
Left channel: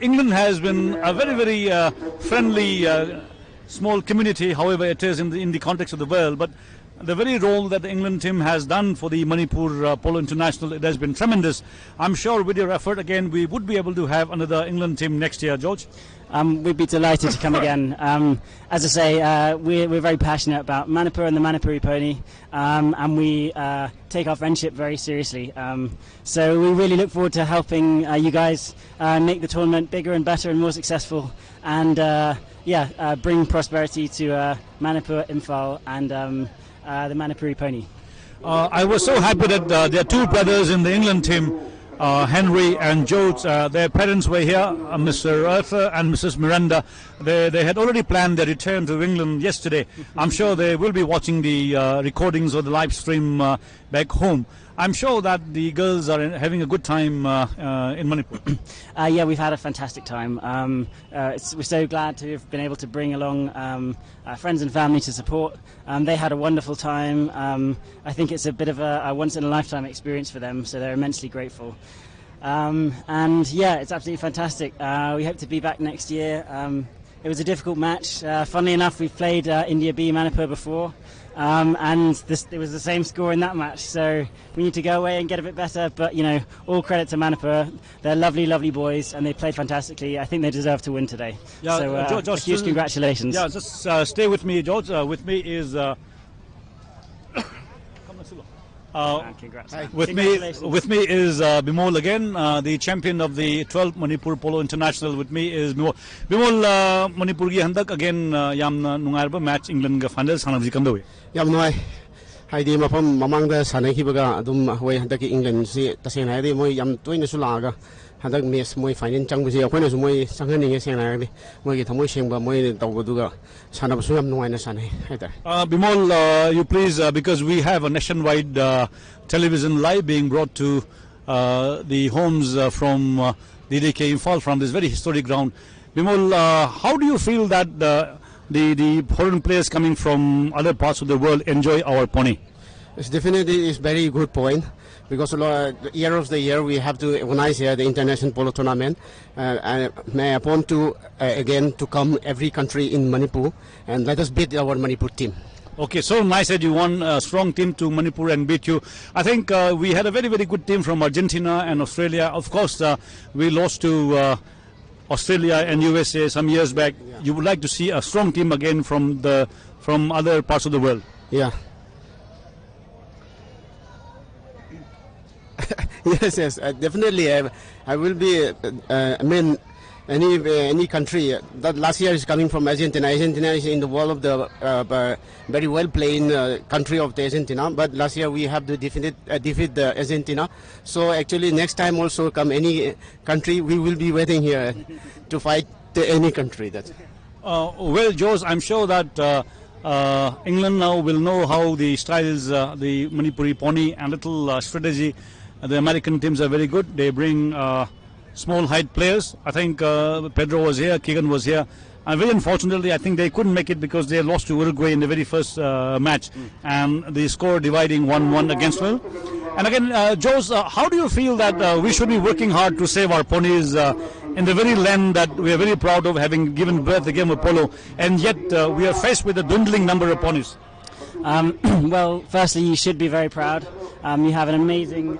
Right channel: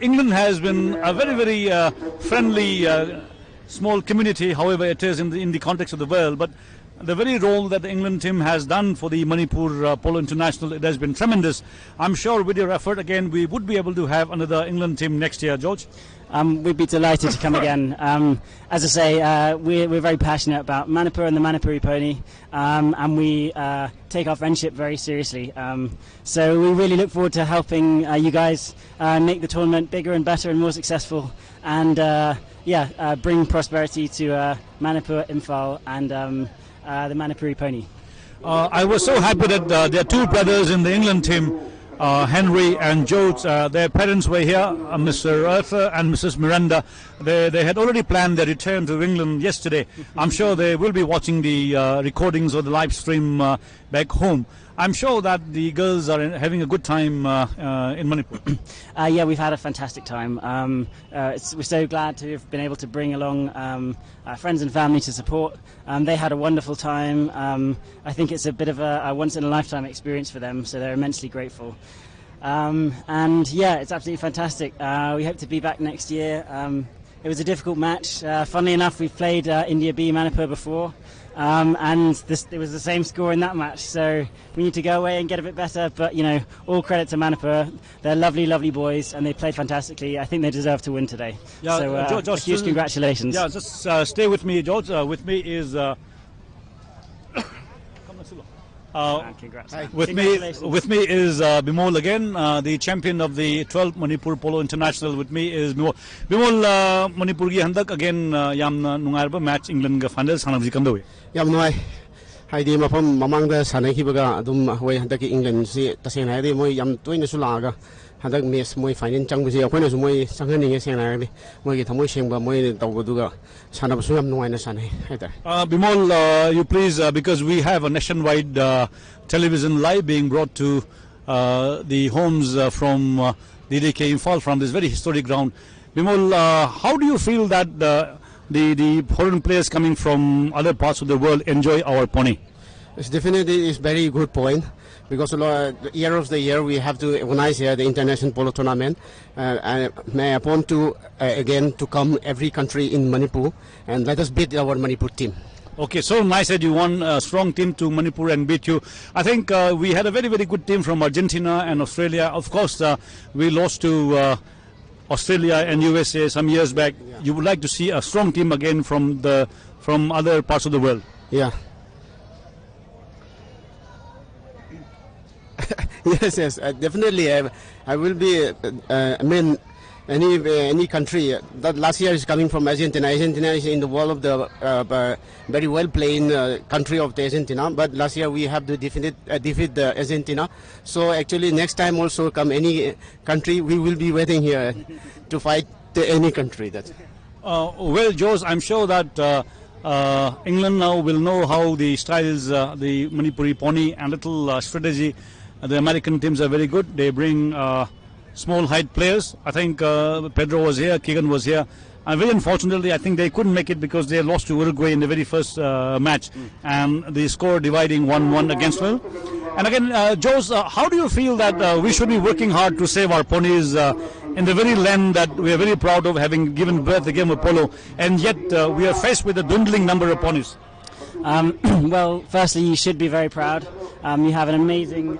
England has been a very, very friendly small community, however it is in the context of the world. But the very role that the England team has done for the Manipur Polo International, it has been tremendous. I'm sure with your effort again, we would be able to have another England team next year, George. We'd be delighted to come again. As I say, we're very passionate about Manipur and the Manipuri pony, and we take our friendship very seriously. So we really look forward to helping you guys make the tournament bigger and better and more successful, and bring prosperity to Manipur, Imphal, and the Manipuri pony. I was so happy that there are two brothers in the England team, Henry and George. Their parents were here, Mr. Arthur and Mrs. Miranda. They had already planned their return to England yesterday. I'm sure they will be watching the recordings or the live stream back home. I'm sure that the girls are having a good time in Manipur. Yeah, we've had a fantastic time. We're so glad to have been able to bring along friends and family to support. They had a wonderful time. I think it's a bit of a once-in-a-lifetime experience for them, so they're immensely grateful. And yeah, it's absolutely fantastic. We hope to be back next year. It was a difficult match. Funnily enough, we've played India B Manipur before. And it was the same score in that match, so we need to go away and get a bit better. But you know, all credit to Manipur. They're lovely, lovely boys, and they played fantastically. I think they deserve to win today. Yeah, so George, huge congratulations. Yeah, just stay with me, George. With me is congrats. With me is Bimol again, the champion of the 12th Manipur Polo International. With me is Bimol. Bimol, Manipur gi handak again yamna nungarba match England ga final sanabji kamdawi. Yam noi. Haidi mafam mamang da sanai ki baga adum hoi handak England si taseng haidi moi yam toina sulaga handak match moi final changbusi akhona su moi sanghaninge sengnagni moi gi thamoi sengba moi tawduga sanabasu yam nuaina sanai haidar. Bimol, you please, because we have a nationwide television live being brought to the homes from DDK Imphal, from this very historic ground. Bimol, how do you feel that the foreign players coming from other parts of the world enjoy our pony? It's definitely is very good point, because year of the year we have to organize here the international polo tournament, and may I want to again to come every country in Manipur and let us beat our Manipur team. Okay, so nice that you won a strong team to Manipur and beat you. I think we had a very, very good team from Argentina and Australia. Of course, we lost to Australia and USA some years back. Yeah. You would like to see a strong team again from other parts of the world. Yeah. Yes, definitely. I will be. I mean, any country that last year is coming from Argentina. Argentina is in the world of the very well playing country of the Argentina. But last year we have to defeat the Argentina. So actually next time also come any country, we will be waiting here to fight any country. That's. Well, Jose, I'm sure that England now will know how the styles, the Manipuri pony and little strategy. The American teams are very good. They bring small height players. I think Pedro was here, Keegan was here. And very unfortunately, I think they couldn't make it because they lost to Uruguay in the very first match. And the score dividing 1-1 against Will. And again, Jose, how do you feel that we should be working hard to save our ponies in the very land that we are very proud of having given birth to the game of polo, and yet we are faced with a dwindling number of ponies? Well, firstly, you should be very proud. You have an amazing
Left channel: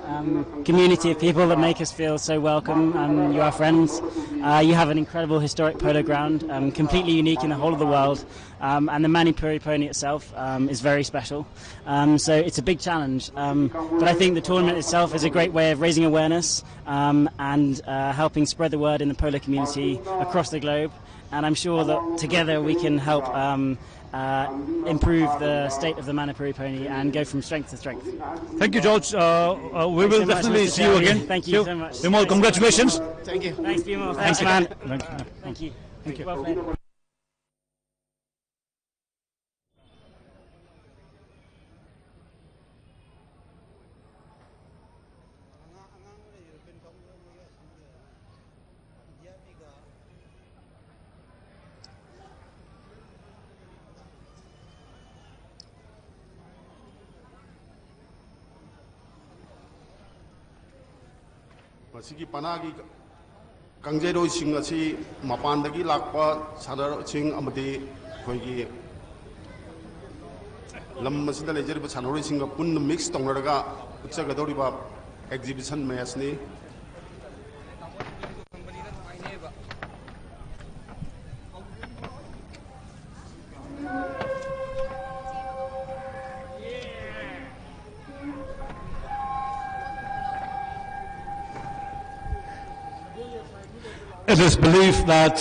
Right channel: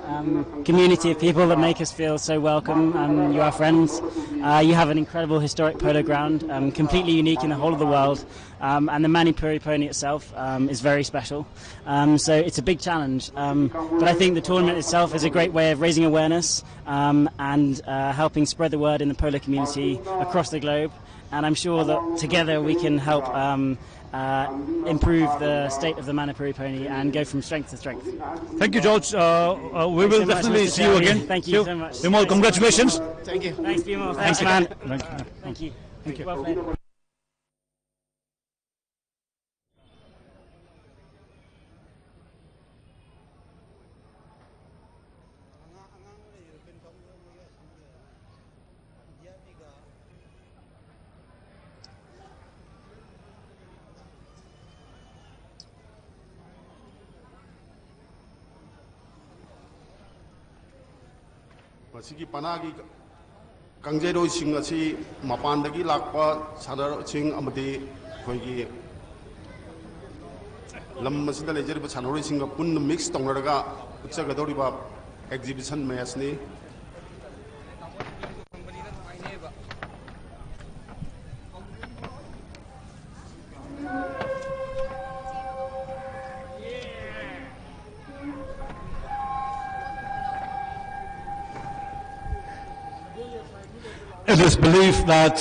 community of people that make us feel so welcome. You are friends. You have an incredible historic polo ground, completely unique in the whole of the world. And the Manipuri pony itself is very special. So it's a big challenge. But I think the tournament itself is a great way of raising awareness and helping spread the word in the polo community across the globe. And I'm sure that together we can help improve the state of the Manipuri pony and go from strength to strength. Thank you, George. We will definitely see you again. Thank you so much. Bimol, congratulations. Thank you. Thanks, Bimol. Thanks, man. Thank you. Thank you. Well played. ꯃꯁꯤꯒꯤ ꯄꯅꯥꯒꯤ ꯀꯥꯡꯖꯩꯔꯣꯏꯁꯤꯡ ꯑꯁꯤ ꯃꯄꯥꯟꯗꯒꯤ ꯂꯥꯛꯄ ꯁꯥꯟꯅꯔꯣꯏꯁꯤꯡ ꯑꯃꯗꯤ ꯑꯩꯈꯣꯏꯒꯤ ꯂꯝ ꯑꯁꯤꯗ ꯂꯩꯖꯔꯤꯕ ꯁꯥꯟꯅꯔꯣꯏꯁꯤꯡꯒ ꯄꯨꯟꯅ ꯃꯤꯛꯁ ꯇꯧꯅꯔꯒ ꯎꯠꯆꯒꯗꯧꯔꯤꯕ acquisition ꯃꯦꯠꯆꯅꯤ. It is believed that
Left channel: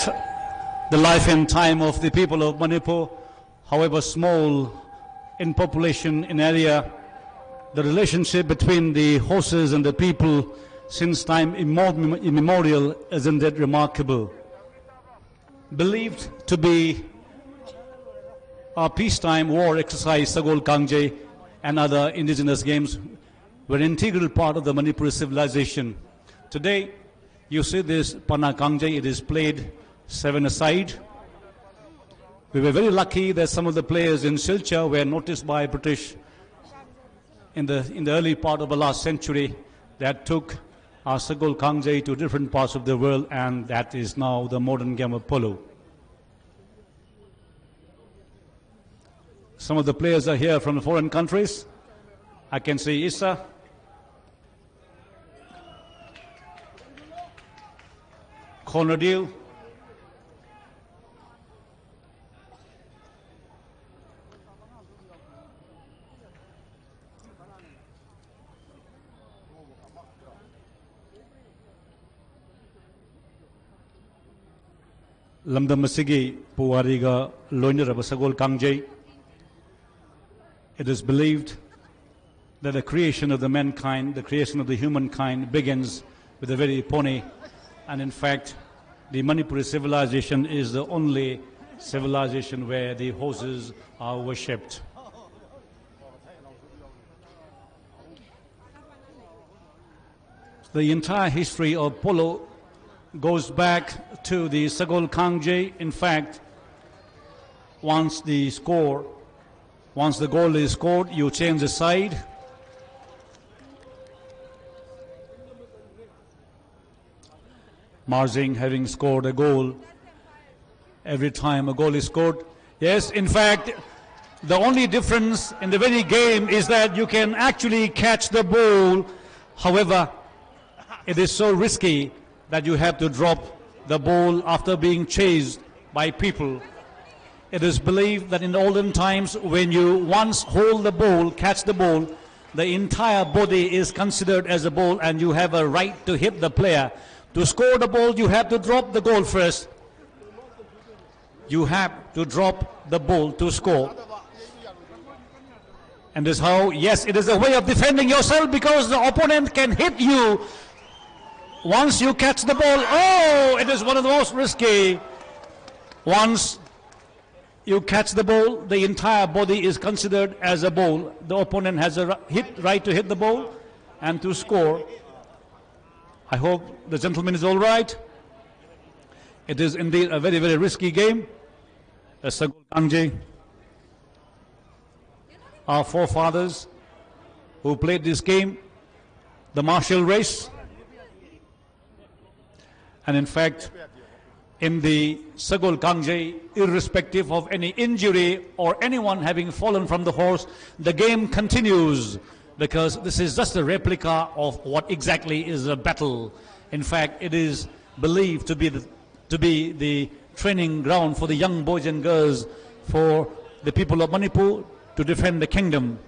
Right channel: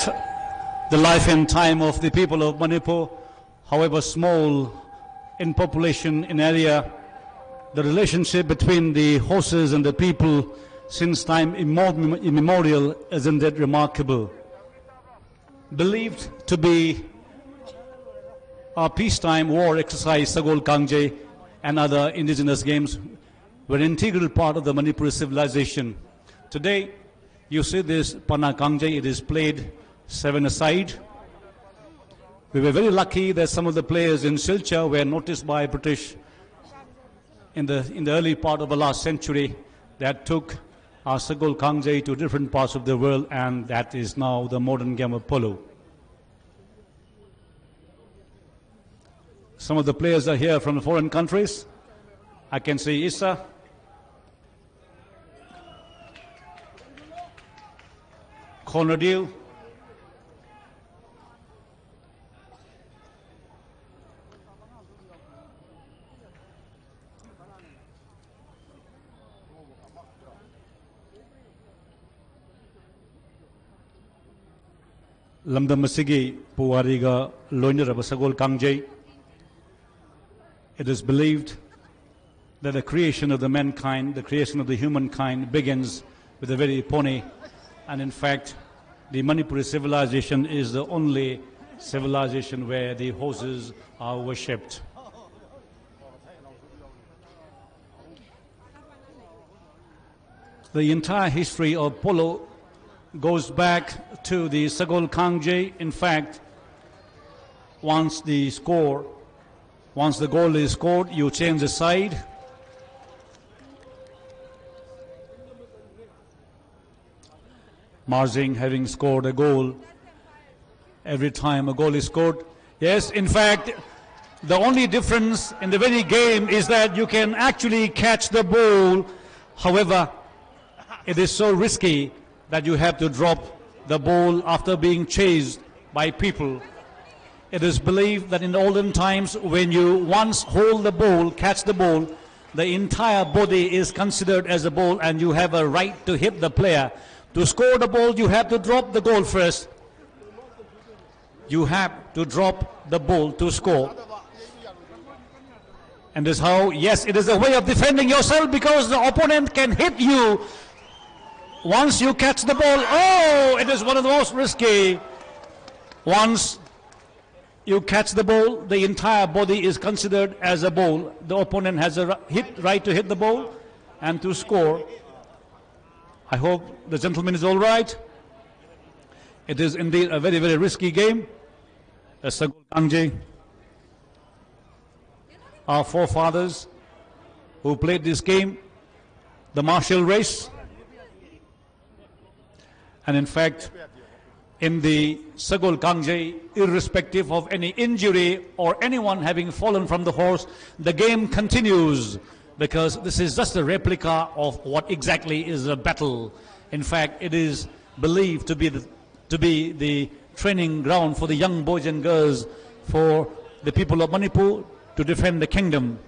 the life and time of the people of Manipur, however small in population, in area, the relationship between the horses and the people since time immemorial, isn't it remarkable? Believed to be a peacetime war exercise, Sagol Kangje and other indigenous games were an integral part of the Manipuri civilization. Today, you see this Pana Kangje, it is played 7-a-side. We were very lucky that some of the players in Silchar were noticed by British in the early part of the last century that took our Sagol Kangje to different parts of the world, and that is now the modern game of polo. Some of the players are here from the foreign countries. I can see Issa, Conradil, Lamdam Masigi Puwariga Loinaraba Sagol Kangje. It is believed that the creation of the mankind, the creation of the humankind begins with the very pony And in fact, the Manipuri civilization is the only civilization where the horses are worshipped. The entire history of polo goes back to the Sagol Kangje. In fact, once the goal is scored, you change the side. Marzing having scored a goal every time a goal is scored. Yes, in fact, the only difference in the very game is that you can actually catch the ball. However, it is so risky that you have to drop the ball after being chased by people. It is believed that in the olden times, when you once hold the ball, catch the ball, the entire body is considered as a ball and you have a right to hit the player. To score the ball, you have to drop the goal first. You have to drop the ball to score. And this is how, yes, it is a way of defending yourself because the opponent can hit you once you catch the ball. Oh, it is one of the most risky. Once you catch the ball, the entire body is considered as a ball. The opponent has a right to hit the ball and to score. I hope the gentleman is all right. It is indeed a very, very risky game. Sagol Kangje, our forefathers who played this game, the martial race. And in fact, in the Sagol Kangje, irrespective of any injury or anyone having fallen from the horse, the game continues because this is just a replica of what exactly is a battle. In fact, it is believed to be the training ground for the young boys and girls, for the people of Manipur to defend the kingdom.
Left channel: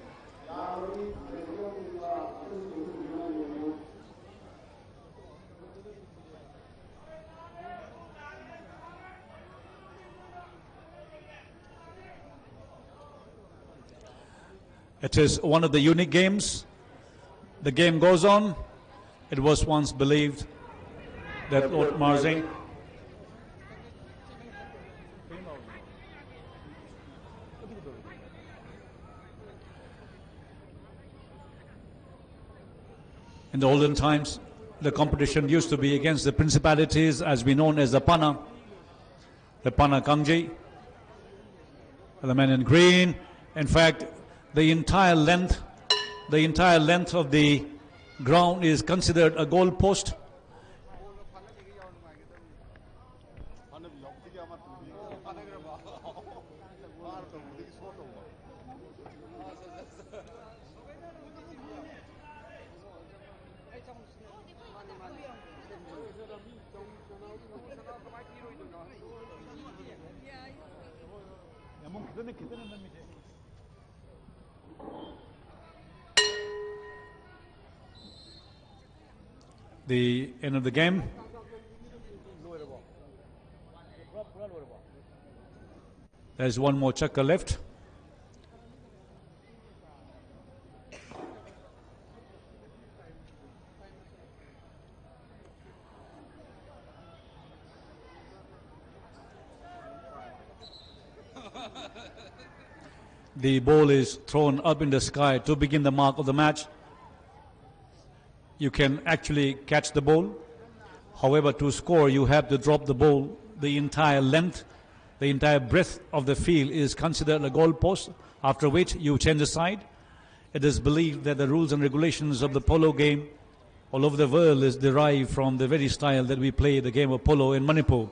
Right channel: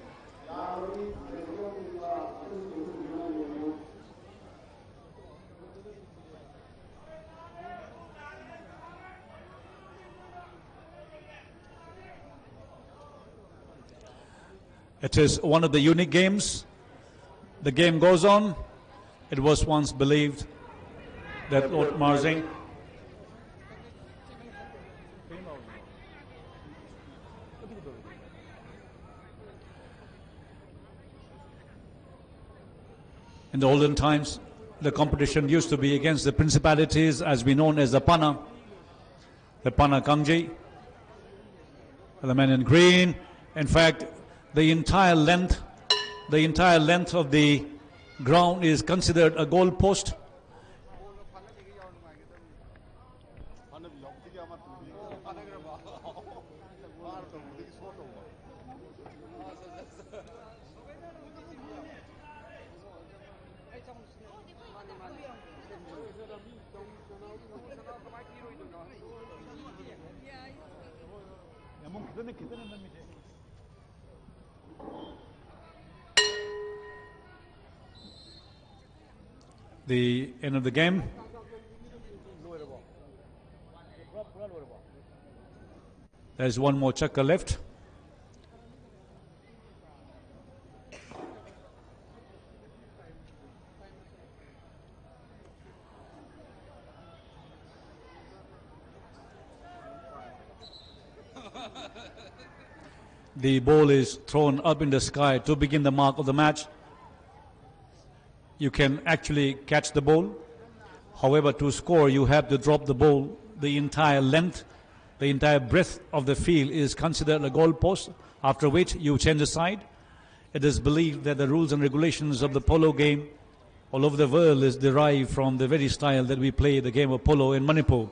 It is one of the unique games. The game goes on. It was once believed that Lord Marzing in the olden times, the competition used to be against the principalities as we known as the Pana Kangje, the man in green. In fact, the entire length of the ground is considered a goal post. The end of the game. There's one more chakra left. The ball is thrown up in the sky to begin the mark of the match. You can actually catch the ball. However, to score, you have to drop the ball. The entire length, the entire breadth of the field is considered a goal post, after which you change the side. It is believed that the rules and regulations of the polo game all over the world is derived from the very style that we play the game of polo in Manipur.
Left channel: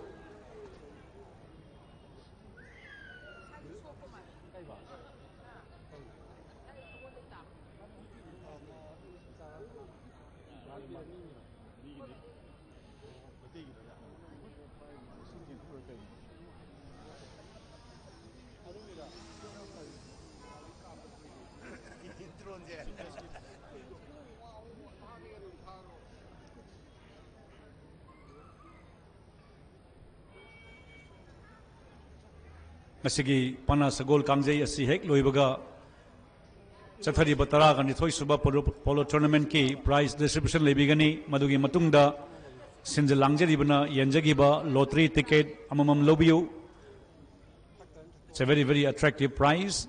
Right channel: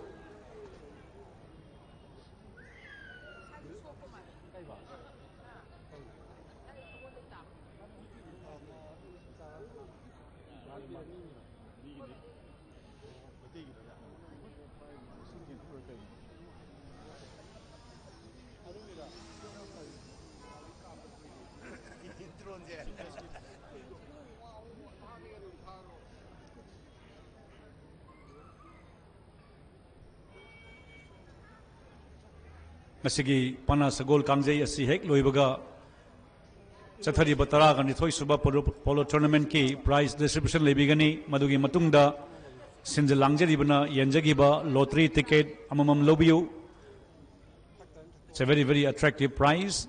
Masigi Pana Sagol Kangje asi hek loibaga chathari batara gani thoi suba polo tournament ki prize distribution lebigani madugi matungda Sinjalangjaribana Yanjagiba lottery ticket amamam lobiu. It's a very, very attractive prize.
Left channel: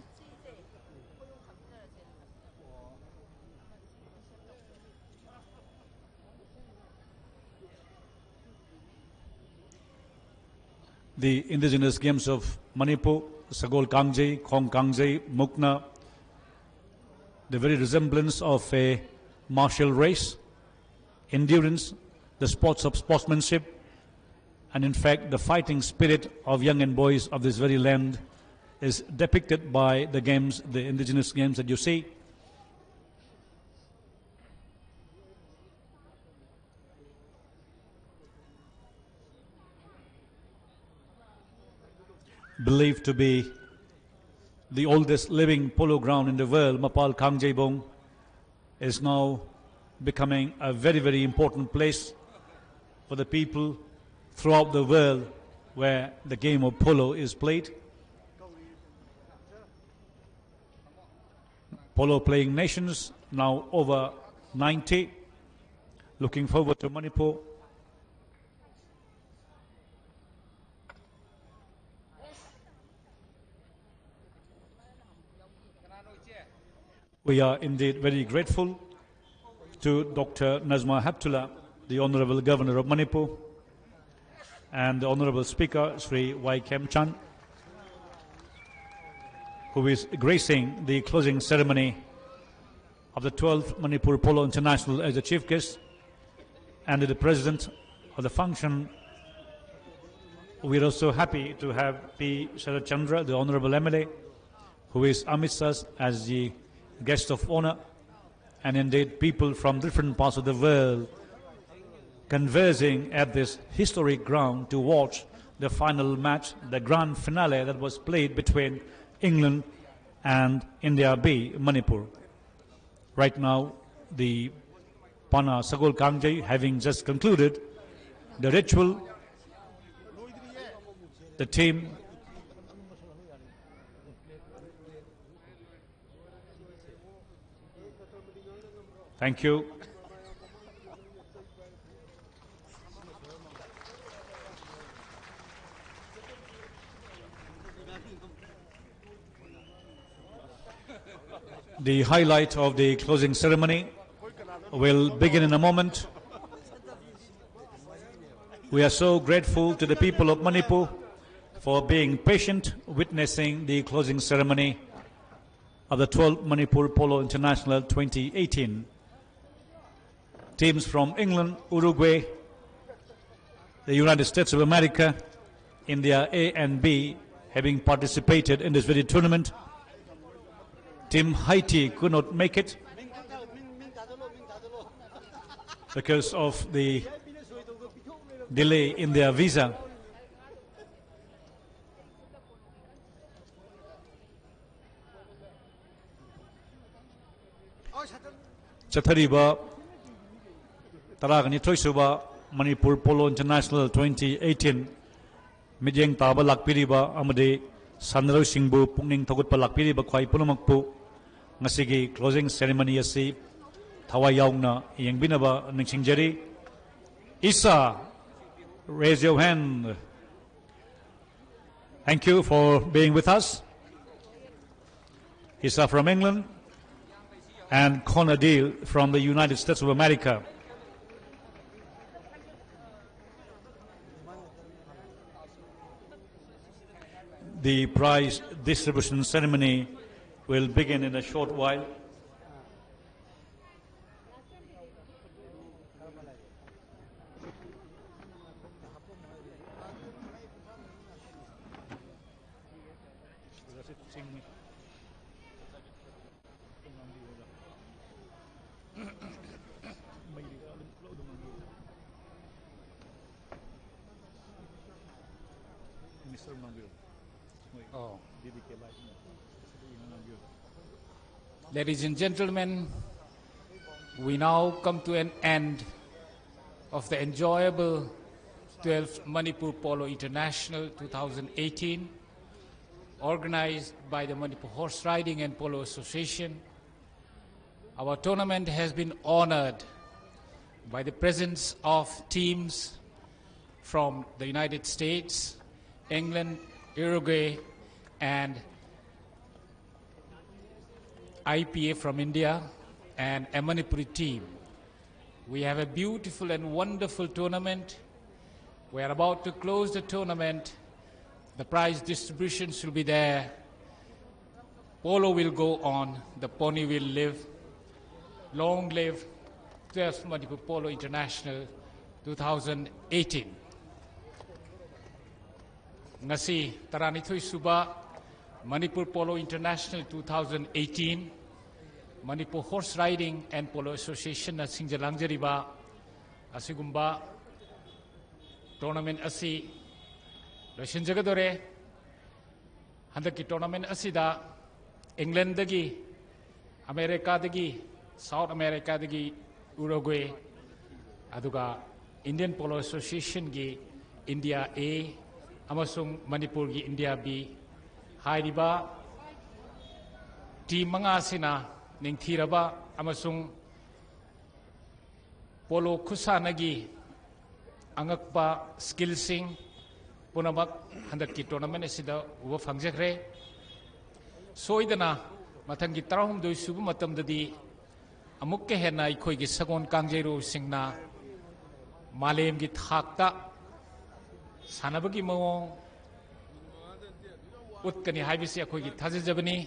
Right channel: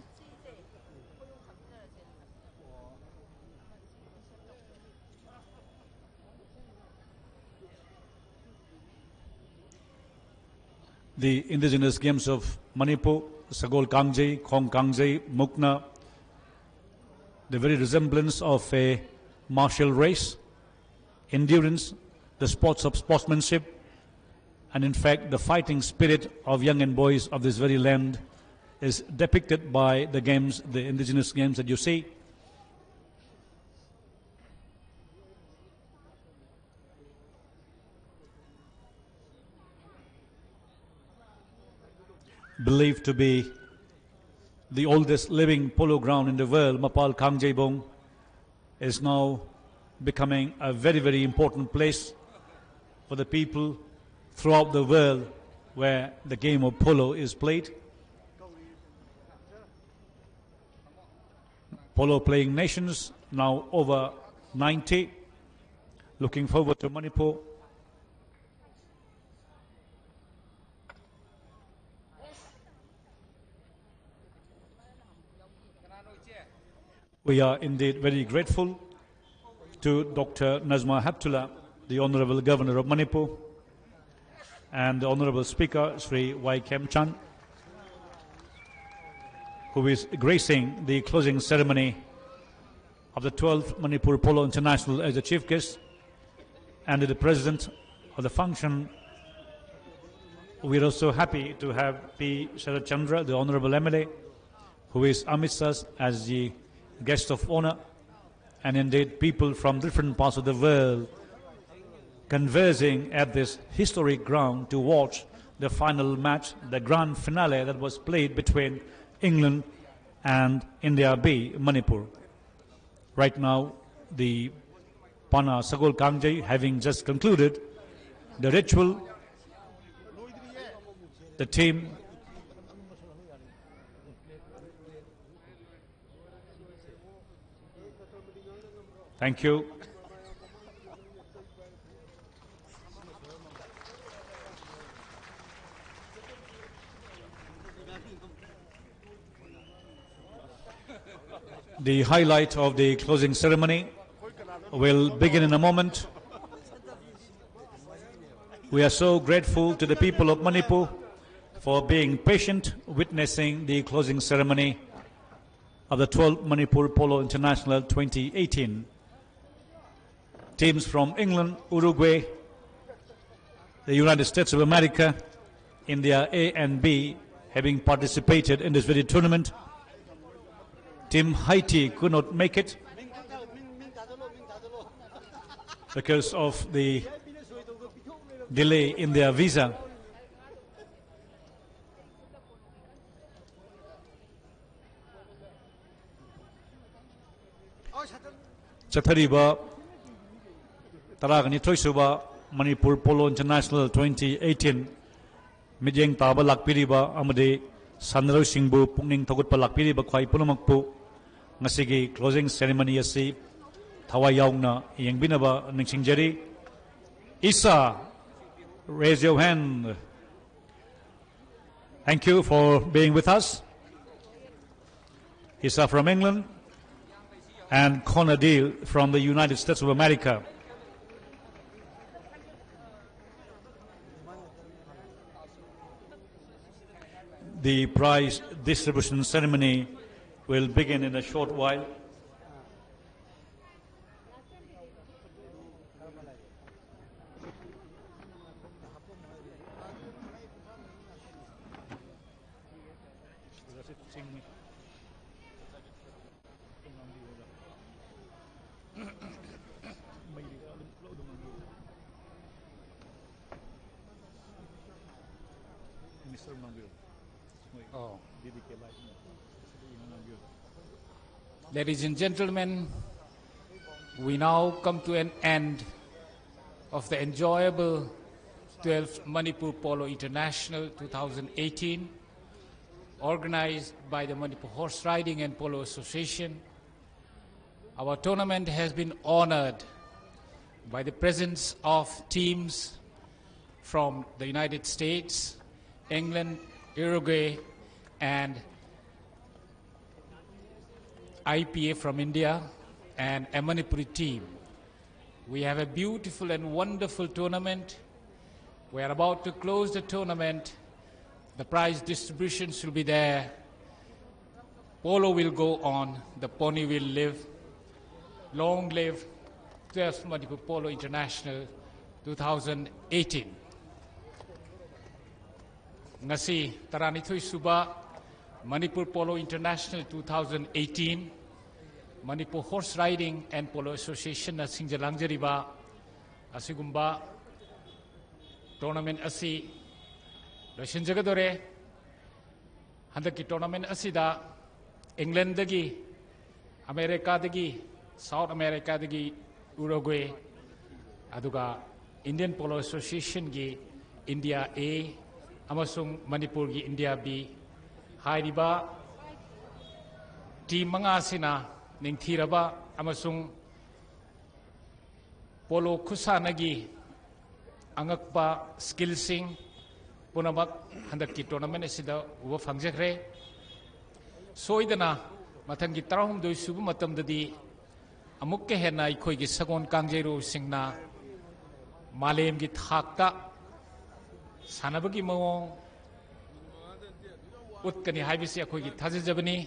The indigenous games of Manipur, Sagol Kangjai, Khong Kangjai, Mukna, the very resemblance of a martial race, endurance, the sports of sportsmanship, and in fact the fighting spirit of young and boys of this very land is depicted by the games, the indigenous games that you see. Believed to be the oldest living polo ground in the world, Mapal Kangjebong, is now becoming a very, very important place for the people throughout the world where the game of polo is played. Polo playing nations, now over 90. Looking forward to Manipur. We are indeed very grateful to Dr. Nazma Heptullah, the Honorable Governor of Manipur, and the Honorable Speaker, Sri Y. Kem Chan, who is gracing the closing ceremony of the 12th Manipur Polo International as the chief guest, and the President of the function. We are also happy to have P. Sharad Chandra, the Honorable MLA, who is amidst us as the guest of honor, and indeed people from different parts of the world conversing at this historic ground to watch the final match, the grand finale that was played between England and India B, Manipur. Right now, the Pana Sagol Kangjai having just concluded the ritual, the team thank you. The highlight of the closing ceremony will begin in a moment. We are so grateful to the people of Manipur for being patient, witnessing the closing ceremony of the 12th Manipur Polo International 2018. Teams from England, Uruguay, the United States of America, India A and B having participated in this very tournament. Team Haiti could not make it because of the delay in their visa. Chathariba Taragani Suba Manipur Polo International 2018 Mijeng Taba Lakpiriba Amade Sanro Singbu Pungning Togut Palakpiriba Kwai Punamakpu Ngasigi closing ceremony asi Tawayongna Yangbinaba Ningsingjeri. Isa, raise your hand. Thank you for being with us. Isa from England and Connor Deal from the United States of America. The prize distribution ceremony will begin in a short while. Ladies and gentlemen, we now come to an end of the enjoyable 12th Manipur Polo International 2018, organized by the Manipur Horse Riding and Polo Association. Our tournament has been honored by the presence of teams from the United States, England, Uruguay, and IPA from India, and a Manipuri team. We have a beautiful and wonderful tournament. We are about to close the tournament. The prize distributions will be there. Polo will go on. The pony will live. Long live 12th Manipur Polo International 2018. Ngasi taranithoy suba Manipur Polo International 2018 Manipur Horse Riding and Polo Association na singjalangjariba asigumba tournament asi loisinjagadore handaki tournament asida England dagi America dagi South America dagi Uruguay aduga Indian Polo Association gi India A amasung Manipur gi India B hairiba team manga sina ningthiraba amasung polo khusanagi angakpa skillsing punamak handaki tournament asida uba phangjakre soidana mathangi tarahum doi subu matamdadi amukke hena ikhoi gi sagon kangjeiru singna malem gi thakta sanabagi mawong utkani haibisi akhoi gi thajajabani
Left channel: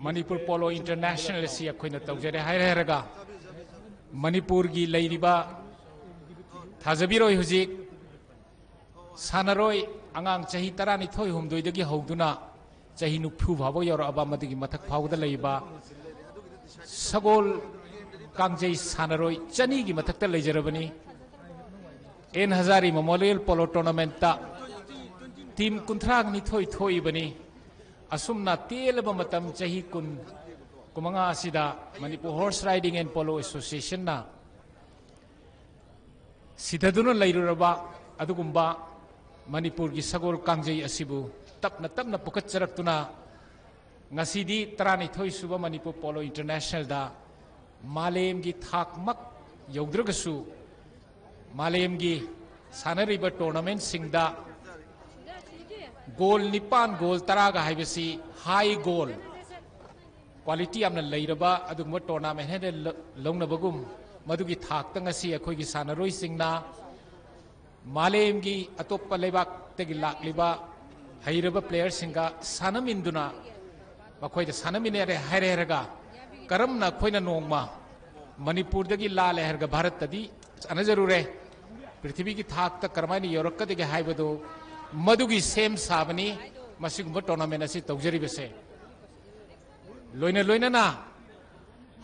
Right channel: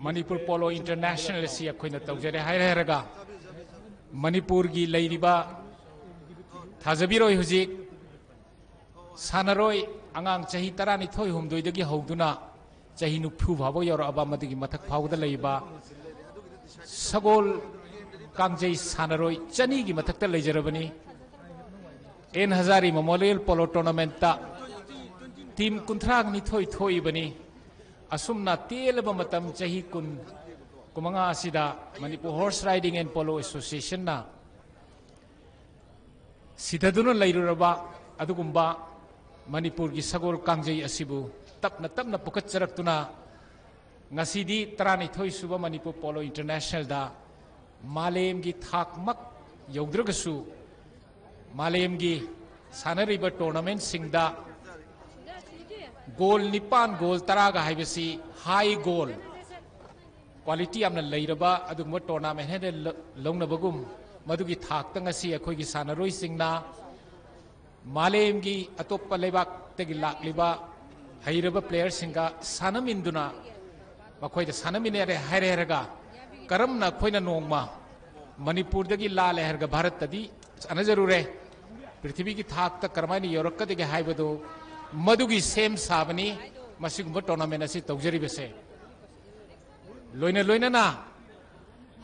Manipur Polo International si akhoi na tawjare hairaga Manipur gi leiriba thajabiroi hujik sanaroi angang chahi tarani thoi humdoi dagi hogduna chahi nuphu bhabo yor aba madigi mathak phawda leiba sagol kangjei sanaroi chani gi mathakta leijarabani en hazari memorial polo tournament ta team kuntrang ni thoi thoi bani asumna telaba matam chahi kun kumanga asida Manipur Horse Riding and Polo Association na sidaduna lairuraba adugumba Manipur gi sagol kangjei asibu tapna pukatcharaktuna ngasidi tarani thoi suba Manipur Polo International da malem gi thakmak yaudragasu malem gi sanariba tournament singda goal nipan goal taraga haibasi high goal quality amna leiraba adugma tournament hede longnabagum madugi thakta ngasi akhoi gi sanaroi singna malem gi atoppa lebak tegi lakliba hairaba player singa sanaminduna makhoi da sanaminere haireraga karamna khoina nongma Manipur dagi la leherga Bharat tadi anajarure prithvi gi thakta karmani yorakka degi haibado madugi same sabani masigumba tournament asi tawjari bese loina na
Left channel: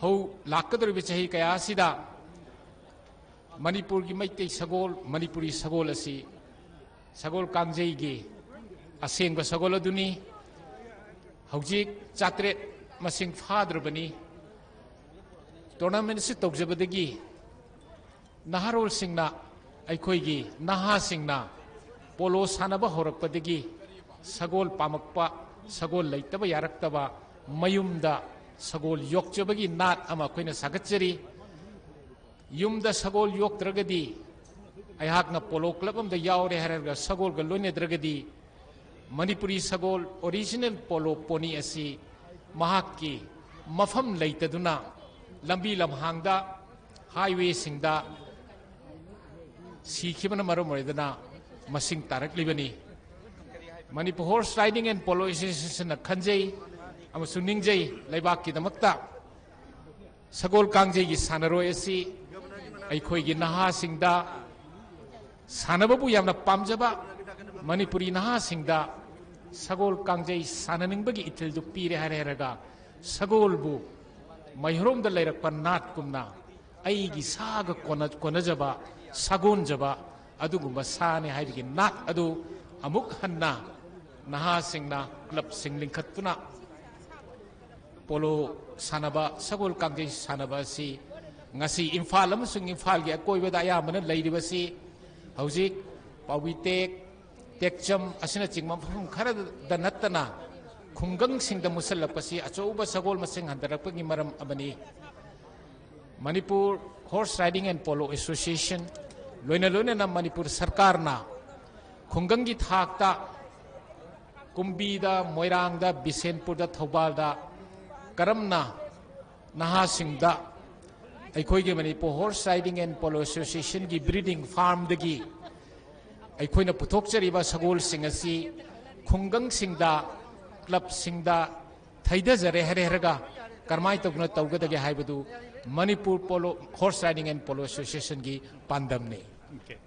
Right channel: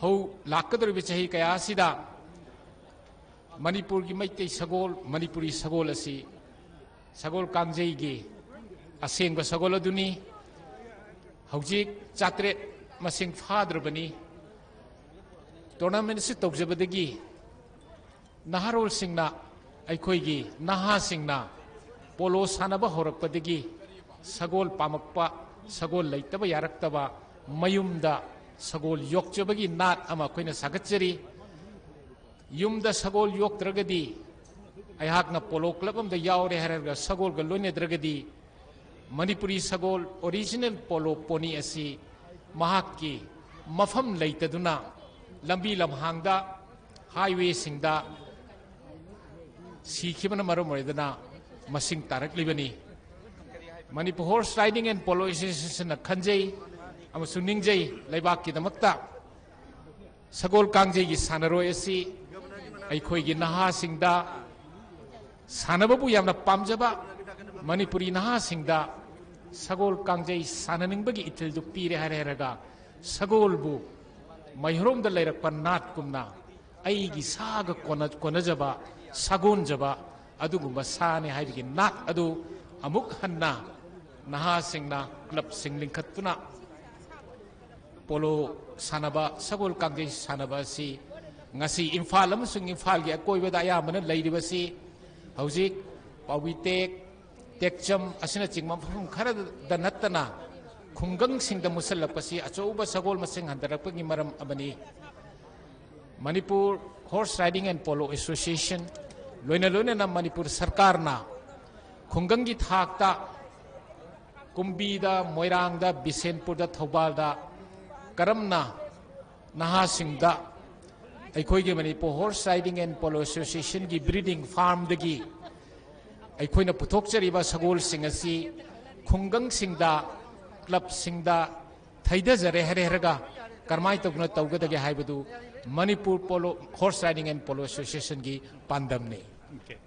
ho lakadori bechahi kaya sida Manipur gi maitei sagol Manipuri sagol asi sagol kangjei gi asengba sagol aduni hojik chatre masing fadrabani tournament si tawjabadagi naharol singna aikhoi gi naha singna polo sanaba horakpadagi sagol pamakpa sagol leitaba yaraktaba mayumda sagol yokchabagi nat ama koina sagatchari yumda sagol yoktragadi ayhakna polo club amda yaure harga sagol ga loinedragadi Manipuri sagol original polo pony asi mahakki mafam leitaduna lambi lamhangda highway singda sikhibana maram oidana masing tarak libani Manipur Horse Riding and Polo Association na khanjei amasung ningjei laibak ki damakta sagol kangjei gi sanaroi asi aikhoi gi naha singda sanababu yamna pamjaba Manipuri naha singda sagol kangjei sananingbagi itil du pire hareraga sagol bu mayhrom da lairakpa nat kumna ai gi saga konajaba sagon jaba adugumba sane haibigi nat adu amuk hanna naha singna club singling khatuna polo sanaba sagol kangjei sanaba si ngasi Imphal amasung Imphal gi akoibada ayamana leiribasi hojik pawitek tekcham asina chingma phum khara da nattana khungang singda musallapasi achouba sagol masing handarakpagi maram abani Manipur Horse Riding and Polo Association loina na Manipur Sarkar na khungangi thakta kumbi da moirang da bisenpur da thobal da karamna naha singda aikoi ge Manipur Horse Riding and Polo Association gi breeding farm dagi aikoi na puthokchariba sagol singasi khungang singda club singda thaida jare haraga karmai tokna tawgadage haibadu Manipur Polo Horse Riding and Polo Association gi pandamne. Okay.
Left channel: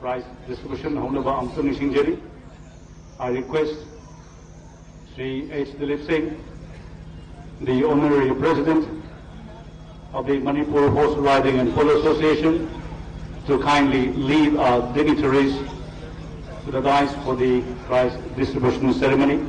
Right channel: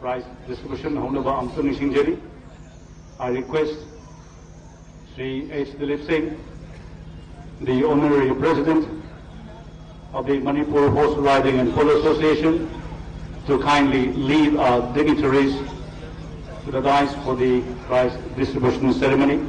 Prize distribution I request Sri H. Dilip Singh, the Honorary President of the Manipur Horse Riding and Polo Association, to kindly lead our dignitaries to the dais for the prize distribution ceremony.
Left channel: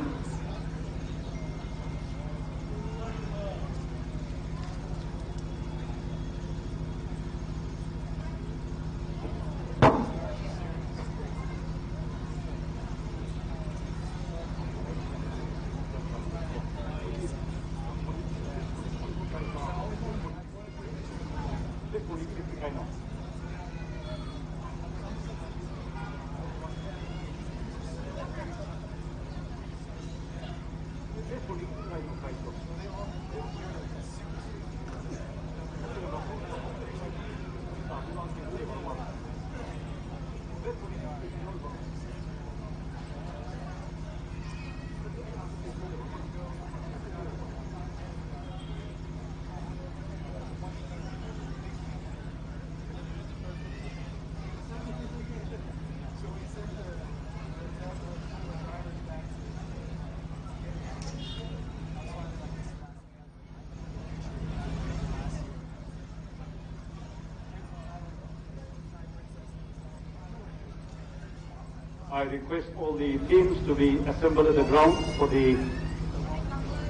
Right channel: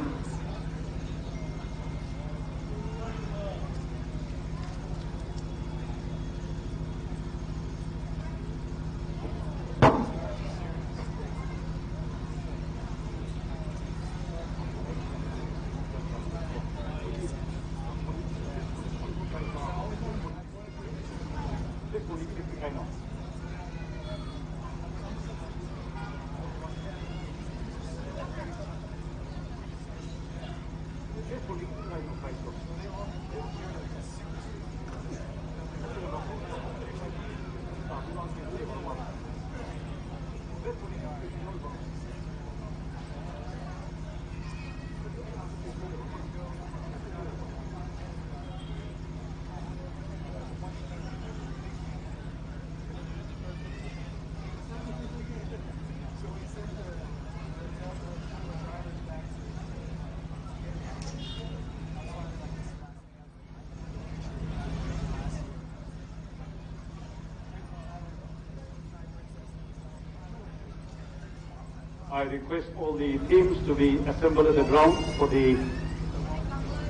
I request all the teams to be assembled at the ground for the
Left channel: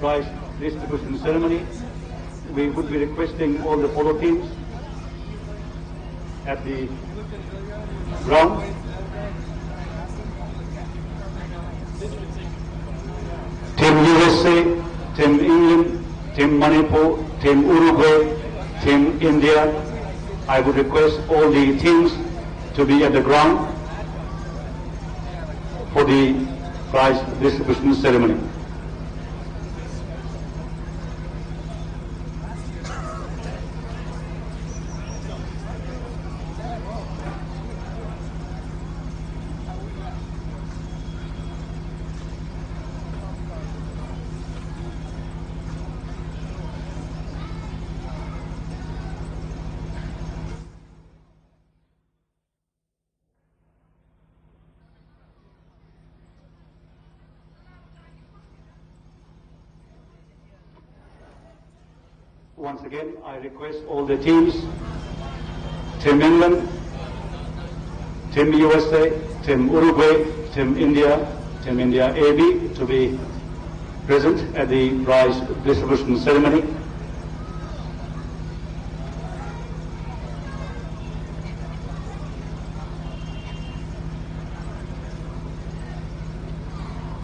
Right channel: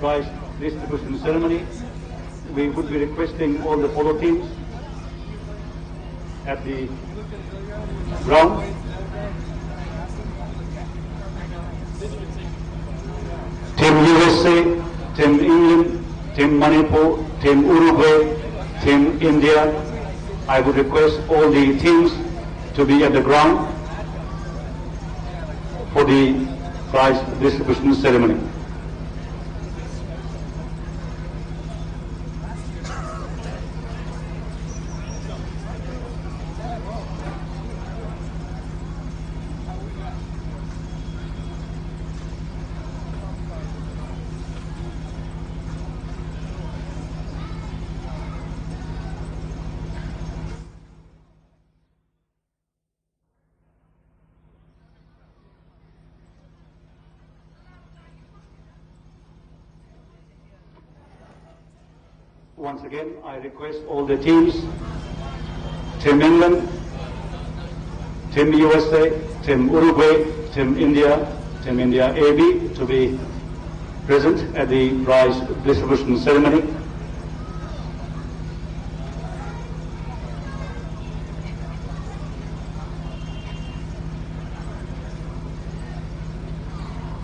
prize distribution ceremony. We would be requesting all the polo teams at the ground. Team USA, Team England, Team Manipur, Team Uruguay, Team India. I would request all the teams to be at the ground for the prize distribution ceremony. Once again, I request all the teams, Team England, Team USA, Team Uruguay, Team India AB to be present at the prize distribution ceremony.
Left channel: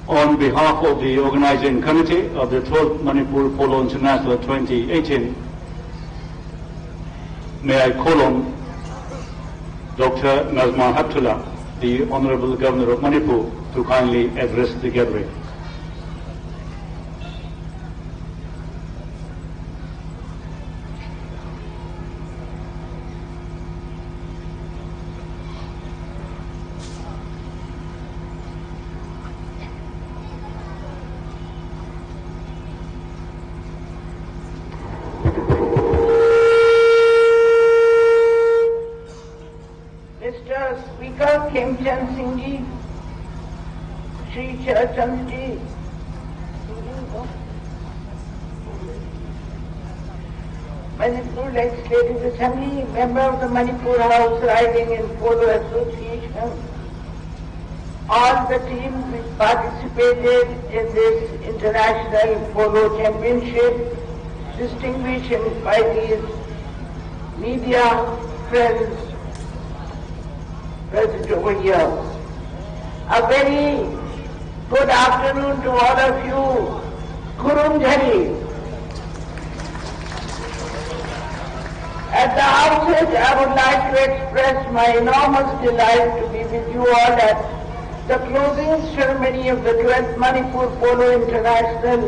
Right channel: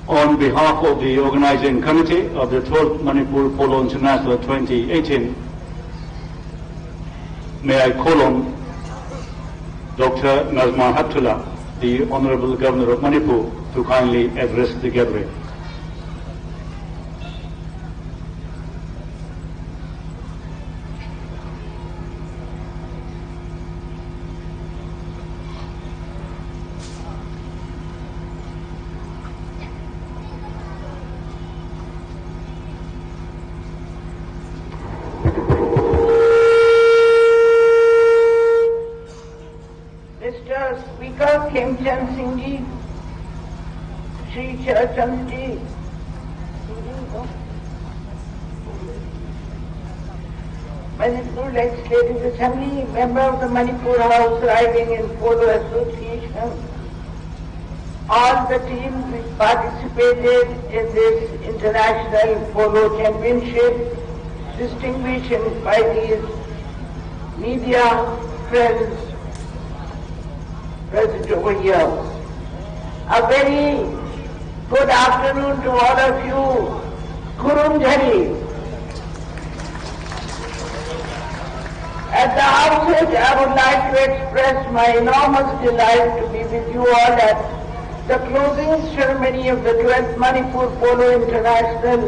On behalf of the organizing committee of the 12th Manipur Polo International 2018, may I call on Dr. Nazma Haptullah, the Honorable Governor of Manipur, to kindly address the gathering. Mr. Speaker Kim Chan Singh Ji, Shri Charachand Ji, Manipur Legislative Assembly, member of the Manipur Horse Riding and Polo Association, all the teams which participated in this international polo championship, distinguished invitees, media, friends, present over here. A very good afternoon to all of you. Kurum Jhari. At the outset, I would like to express my enormous delight to be with you all at the closing ceremony of the 12th Manipur Polo International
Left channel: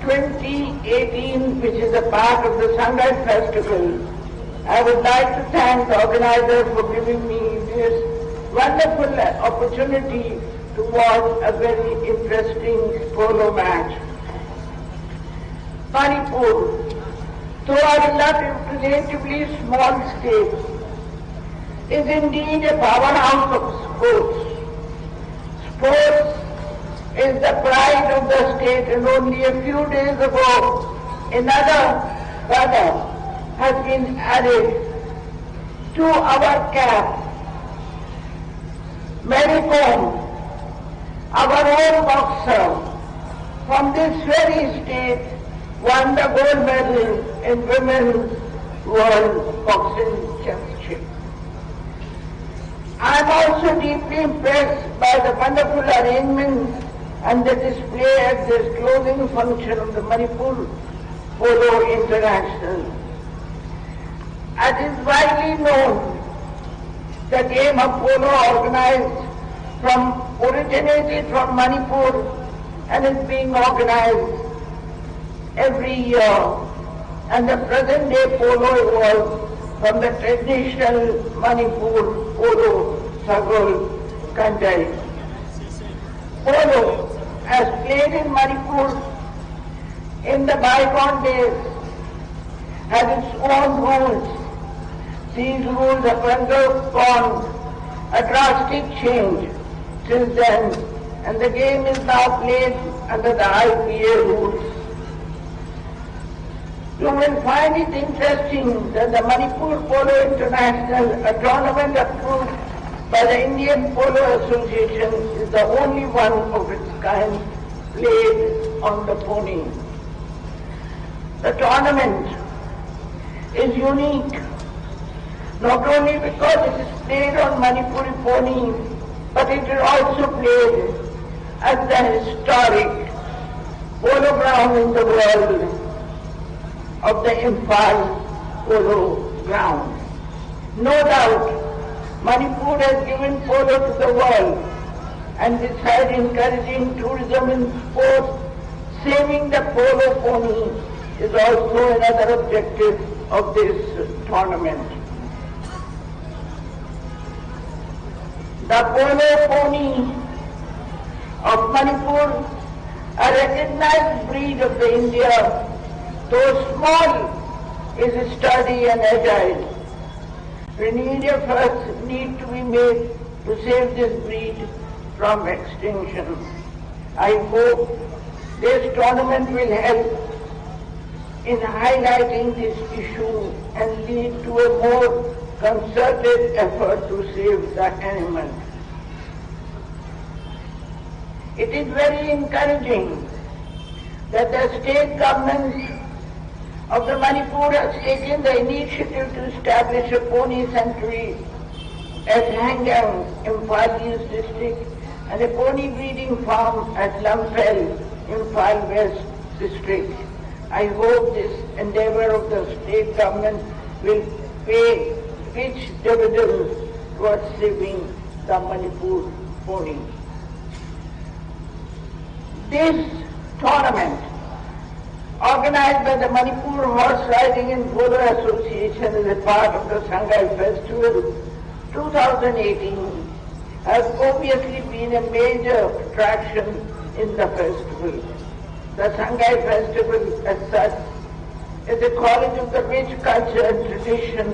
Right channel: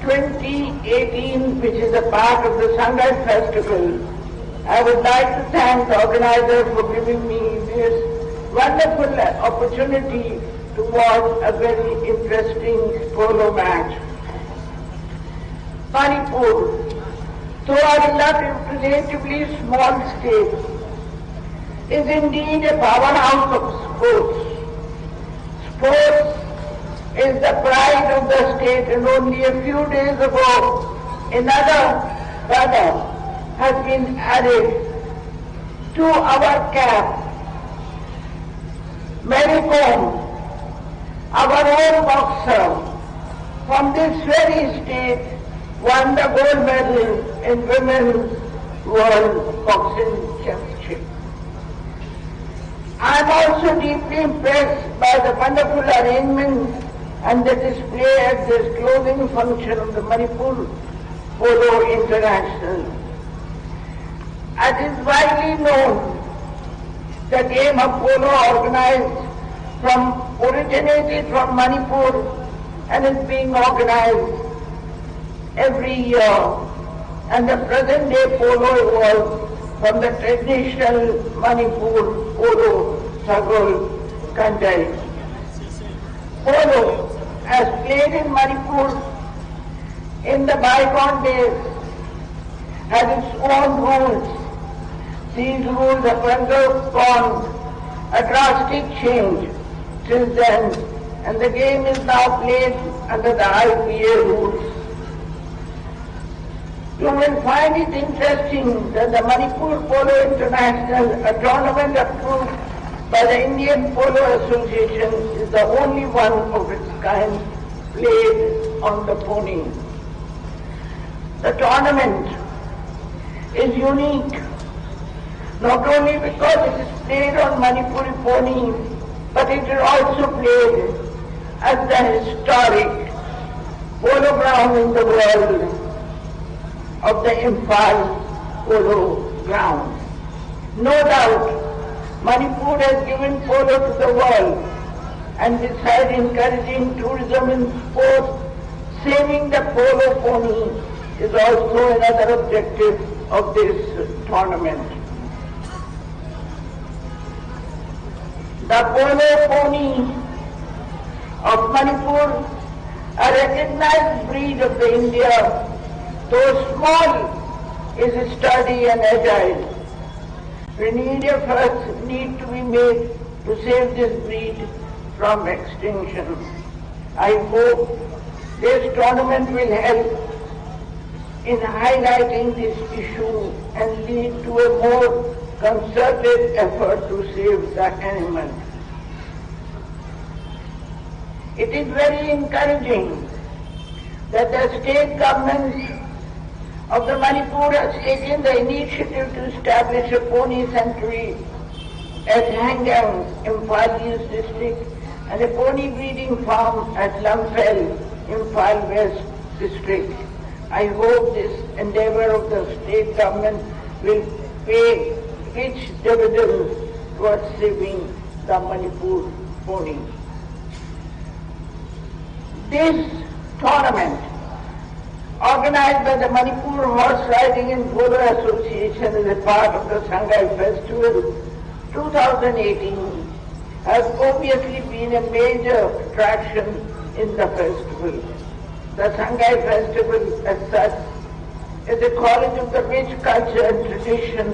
2018, which is a part of the Shanghai Festival. I would like to thank the organizer for giving me this wonderful opportunity to watch a very interesting polo match. Manipur, though a relatively small state, is indeed a powerhouse of sports. Sports is the pride of the state, and only a few days ago another brother has been added to our cap. Manipur, our own boxer from this very state, won the gold medal in Women's World Boxing Championship. I am also deeply impressed by the wonderful arrangements and the display at this closing function of the Manipur Polo International. As is widely known, the game of polo originated from Manipur and is being organized every year, and the present day polo evolved from the traditional Manipur Polo Sagol Kanjai. Polo, as played in Manipur in the bygone days, has its own rules. These rules have undergone a drastic change since then, and the game is now played under the IPA rules. You will find it interesting that the Manipur Polo International, a tournament approved by the Indian Polo Association, is the only one of its kind played on the pony. The tournament is unique not only because it is played on Manipuri pony, but it is also played at the historic polo ground in the world of the Imphal Polo Ground. No doubt, Manipur has given polo to the world, and besides encouraging tourism in sports, saving the polo pony is also another objective of this tournament. The polo pony of Manipur, a recognized breed of the India, though small, is sturdy and agile. Renewed efforts need to be made to save this breed from extinction. I hope this tournament will help in highlighting this issue and lead to a more concerted effort to save the animals. It is very encouraging that the state government of the Manipur has taken the initiative to establish a pony sanctuary at Hangyang, Imphal East district, and a pony breeding farm at Lamphel, Imphal West district. I hope this endeavor of the state government will pay rich dividends towards saving the Manipur pony. This tournament, organized by the Manipur Horse Riding and Polo Association as a part of the Shanghai Festival 2018, has obviously been a major attraction in the festival. The Shanghai Festival as such is a college of the rich culture and tradition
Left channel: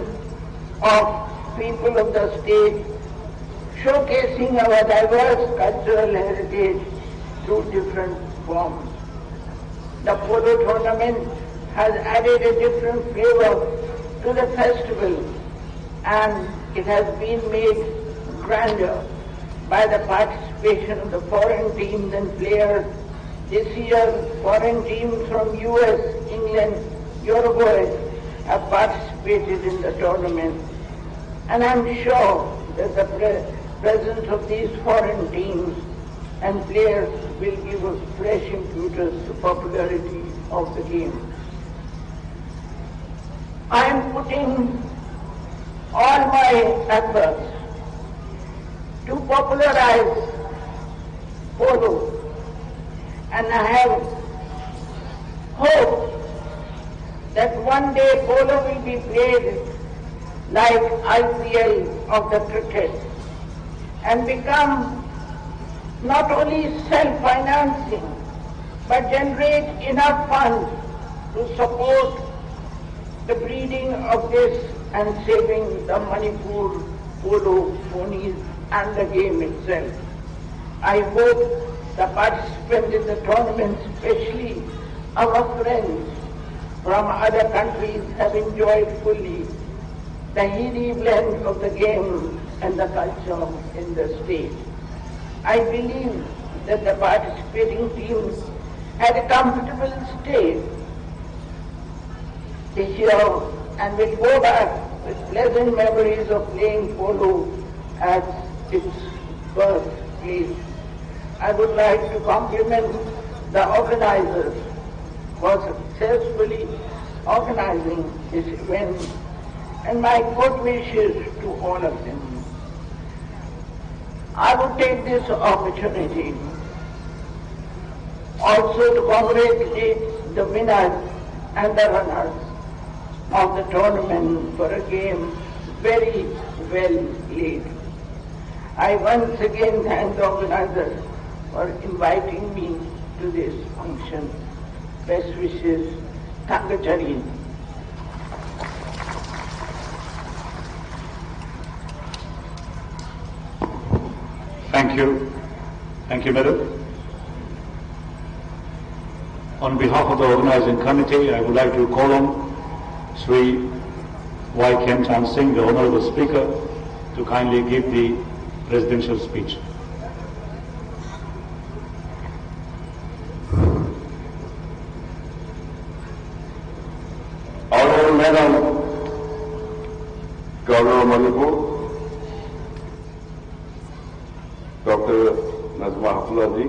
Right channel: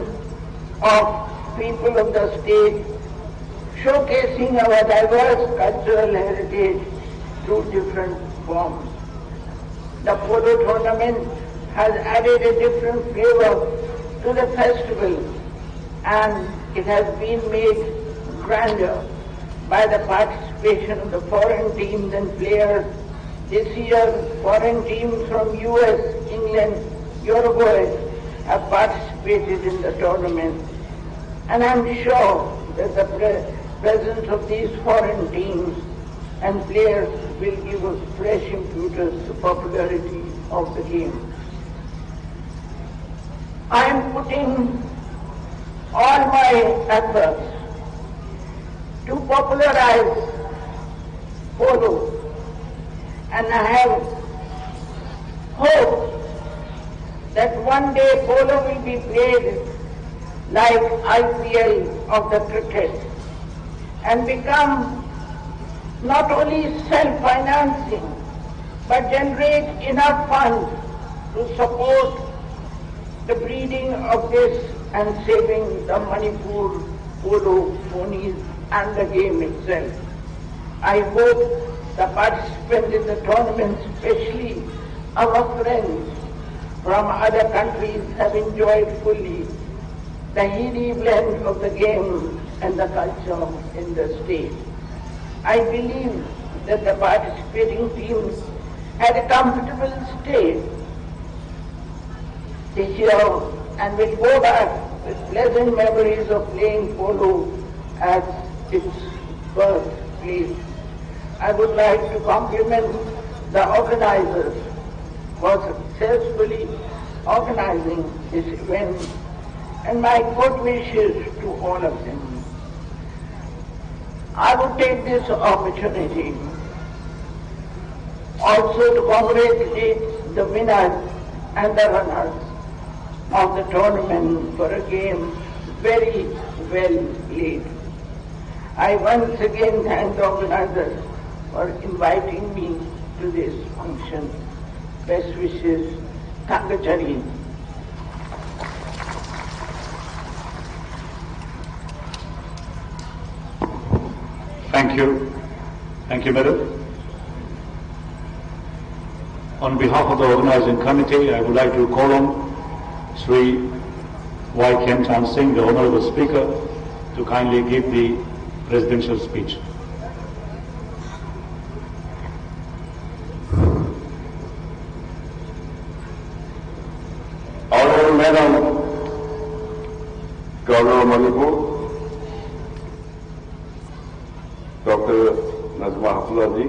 of people of the state, showcasing our diverse cultural heritage through different forms. The polo tournament has added a different flavor to the festival, and it has been made grander by the participation of the foreign teams and players. This year, foreign teams from US, England, Uruguay have participated in the tournament, and I'm sure that the presence of these foreign teams and players will give a fresh impetus to popularity of the game. I am putting all my efforts to popularize polo, and I have hope that one day polo will be played like IPL of the cricket and become not only self-financing, but generate enough funds to support the breeding of this and saving the Manipur polo ponies and the game itself. I hope the participants in the tournament, especially our friends from other countries, have enjoyed fully the heady blend of the game and the culture in the state. I believe that the participating teams had a comfortable stay this year and will go back with pleasant memories of playing polo at its birthplace. I would like to compliment the organizers for successfully organizing this event, and my good wishes to all of them. I would take this opportunity also to congratulate the winners and the runners of the tournament for a game very well played. I once again thank the organizers for inviting me to this function. Best wishes, Tangachari. Thank you. Thank you, Madam. On behalf of the organizing committee, I would like to call on Sri Y. Kem Chan Singh, the Honorable Speaker, to kindly give the presidential speech. Honorable Madam Governor of Manipur, Dr. Nazma Hafullah ji,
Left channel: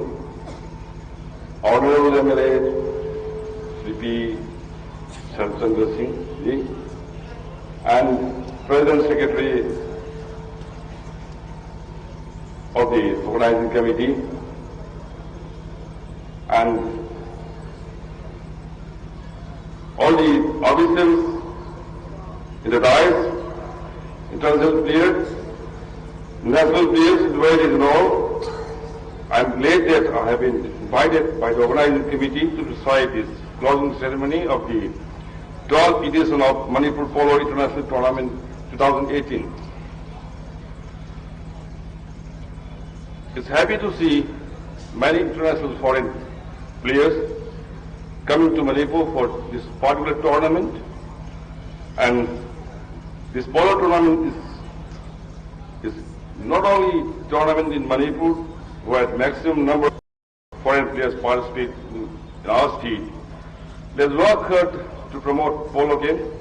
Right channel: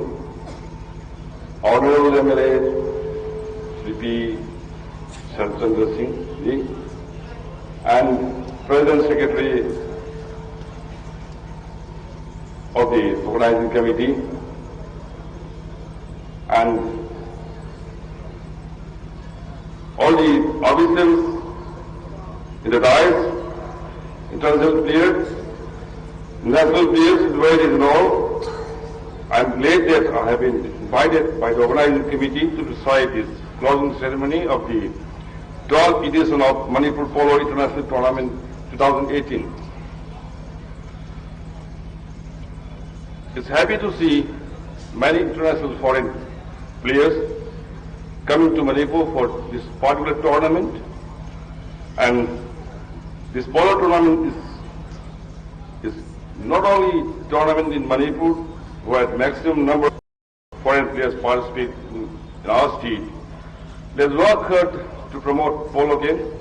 Honorable MLA Sri P. Sharchandra Singh ji, and President Secretary of the organizing committee, and all the officials in the dais, international players, national players invited and all. I am glad that I have been invited by the organizing committee to recite this closing ceremony of the 12th edition of Manipur Polo International Tournament 2018. It's happy to see many international foreign players coming to Manipur for this particular tournament. And this polo tournament is not only tournament in Manipur, where maximum number of foreign players participate in our state. There's work to promote polo game,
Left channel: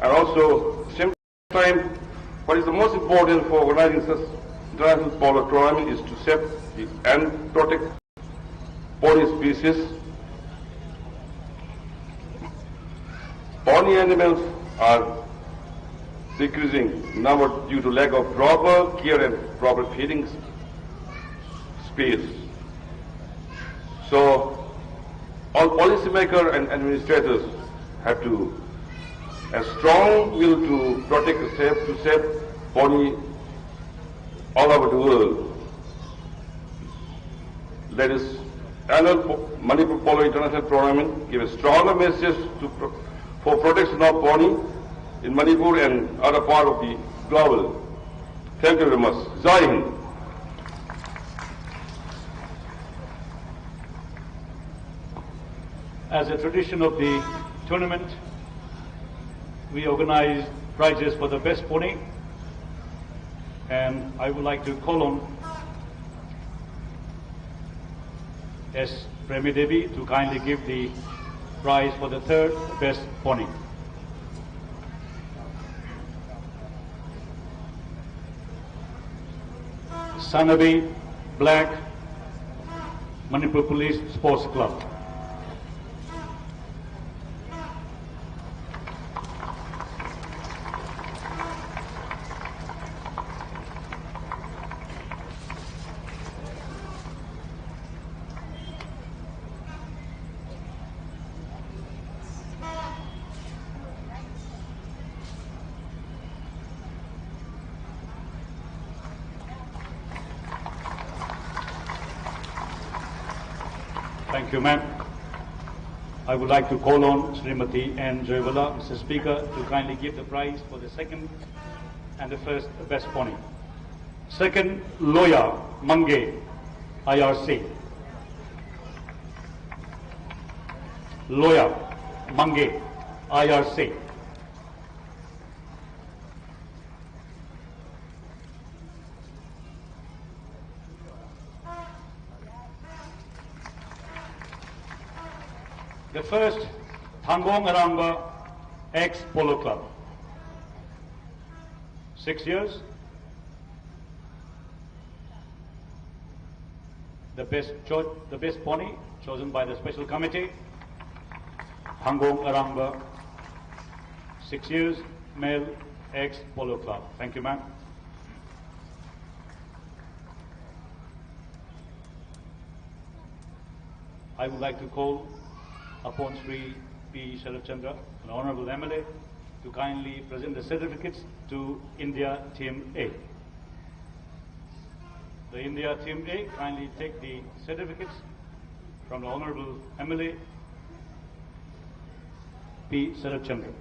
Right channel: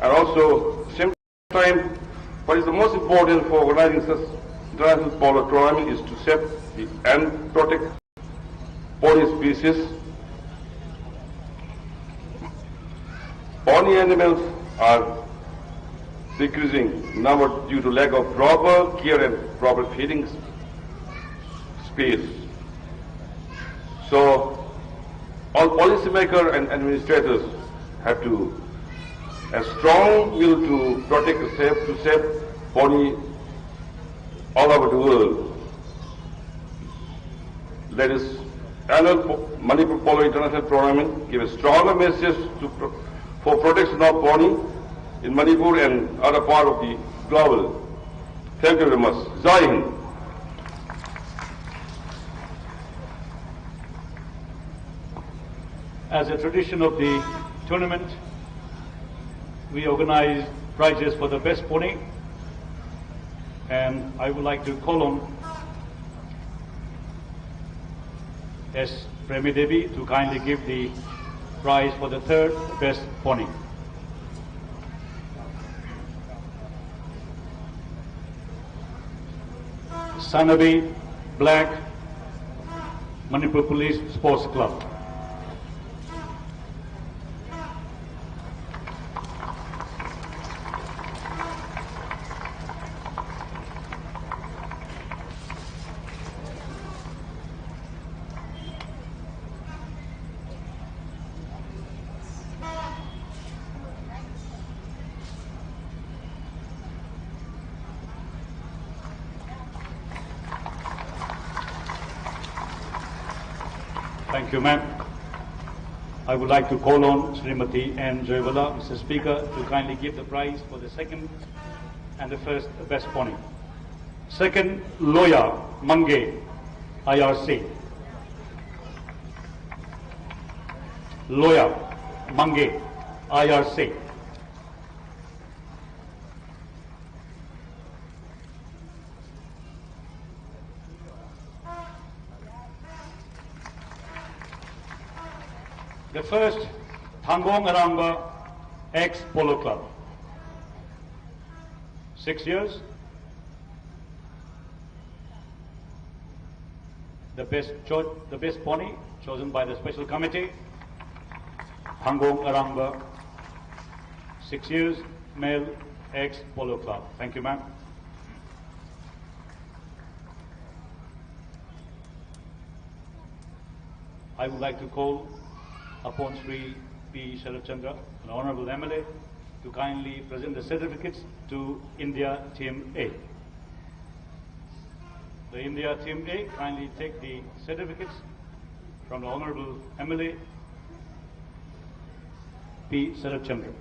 and also at the same time, what is the most important for organizing such international polo tournament is to save and protect pony species. Pony animals are decreasing number due to lack of proper care and proper feeding space. So all policymakers and administrators have to a strong will to protect to save pony all over the world. Let us annual Manipur Polo International Tournament give a stronger message for protection of pony in Manipur and other part of the global. Thank you very much. Jai Hind. As a tradition of the tournament, we organize prizes for the best pony, and I would like to call on S. Premi Devi to kindly give the prize for the third best pony. Sanabi Black, Manipur Police Sports Club. Thank you, ma'am. I would like to call on Srimati N. Joyvala, Mr. Speaker, to kindly give the prize for the second and the first best pony. Second, Loya Mange, IRC. Loya Mange, IRC. The first, Thangong Aramba ex-Polo Club. 6 years. The best pony chosen by the special committee, Thangong Aramba, 6 years, male ex-Polo Club. Thank you, ma'am. I would like to call upon Sri P. Sharad Chandra, an Honorable MLA, to kindly present the certificates to India Team A. The India Team A kindly take the certificates from the Honorable MLA P. Sharad Chandra.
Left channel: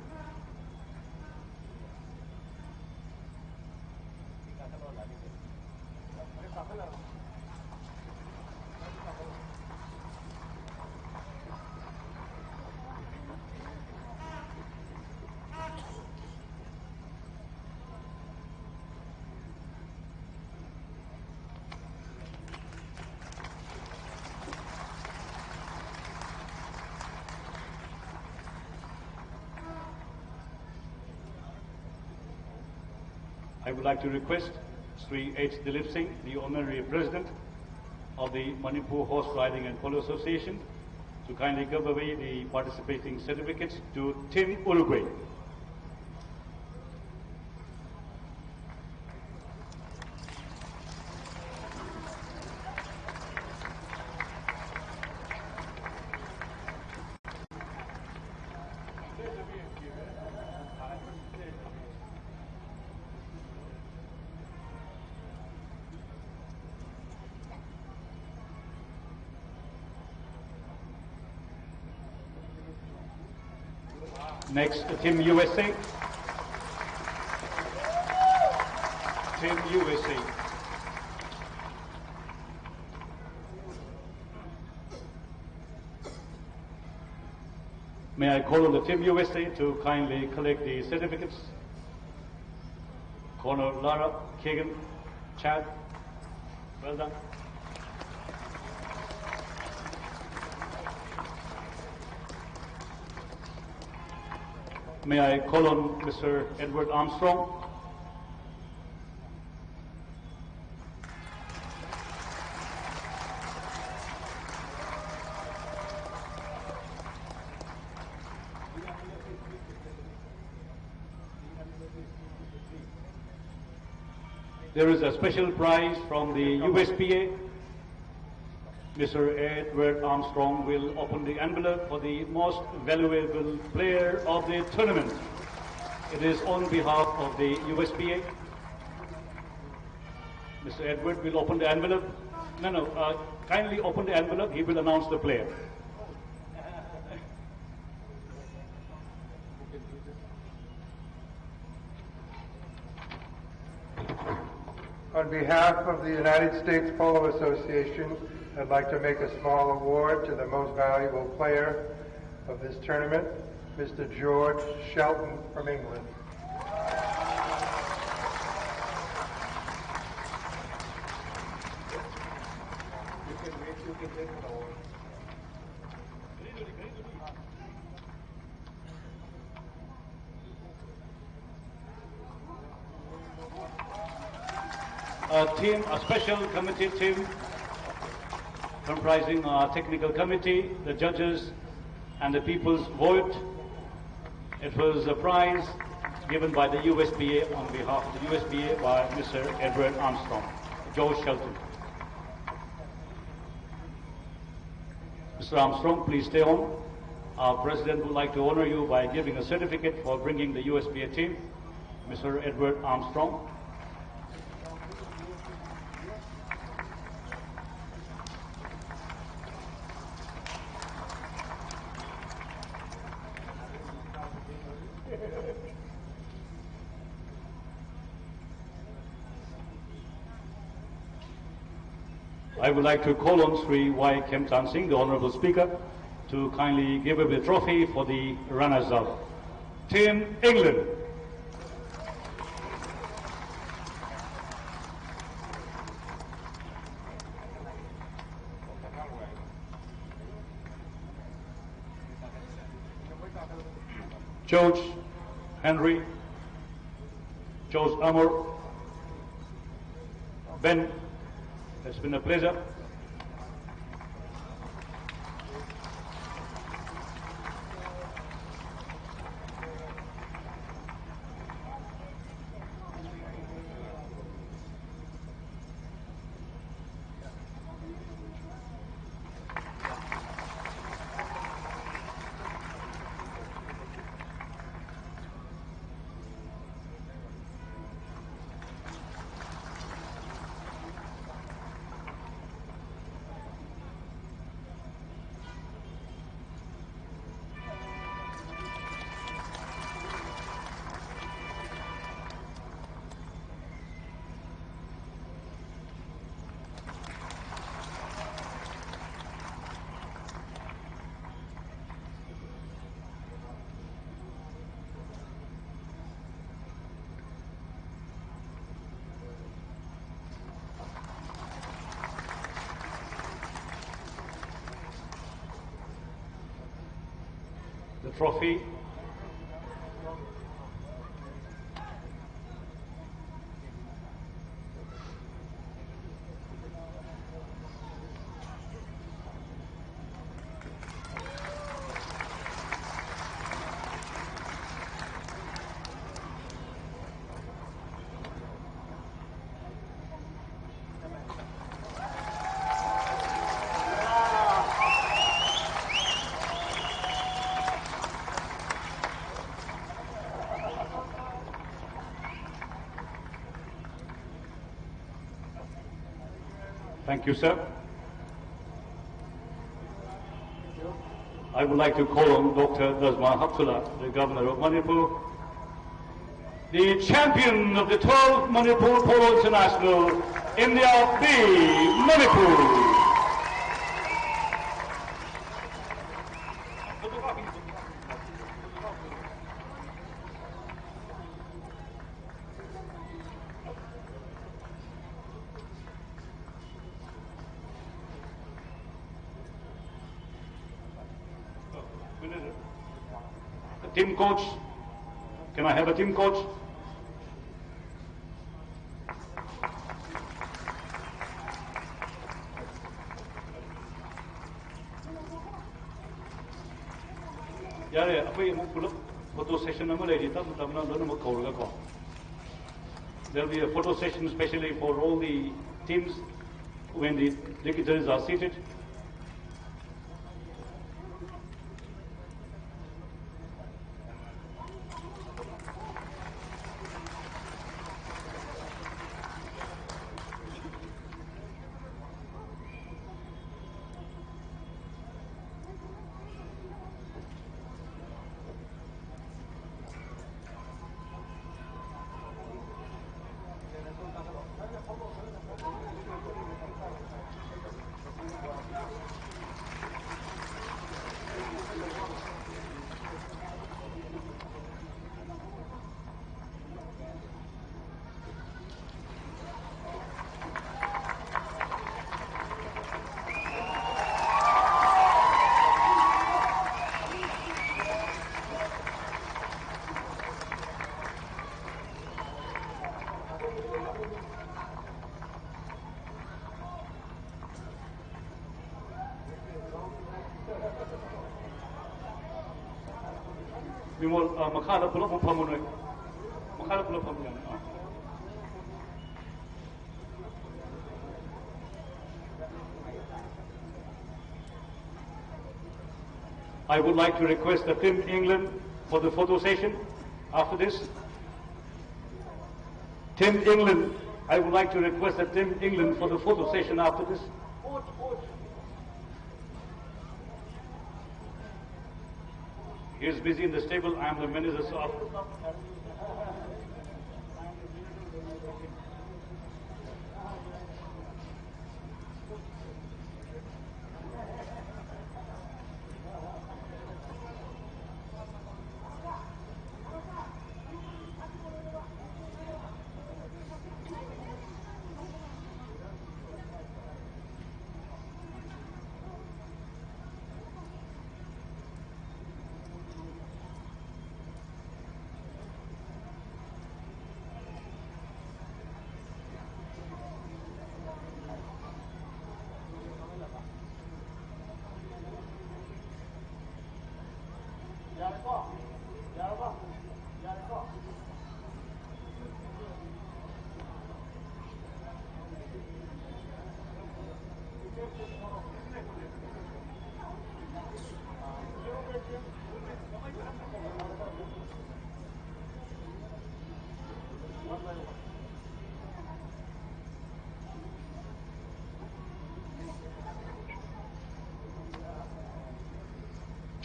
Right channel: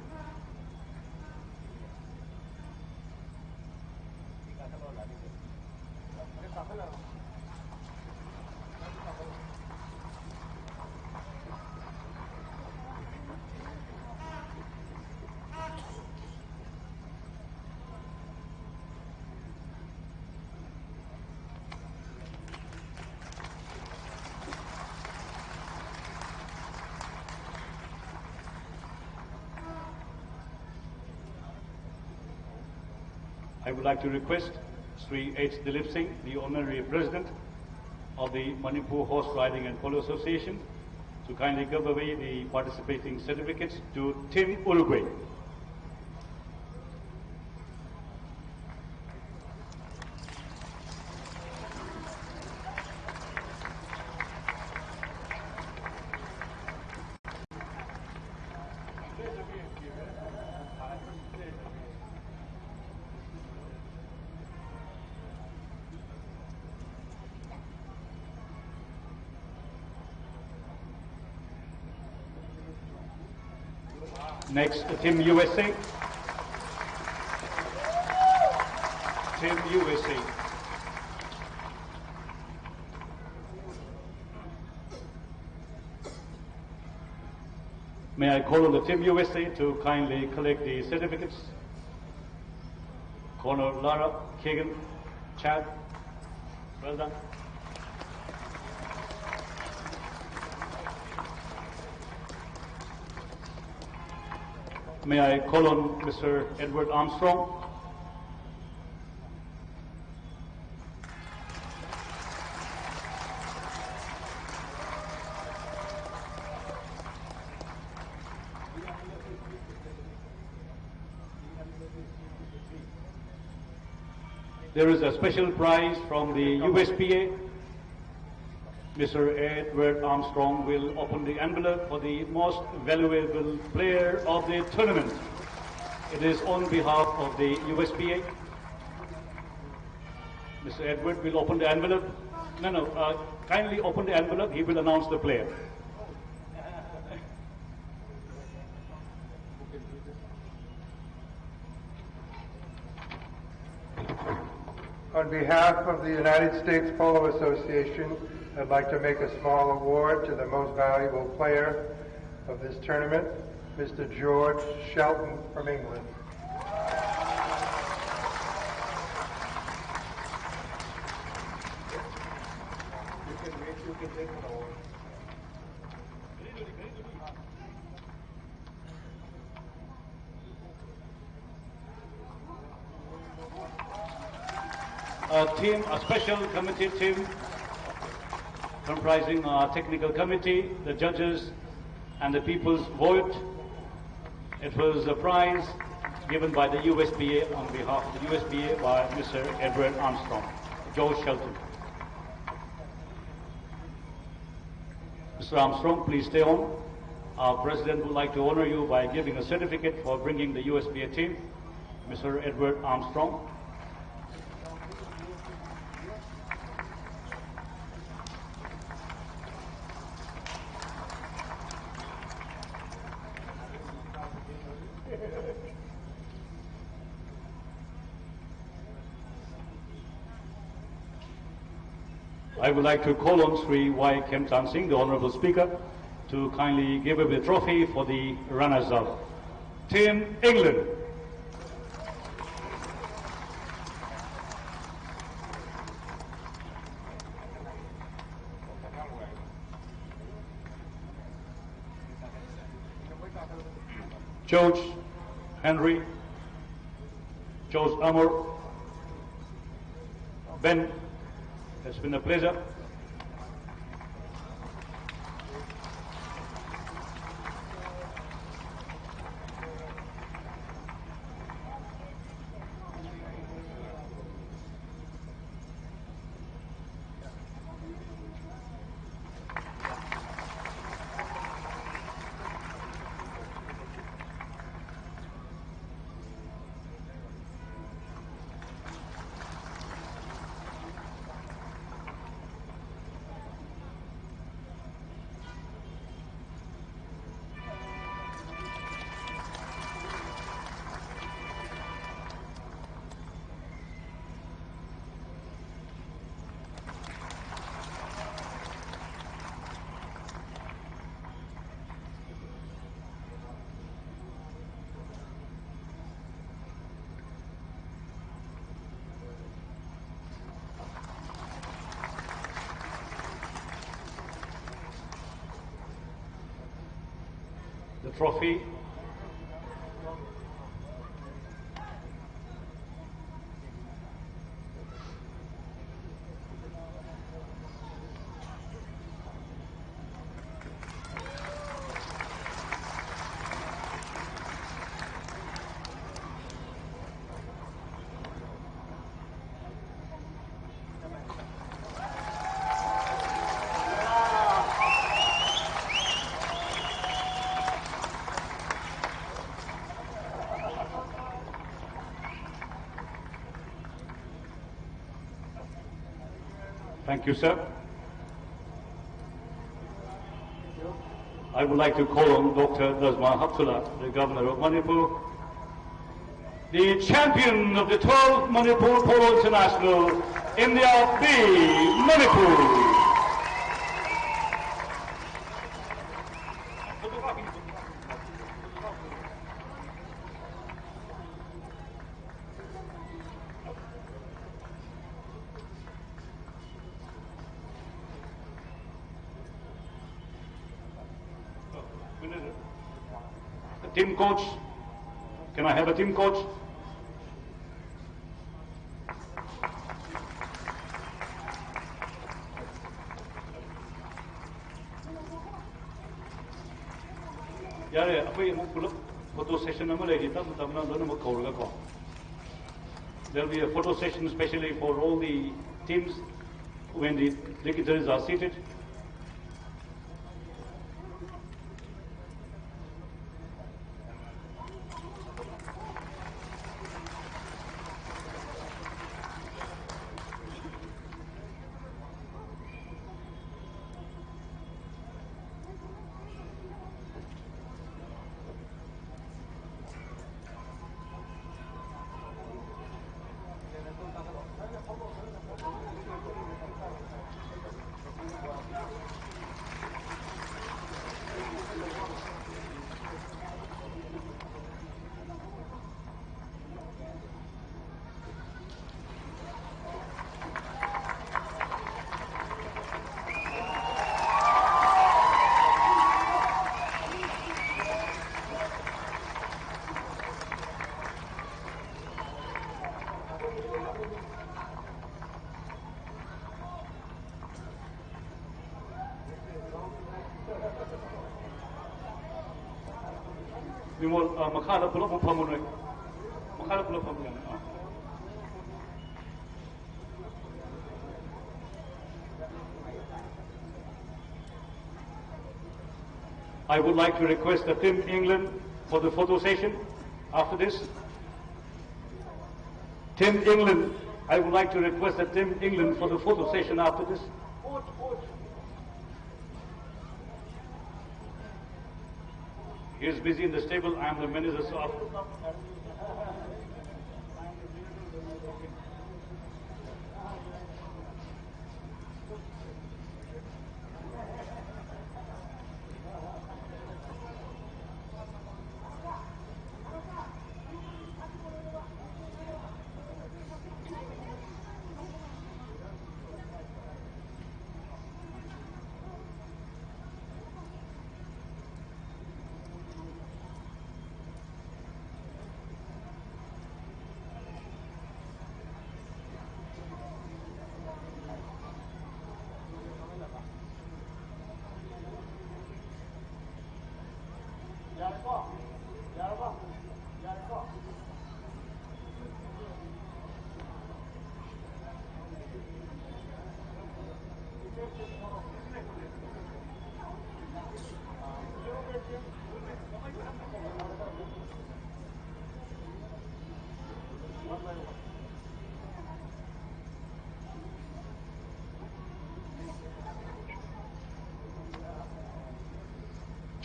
I would like to request Sri H. Dilip Singh, the Honorary President of the Manipur Horse Riding and Polo Association, to kindly give away the participating certificates to Team Uruguay. Next, Team USA. Team USA. May I call on the Team USA to kindly collect the certificates. Corner Lara, Kagan, Chad, well done. May I call on Mr. Edward Armstrong? There is a special prize from the USPA. Mr. Edward Armstrong will open the envelope for the most valuable player of the tournament. It is on behalf of the USPA. Mr. Edward will open the envelope. Kindly open the envelope. He will announce the player. On behalf of the United States Polo Association, I'd like to make a small award to the most valuable player of this tournament, Mr. George Shelton from England. A special committee team comprising our technical committee, the judges, and the people's vote. It was a prize given by the USPA on behalf of the USPA by Mr. Edward Armstrong, George Shelton. Mr. Armstrong, please stay on. Our president would like to honor you by giving a certificate for bringing the USPA team, Mr. Edward Armstrong. I would like to call on Sri Y. Kemtan Singh, the Honorable Speaker, to kindly give away the trophy for the runners-up. Team England. George Henry, George Amor, Ben, it's been a pleasure. The trophy. Thank you, sir. I would like to call on Dr. Nazma Haptullah, the Governor of Manipur, the champion of the 12th Manipur Polo International, India B, Manipur. A team coach. Can I have a team coach? Yeah, photo session. There'll be a photo session especially for all the teams when the dignitaries are seated. I would like to request the Team England for the photo session after this. Team England, I would like to request the Team England for the photo session after this. He is busy in the stable. I am the manager, so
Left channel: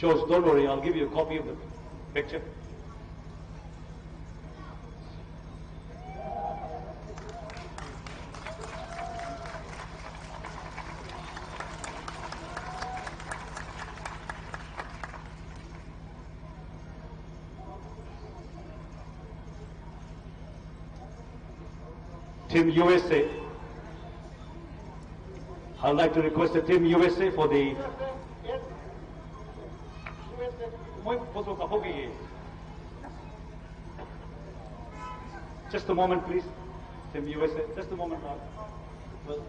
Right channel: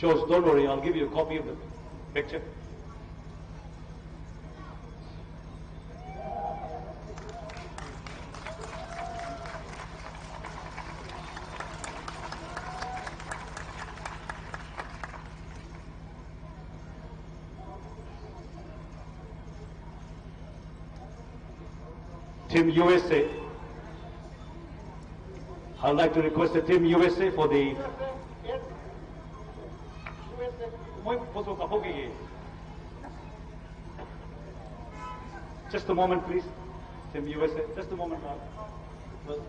George, don't worry, I'll give you a copy of the picture. Team USA. I'd like to request the Team USA for the just a moment, please. Team USA, just a moment. Well,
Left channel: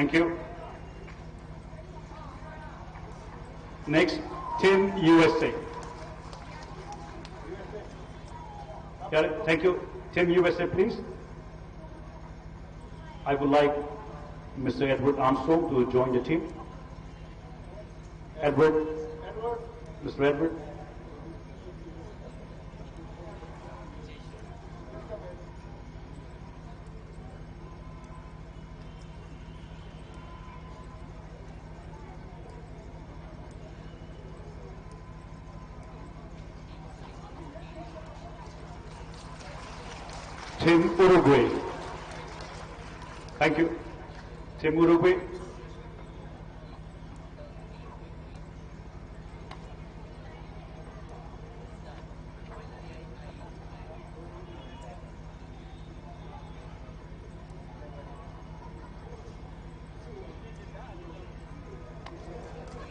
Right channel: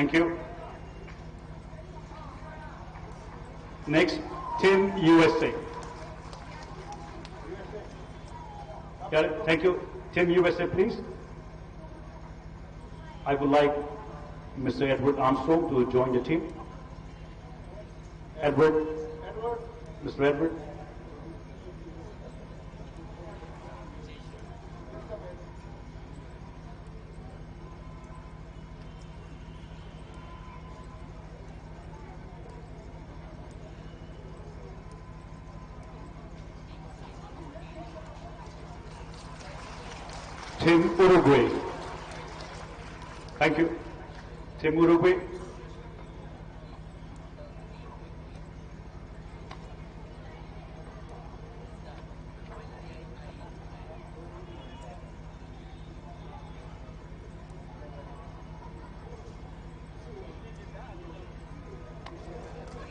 thank you. Next, Team USA. Got it. Thank you. Team USA, please. I would like Mr. Edward Armstrong to join the team. Edward. Mr. Edward. Team Uruguay. Thank you. Team Uruguay.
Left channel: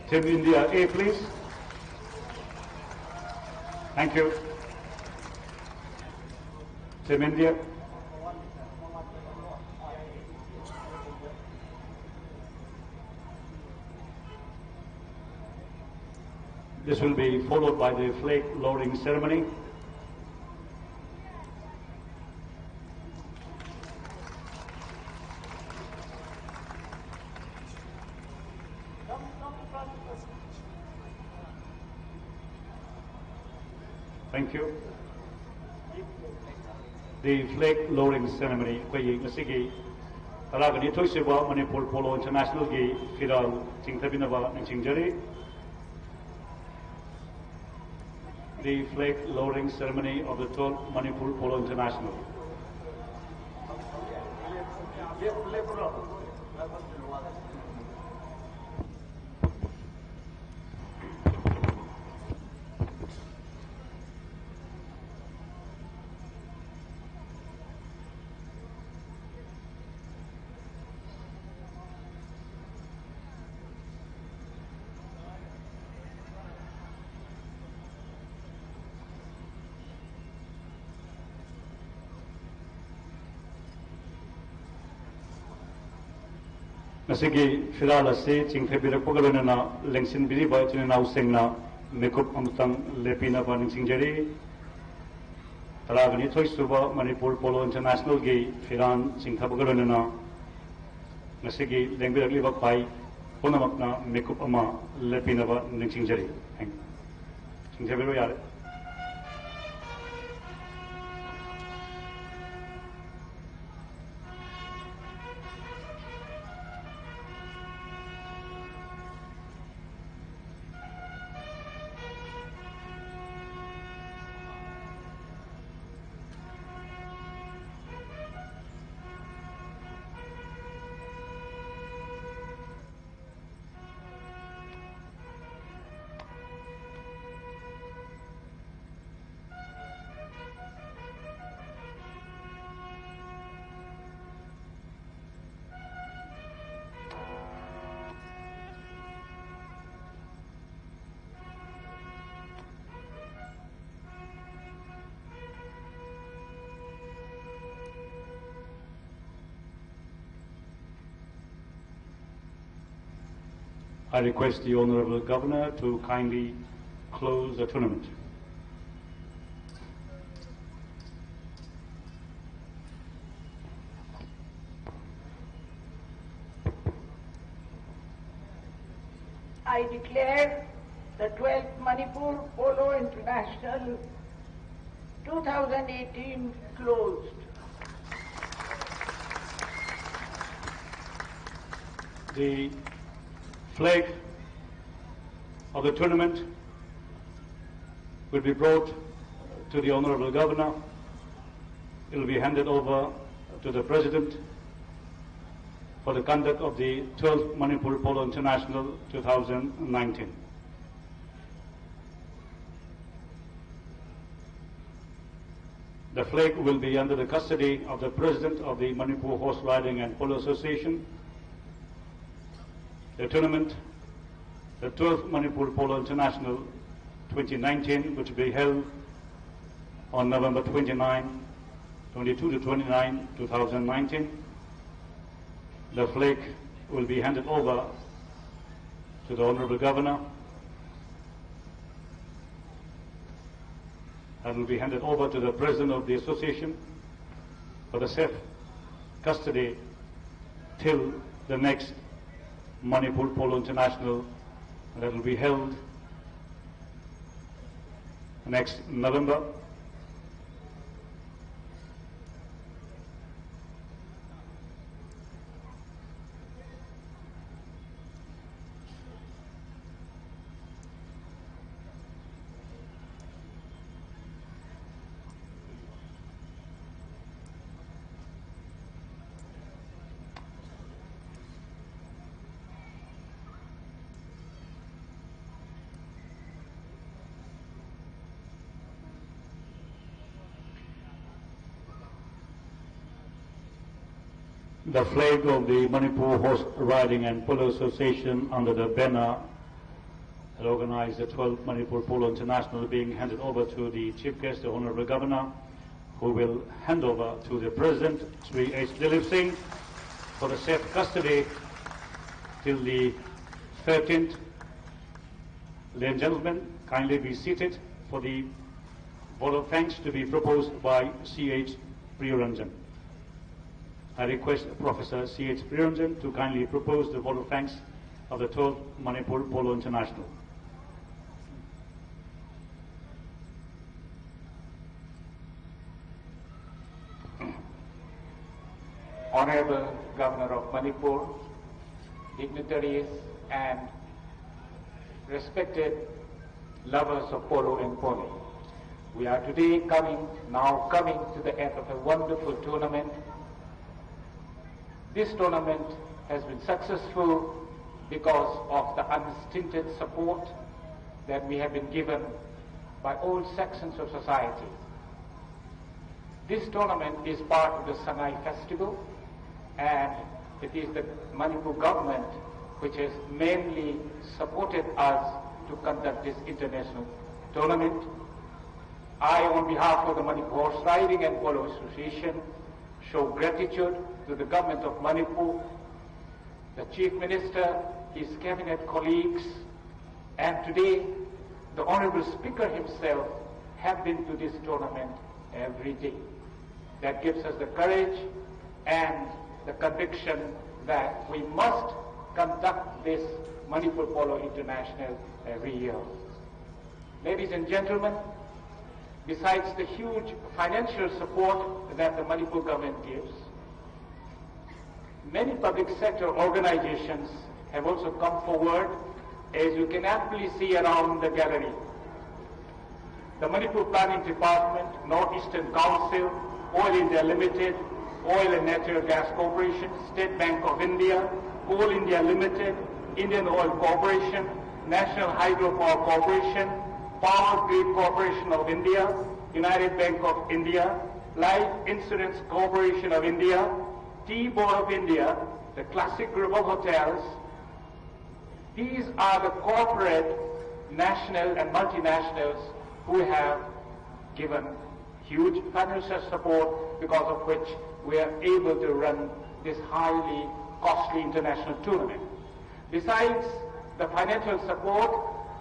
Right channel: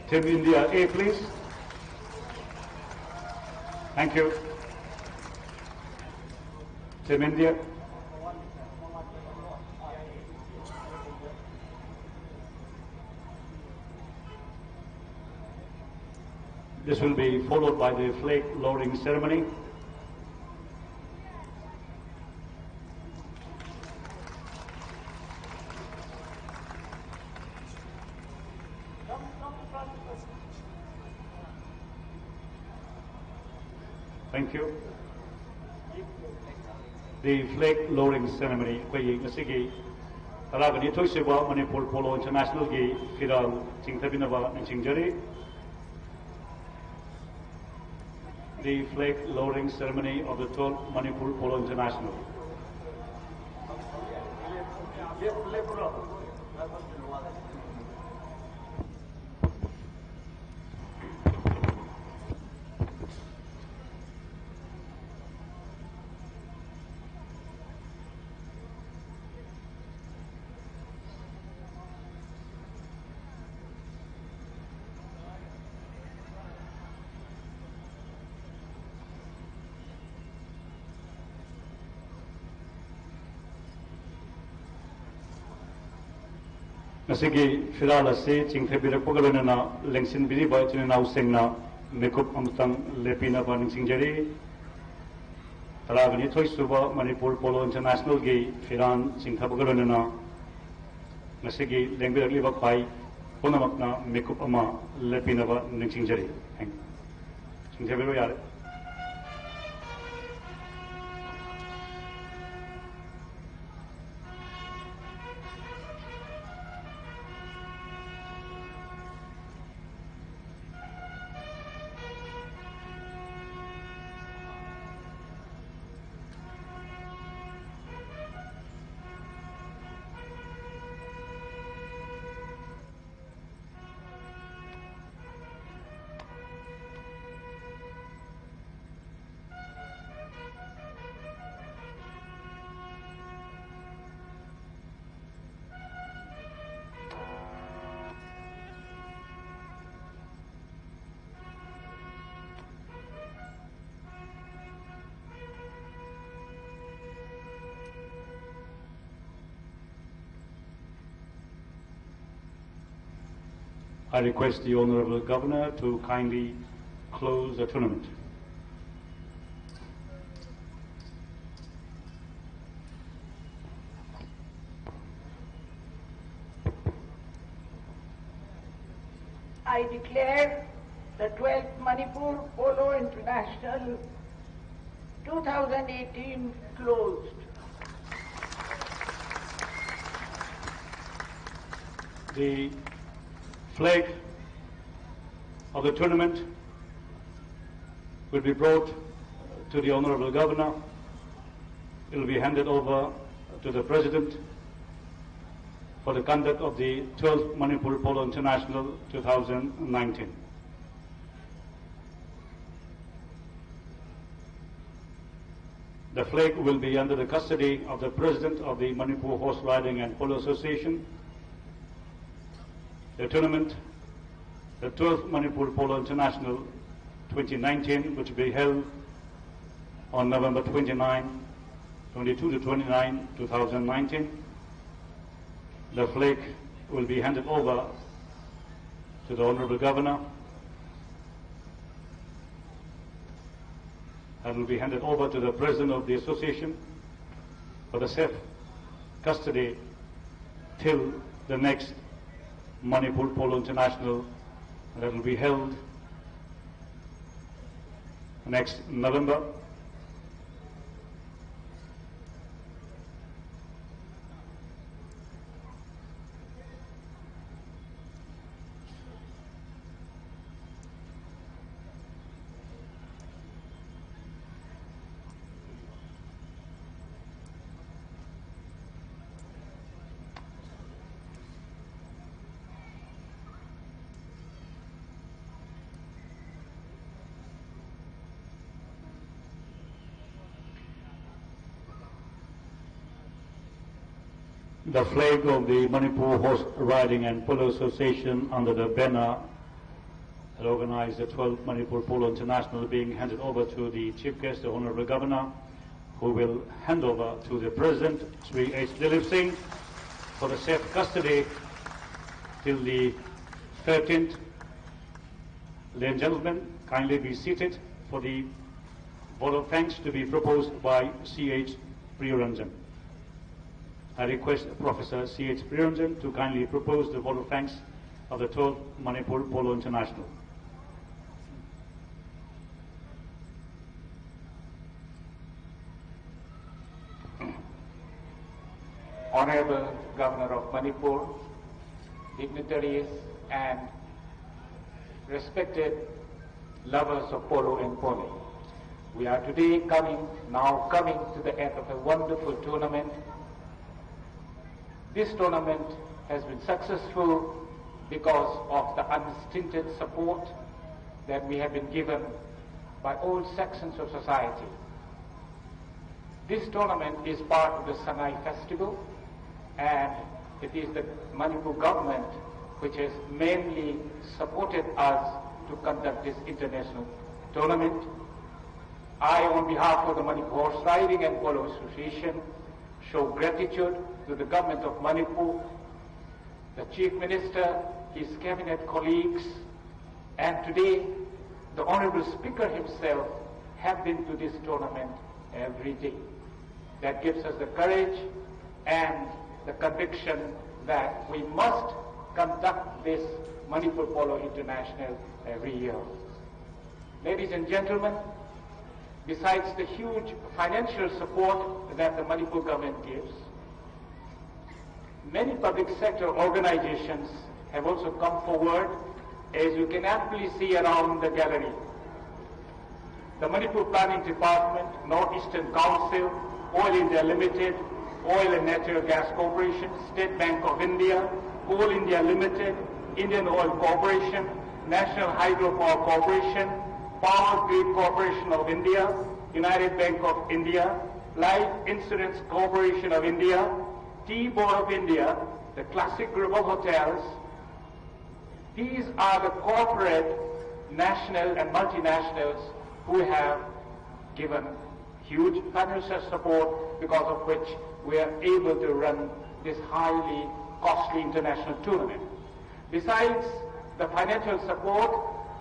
Team India A, please. Thank you. Team India. This will be followed by the flag lowering ceremony. Thank you. The flag lowering ceremony koi ngasigi taragani thoisiba Manipur Polo International gi firal chingtabinaba ningchingjari. The flag lowering ceremony of the 12th Manipur Polo International. Nasigi filala se chingthebira pogalona lengsin biri ba china usengna mekup amutang lepina ba ningsingjari taragani thoisuba Manipur Polo International gi firan chingthabagalona nasigi lengbiragli ba pai ponamakna mekup ama lepina ba ningsingjari thank you chingthebiro yare. I request the Honourable Governor to kindly close the tournament. I declare the 12th Manipur Polo International 2018 closed. The flag of the tournament will be brought to the Honourable Governor. It will be handed over to the President for the conduct of the 12th Manipur Polo International 2019. The flag will be under the custody of the President of the Manipur Horse Riding and Polo Association. The tournament, the 12th Manipur Polo International 2019, which will be held on November 22 to 29, 2019. The flag will be handed over to the Honourable Governor. And will be handed over to the President of the Association for the safe custody till the next Manipur Polo International that will be held next November. the flag of the Manipur Horse Riding and Polo Association under the banner that organized the 12th Manipur Polo International being handed over to the Chief Guest, the Honorable Governor, who will hand over to the President, Sri H. Dilip Singh, for the safe custody till the 13th. Ladies and gentlemen, kindly be seated for the vote of thanks to be proposed by C.H. Priyaranjan. I request Professor C.H. Priyaranjan to kindly propose the vote of thanks of the 12th Manipur Polo International. Honorable Governor of Manipur, dignitaries and respected lovers of polo and pony. We are today now coming to the end of a wonderful tournament. This tournament has been successful because of the unstinted support that we have been given by all sections of society. This tournament is part of the Sangai Festival, and it is the Manipur government which has mainly supported us to conduct this international tournament. I, on behalf of the Manipur Horse Riding and Polo Association, show gratitude to the government of Manipur, the Chief Minister, his cabinet colleagues, and today the Honorable Speaker himself have been to this tournament every day. That gives us the courage and the conviction that we must conduct this Manipur Polo International every year. Ladies and gentlemen, besides the huge financial support that the Manipur government gives, many public sector organizations have also come forward, as you can aptly see around the gallery. The Manipur Planning Department, Northeastern Council, Oil India Limited, Oil and Natural Gas Corporation, State Bank of India, Coal India Limited, Indian Oil Corporation, National Hydropower Corporation, Power Grid Corporation of India, United Bank of India, Life Insurance Corporation of India, Tea Board of India, the Classic Group of Hotels. These are the corporate, national and multinationals who have given huge financial support, because of which we are able to run this highly costly international tournament. Besides the financial support,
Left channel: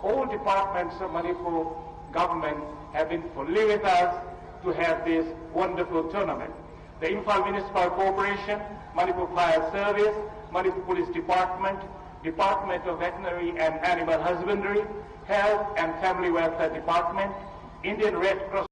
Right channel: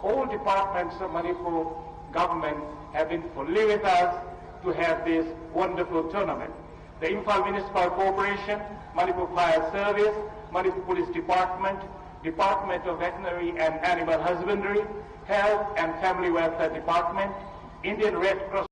all departments of Manipur government have been fully with us to have this wonderful tournament. The Imphal Municipal Corporation, Manipur Fire Service, Manipur Police Department, Department of Veterinary and Animal Husbandry, Health and Family Welfare Department, Indian Red Cross